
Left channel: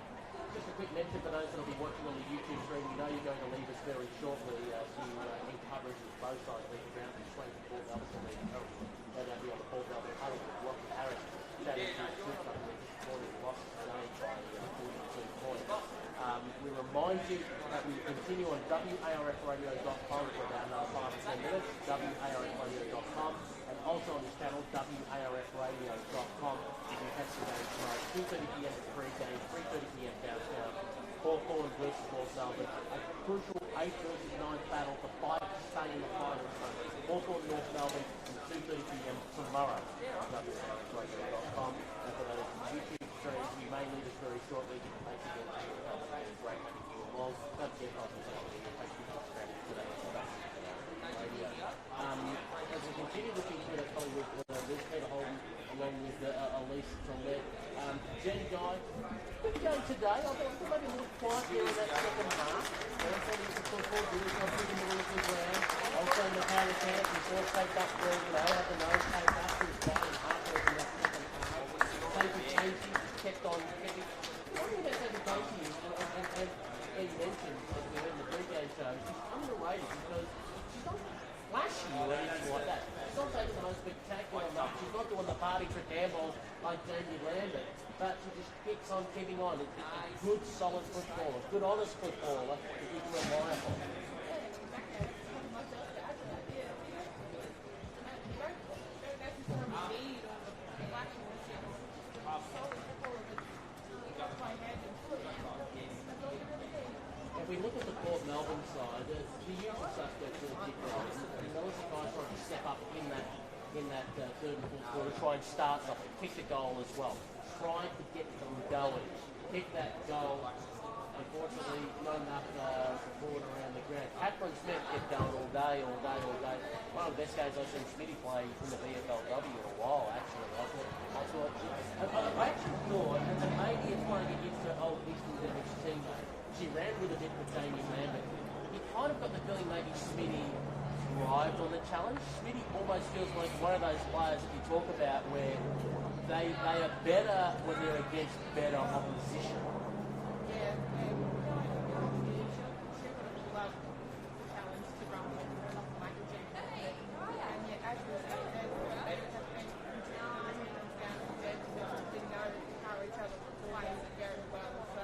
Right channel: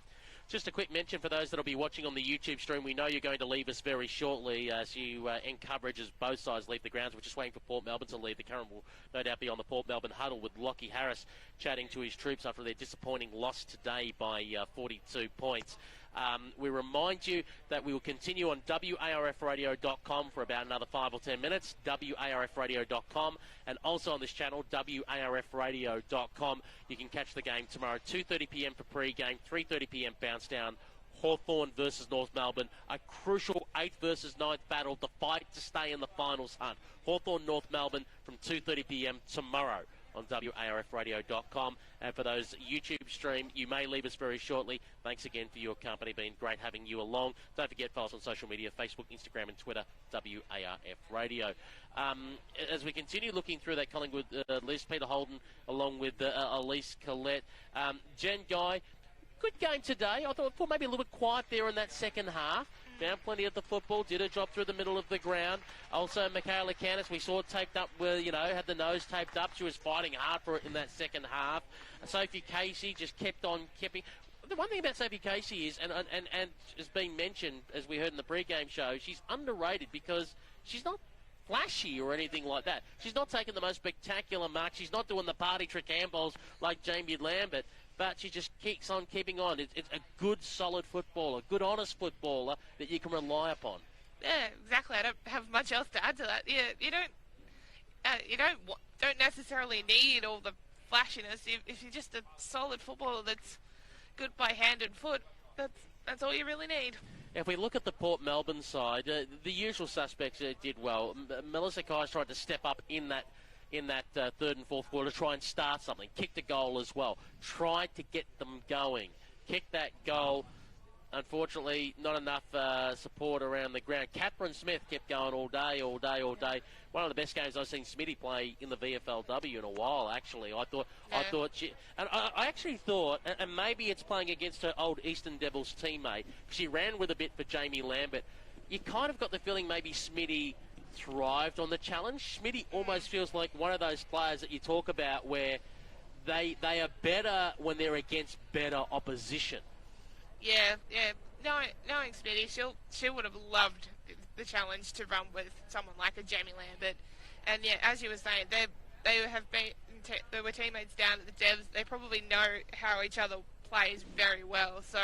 Just a quick mention for those that will be watching on the YouTube stream. We know you're going to leave us very shortly as you end coverage as both sides leave the grounds. We're just waiting for Port Melbourne to leave. The current no doubt be on the Port Melbourne huddle with Lockie Harris chatting to his troops after their disappointing loss today by 42 points. We remind you that we will continue on WARFradio.com for about another 5 or 10 minutes, WARFradio.com, and also on this channel, WARFradio.com. You can catch the game tomorrow, 2:30pm for pre-game, 3:30pm bounce down. Hawthorn versus North Melbourne, a crucial 8th versus 9th battle to fight to stay in the finals hunt. Hawthorn North Melbourne from 2:30pm tomorrow on WARFradio.com. And for those YouTube stream, you may leave us very shortly. Thanks again for your company. Been great having you along. Don't forget follow us on social media, Facebook, Instagram and Twitter, WARF Radio. As we continue looking through that Collingwood list, Peter Holden along with Elise Collette. Jen Guy, good game today. I thought maybe a little quiet there in that second half. Down plenty of the football, did a job through the middle of the ground. Also, Michaela Cannon, we saw taped up where, had the nose taped up. She was fighting hard for it in that second half. Sophie Casey just kept on. The one thing about Sophie Casey is, and it's been mentioned, as we heard in the pre-game show, she's underrated because she's not flashy or anything like that. She's not taking the most spectacular marks. She's not doing the party trick handballs like Jamie Lambert. But she just keeps on keeping on. It's a good, solid footballer, good, honest footballer that you can rely upon. Yeah, exactly. I don't have much else to add to that. Yeah, you don't necessarily need all the flashiness. If you're just a solid footballer that's good by hand and foot, that's all you really need. If we look at the Port Melbourne side, the usual suspects did well. Melissa Kai's tried to step up in that third and fourth quarter, try and start something, kicked a goal as well, tried to get them going, kicked that goal. Unfortunately, not enough support around the ground. Catherine Smith kept going all day. One of the best games I've seen Smitty play in the VFLW in a while, actually. I actually thought, and maybe it's playing against her old Eastern Devils teammate, she ran with a bit for Jamie Lambert. You kind of got the feeling maybe Smitty thrived on the challenge. Smitty almost feels like one of those players that you talk about where they are better when they're against better opposition. Yeah. Knowing Smitty, she would have loved the challenge to run with someone like a Jamie Lambert. And yeah, as you were saying, they were teammates down at the Devs. They probably know how each other plays very well. So